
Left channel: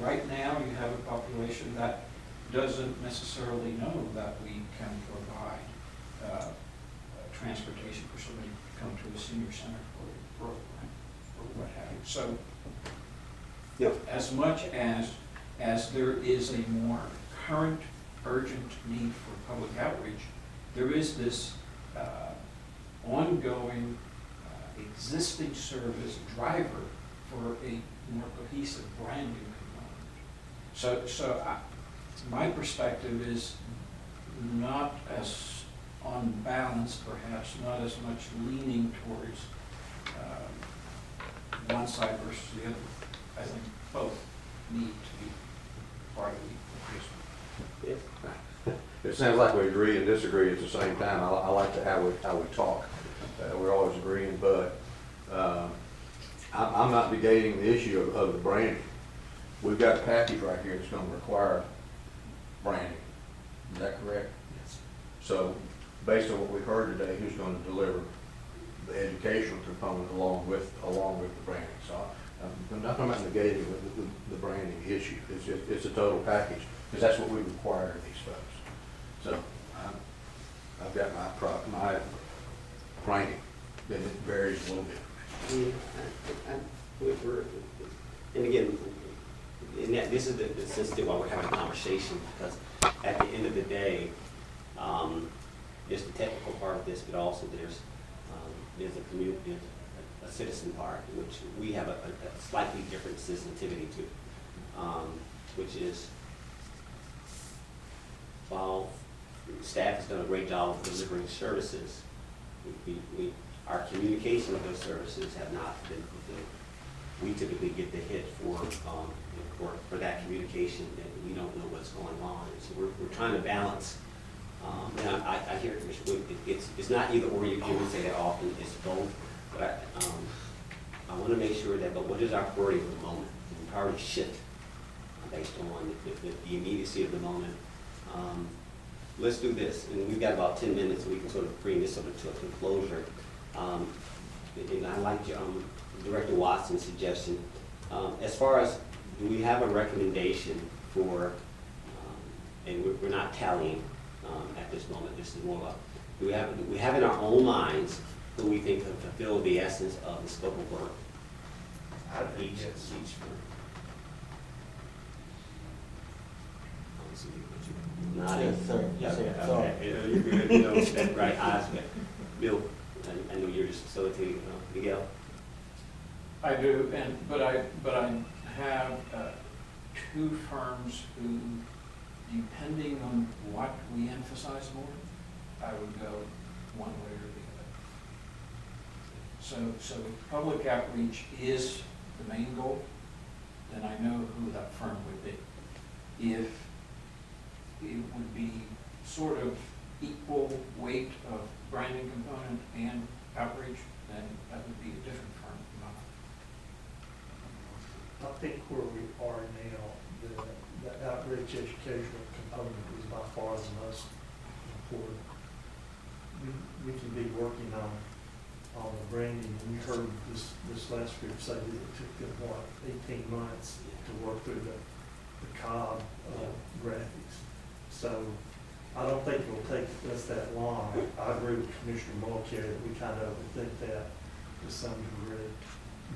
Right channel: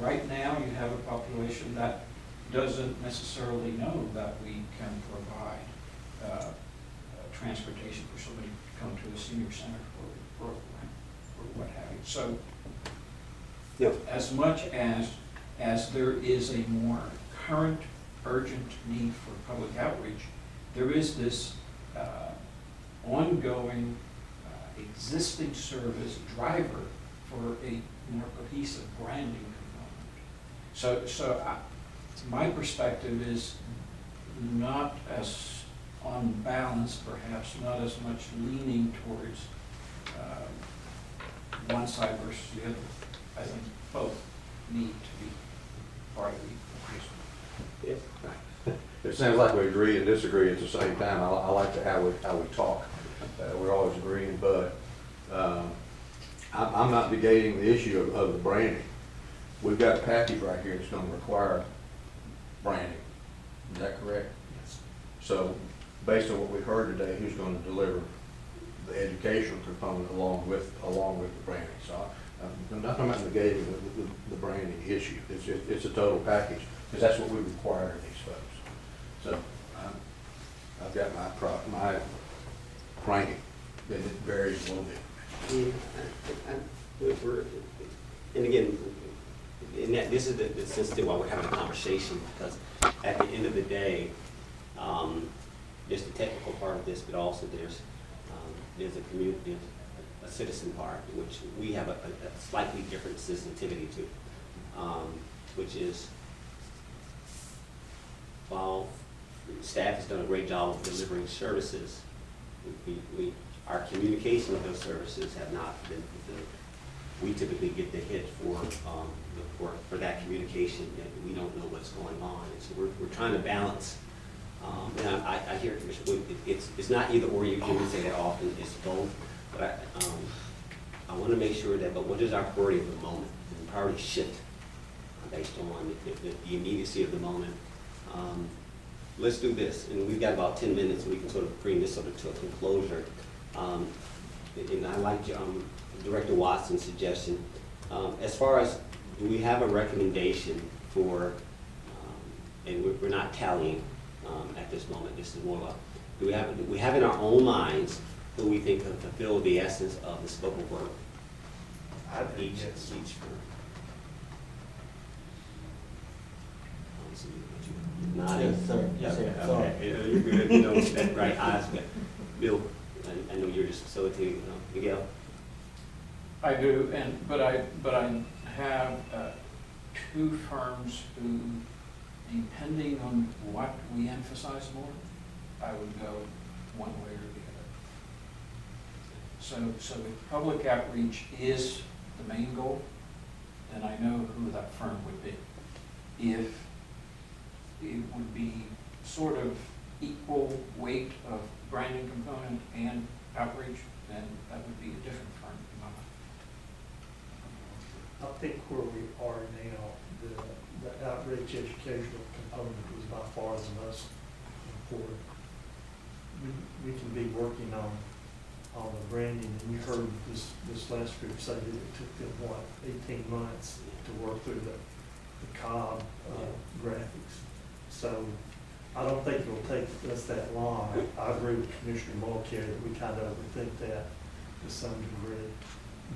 Right now, you have a population that doesn't necessarily know that we can provide transportation for somebody to come to a senior center for a program or what have you. So, as much as there is a more current, urgent need for public outreach, there is this ongoing existing service driver for a more cohesive branding component. So my perspective is not as on balance, perhaps not as much leaning towards one side versus the other. I think both need to be part of the equation. Yes. It sounds like we agree and disagree at the same time. I like how we talk. We're always agreeing, but I'm not negating the issue of the branding. We've got a package right here that's going to require branding. Is that correct? Yes. So, based on what we've heard today, who's going to deliver the educational component along with the branding? So, I'm not talking about negating the branding issue. It's a total package, because that's what we require of these folks. So, I've got my ranking, and it varies a little bit. And again, this is the sensitive why we're having a conversation, because at the end of the day, there's the technical part of this, but also there's a community, a citizen part, which we have a slightly different sensitivity to, which is, while staff has done a great job of delivering services, our communication of those services have not been fulfilled. We typically get the hit for that communication that we don't know what's going on. And so we're trying to balance. And I hear Commissioner Wood, it's not either or. You hear me say that often. It's both. But I want to make sure that. But what is our priority of the moment? And priority shift based on the immediacy of the moment. Let's do this, and we've got about 10 minutes, so we can sort of bring this sort of to a conclusion. And I like Director Watson's suggestion. As far as, do we have a recommendation for, and we're not tallying at this moment, this is more about, do we have in our own minds who we think have fulfilled the essence of the scope of work? Each firm. I don't see you, but you nodding. Yes, sir. Yes, sir. Okay, Sorry. okay. You're good, you know, that right eyes, but Bill, I know you're just facilitating, Miguel? I do, but I have two firms who, depending on what we emphasize more, I would go one way or the other. So if public outreach is the main goal, then I know who that firm would be. If it would be sort of equal weight of branding component and outreach, then that would be a different firm in my mind. I think where we are now, the outreach educational component is by far the most important. We can be working on the branding, and you heard this last group say that it took them, 18 months to work through the COB graphics. So I don't think it'll take us that long. I agree with Commissioner Mulcair that we kind of overthink that to some degree.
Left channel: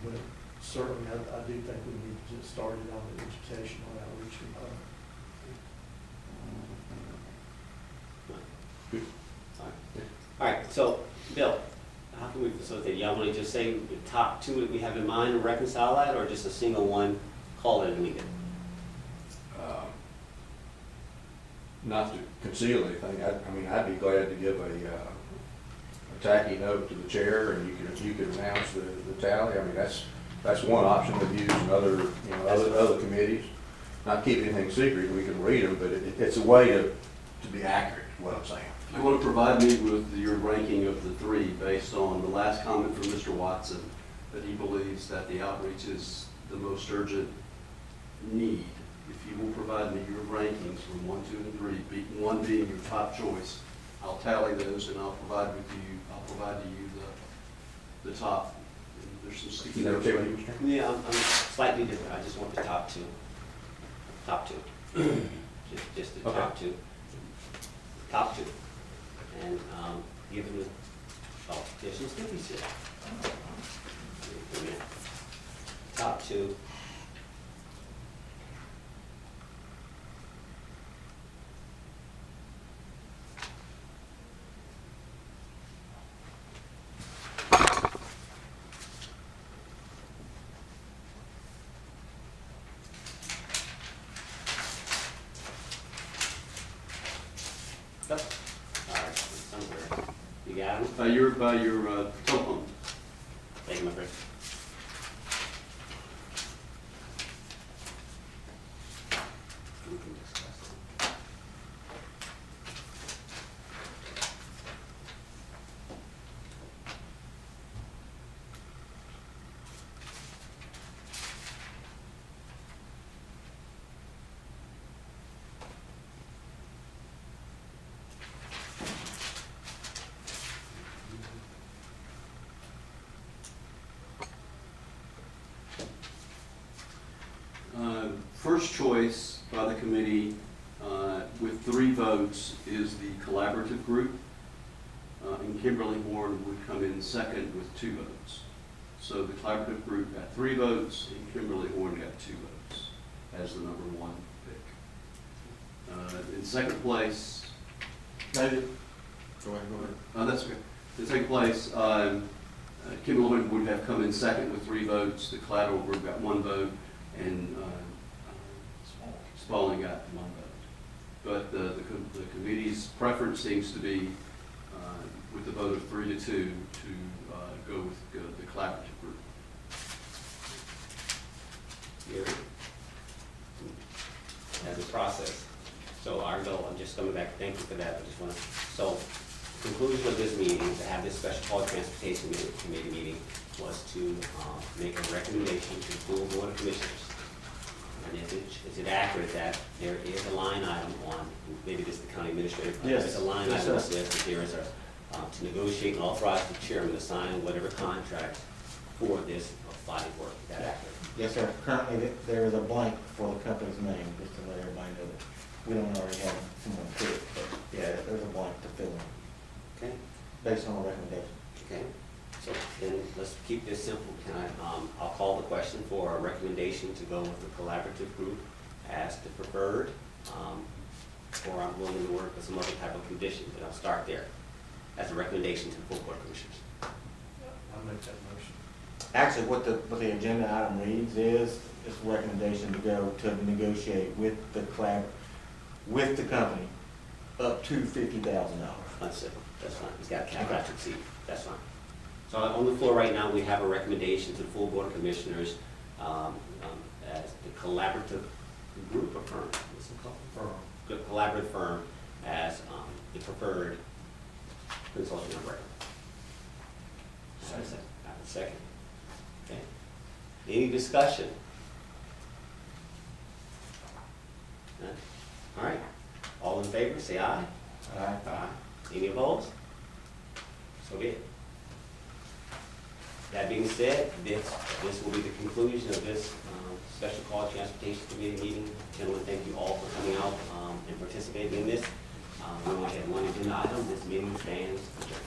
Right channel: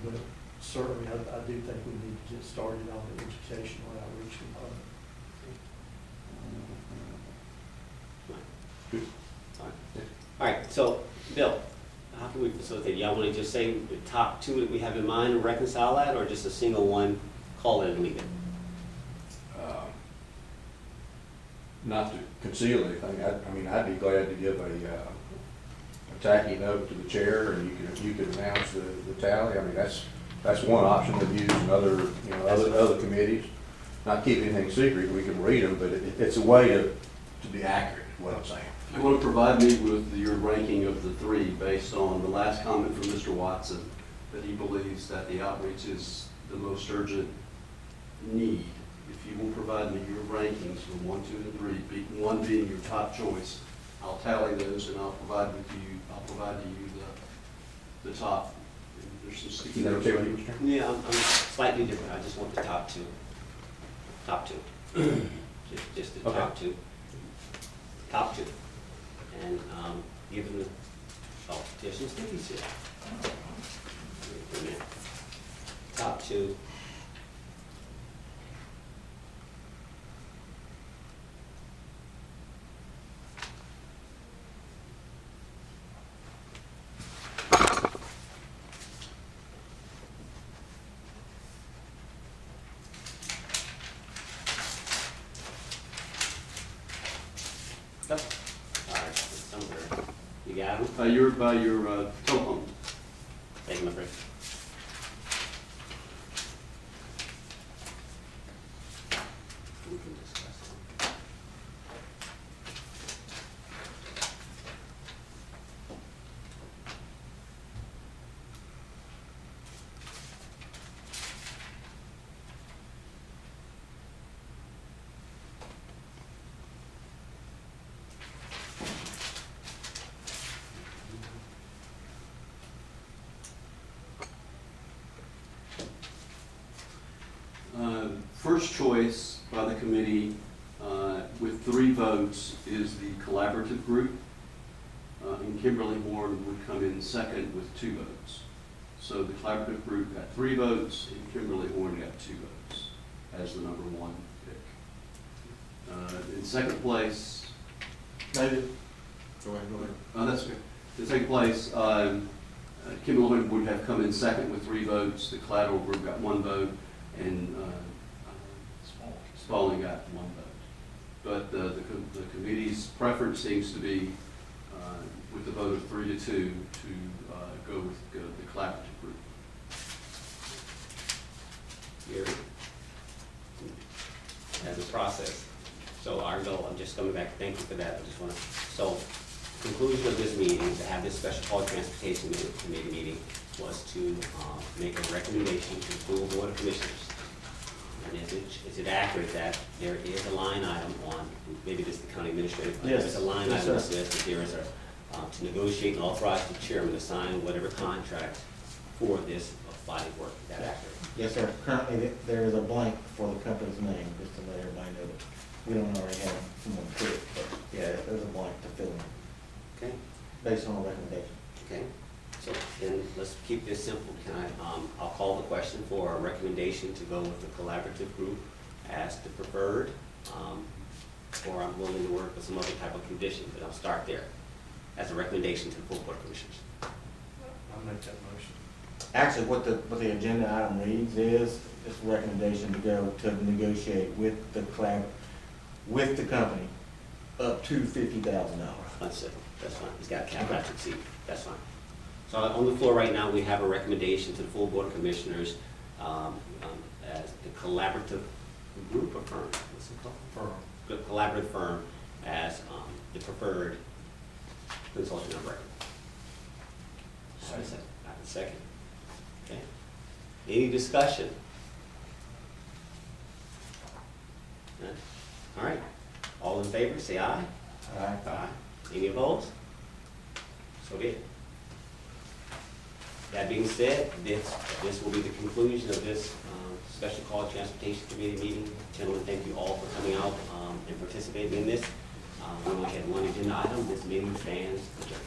But certainly I do think we need to get started on the educational outreach component. All right, so Bill, how can we facilitate? Y'all want to just say the top two that we have in mind and reconcile that, or just a single one, call it and leave it? Not to conceal anything, I mean, I'd be glad to give a tacky note to the chair, and you could announce the tally. I mean, that's one option we've used in other committees. Not keep anything secret, we can read them, but it's a way to be accurate, is what I'm saying. You want to provide me with your ranking of the three based on the last comment from Mr. Watson that he believes that the outreach is the most urgent need. If you will provide me your rankings from 1, 2, and 3, 1 being your top choice, I'll tally those and I'll provide to you the top. And there's some sticky notes. Yeah, I'm slightly different. I just want the top two. Top two. Just the top two. Top two. And give them the, oh, there's some stickies here. Wait a minute. Top two. All right, somewhere. You got them? You're by your telephone. Take my break. We can discuss them. First choice by the committee with 3 votes is the collaborative group. And Kimberly Horn would come in second with 2 votes. So the collaborative group got 3 votes and Kimberly Horn got 2 votes as the number 1 pick. In second place. David? Go ahead. That's okay. In second place, Kimberly Horn would have come in second with 3 votes. The collateral group got 1 vote, and Spalding got 1 vote. But the committee's preference seems to be, with the vote of 3 to 2, to go with the collaborative group. Here. As a process. So our goal, I'm just coming back, thank you for that, I just want to, so conclusion of this meeting, to have this special call transportation committee meeting, was to make a recommendation to the full board of commissioners. And is it accurate that there is a line item on, maybe this is the county administrator, but Yes. there's a line Yes, item that sir. says that there is a, to negotiate and authorize the chairman to sign whatever contract for this body work, is that accurate? Yes, sir. Currently, there is a blank for the company's name, just to let everybody know that we don't already have someone put it, but yeah, there's a blank to fill in, Okay, based on a recommendation. okay, so then let's keep this simple, can I, I'll call the question for a recommendation to go with the collaborative group as the preferred, or I'm willing to work with some other type of condition, but I'll start there, as a recommendation to the full board of commissioners. I'll make that motion. Actually, what the agenda item reads is, it's a recommendation to go to negotiate with the company up to $50,000. That's it, that's fine, it's got a cap not to exceed, that's fine. So on the floor right now, we have a recommendation to the full board of commissioners, as the collaborative group or firm, what's it called? Firm. The collaborative firm as the preferred consultant of record. I have a second. I have a second. Okay. Any discussion? None? All right. All in favor, say aye. Aye. Aye. Any opposed? So be it. That being said, this will be the conclusion of this special call transportation committee meeting. Gentlemen, thank you all for coming out and participating in this. We only had one agenda item. This meeting stands adjourned.